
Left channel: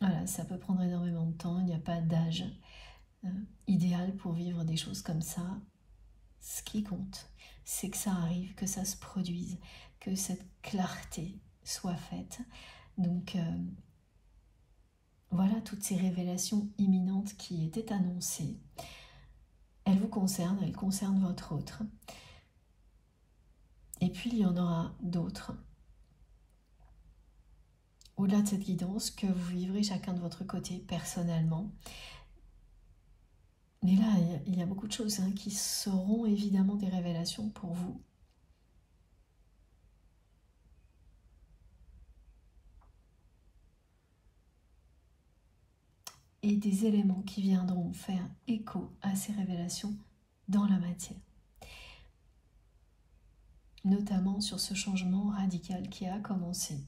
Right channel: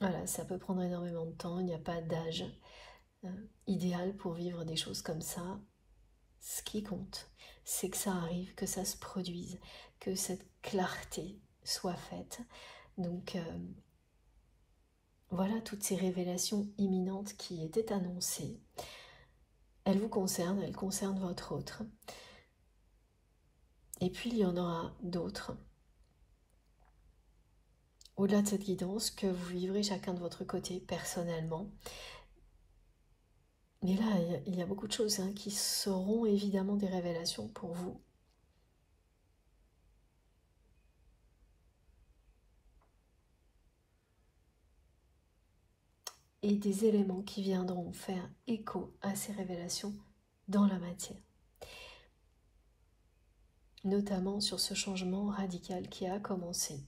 voilà, ça peut prendre énormément de temps. Il n'y a pas d'âge idéal pour vivre des choses comme ça. Ce qui compte, c'est que ça arrive, que ça se produise, que cette clarté soit faite. Donc voilà toutes ces révélations imminentes qui étaient annoncées. Elles vous concernent, elles concernent votre autre. Et puis il y en aura d'autres. Au-delà de cette guidance que vous vivrez chacun de votre côté personnellement. Mais là, il y a beaucoup de choses hein, qui seront évidemment des révélations pour vous. Et des éléments qui viendront faire écho à ces révélations dans la matière. Notamment sur ce changement radical qui a commencé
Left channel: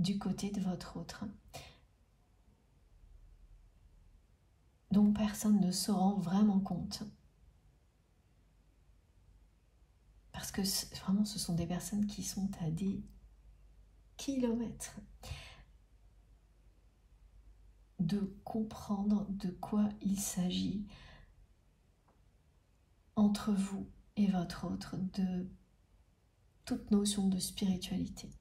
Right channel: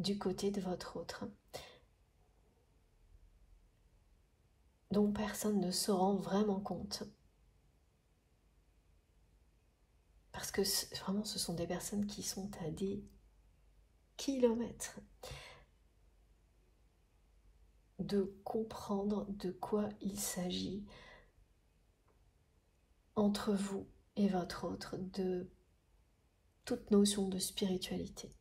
du côté de votre autre, dont personne ne se rend vraiment compte. Parce que vraiment, ce sont des personnes qui sont à des kilomètres de comprendre de quoi il s'agit entre vous et votre autre, de toute notion de spiritualité.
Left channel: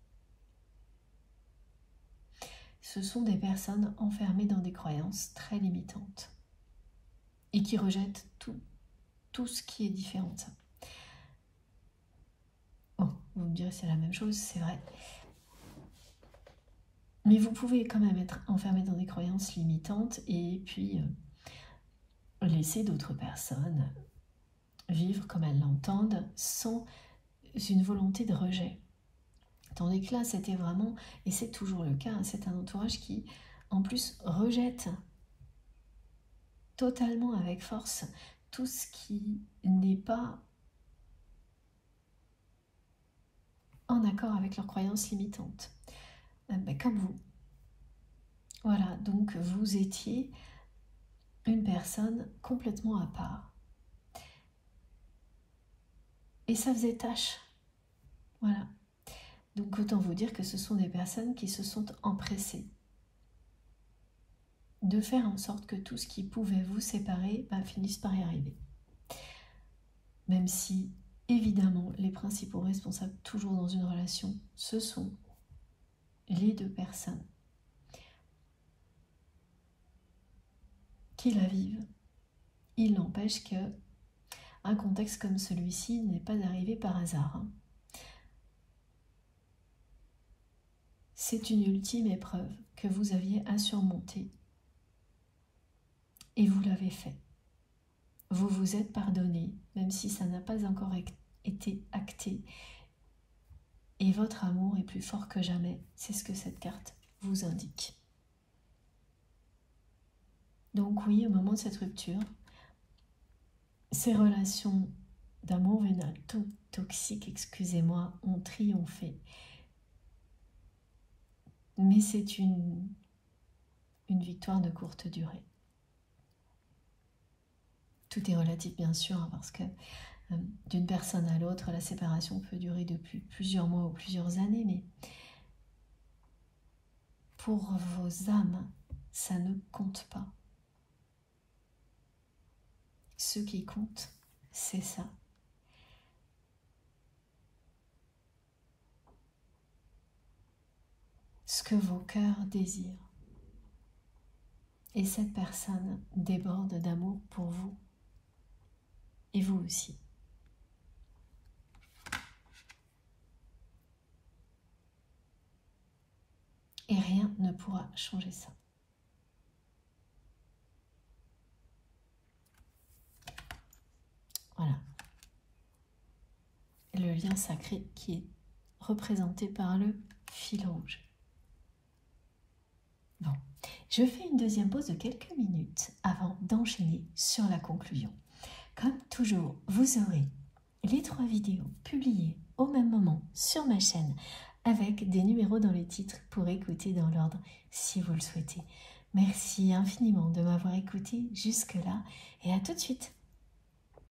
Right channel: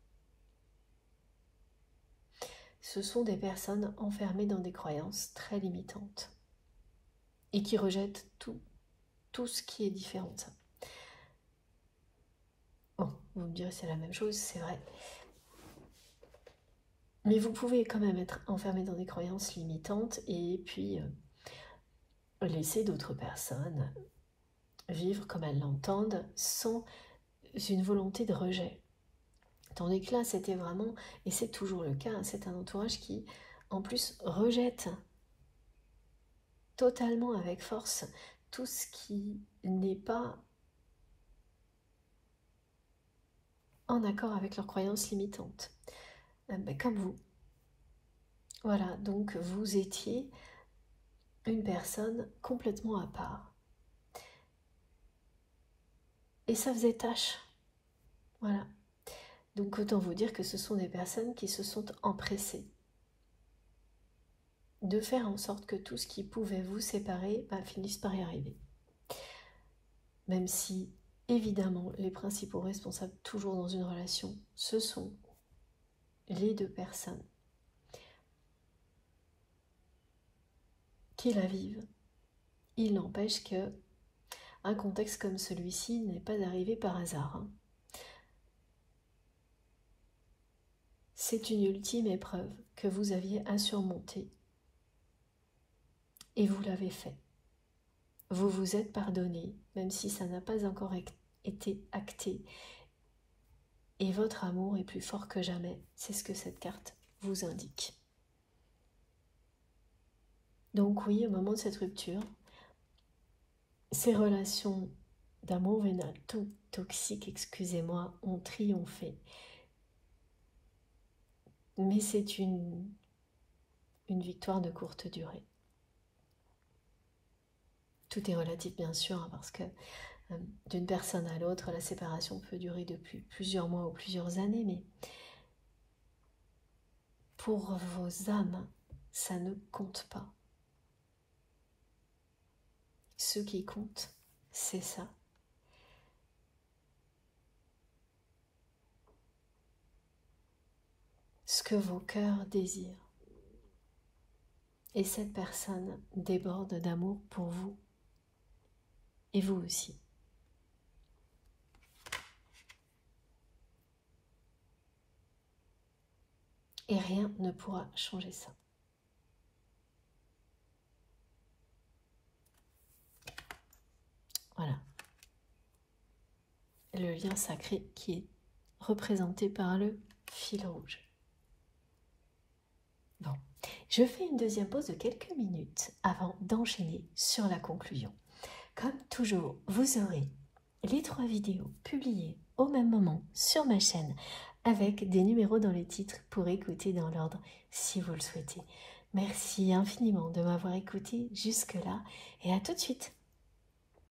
ce sont des personnes enfermées dans des croyances très limitantes et qui rejettent tout ce qui est différent de ça. Bon, vous me direz c'est la même chose, c'est vrai. Mais vous pouvez quand même être enfermé dans des croyances limitantes et puis laisser d'autres personnes vivre comme elles l'entendent sans une volonté de rejet. Tandis que là, c'était vraiment, et c'est toujours le cas, c'est un entourage qui, en plus, rejette totalement avec force tout ce qui n'est pas en accord avec leurs croyances limitantes. Comme vous. Voilà, donc vous étiez une personne complètement à part. Et ça faisait tâche. Voilà. Donc autant vous dire que ce sont des personnes qui se sont empressées de faire en sorte que tout ce qui pouvait vous séparer finisse par y arriver. Même si, évidemment, les principaux responsables toujours dans une relation, ce sont les deux personnes qui la vivent. Il n'empêche que un contexte comme celui-ci n'est pas arrivé par hasard. C'est une ultime épreuve que vous aviez à surmonter. Et vous l'avez fait. Vous vous êtes pardonné, même si ça n'a pas encore été acté. Et votre amour est plus fort que jamais. C'est ce que cette carte vous indique. Donc oui, au moment de cette rupture, ces relations d'amour vénal toxique, excusez-moi, ont triomphé. Mais c'est une victoire de courte durée. Tout est relatif bien sûr, parce que d'une personne à l'autre, la séparation peut durer depuis plusieurs mois ou plusieurs années, mais pour vos âmes, ça ne compte pas. Ce qui compte, c'est ça. Ce que vos cœurs désirent. Et cette personne déborde d'amour pour vous. Et vous aussi. Et rien ne pourra changer ça. Voilà. Le lien sacré qui est représenté par le fil rouge. Bon, je fais une deuxième pause de quelques minutes avant d'enchaîner sur la conclusion. Comme toujours, vous aurez les 3 vidéos publiées au même moment sur ma chaîne avec des numéros dans les titres pour écouter dans l'ordre si vous le souhaitez. Merci infiniment de m'avoir écouté jusque-là et à tout de suite.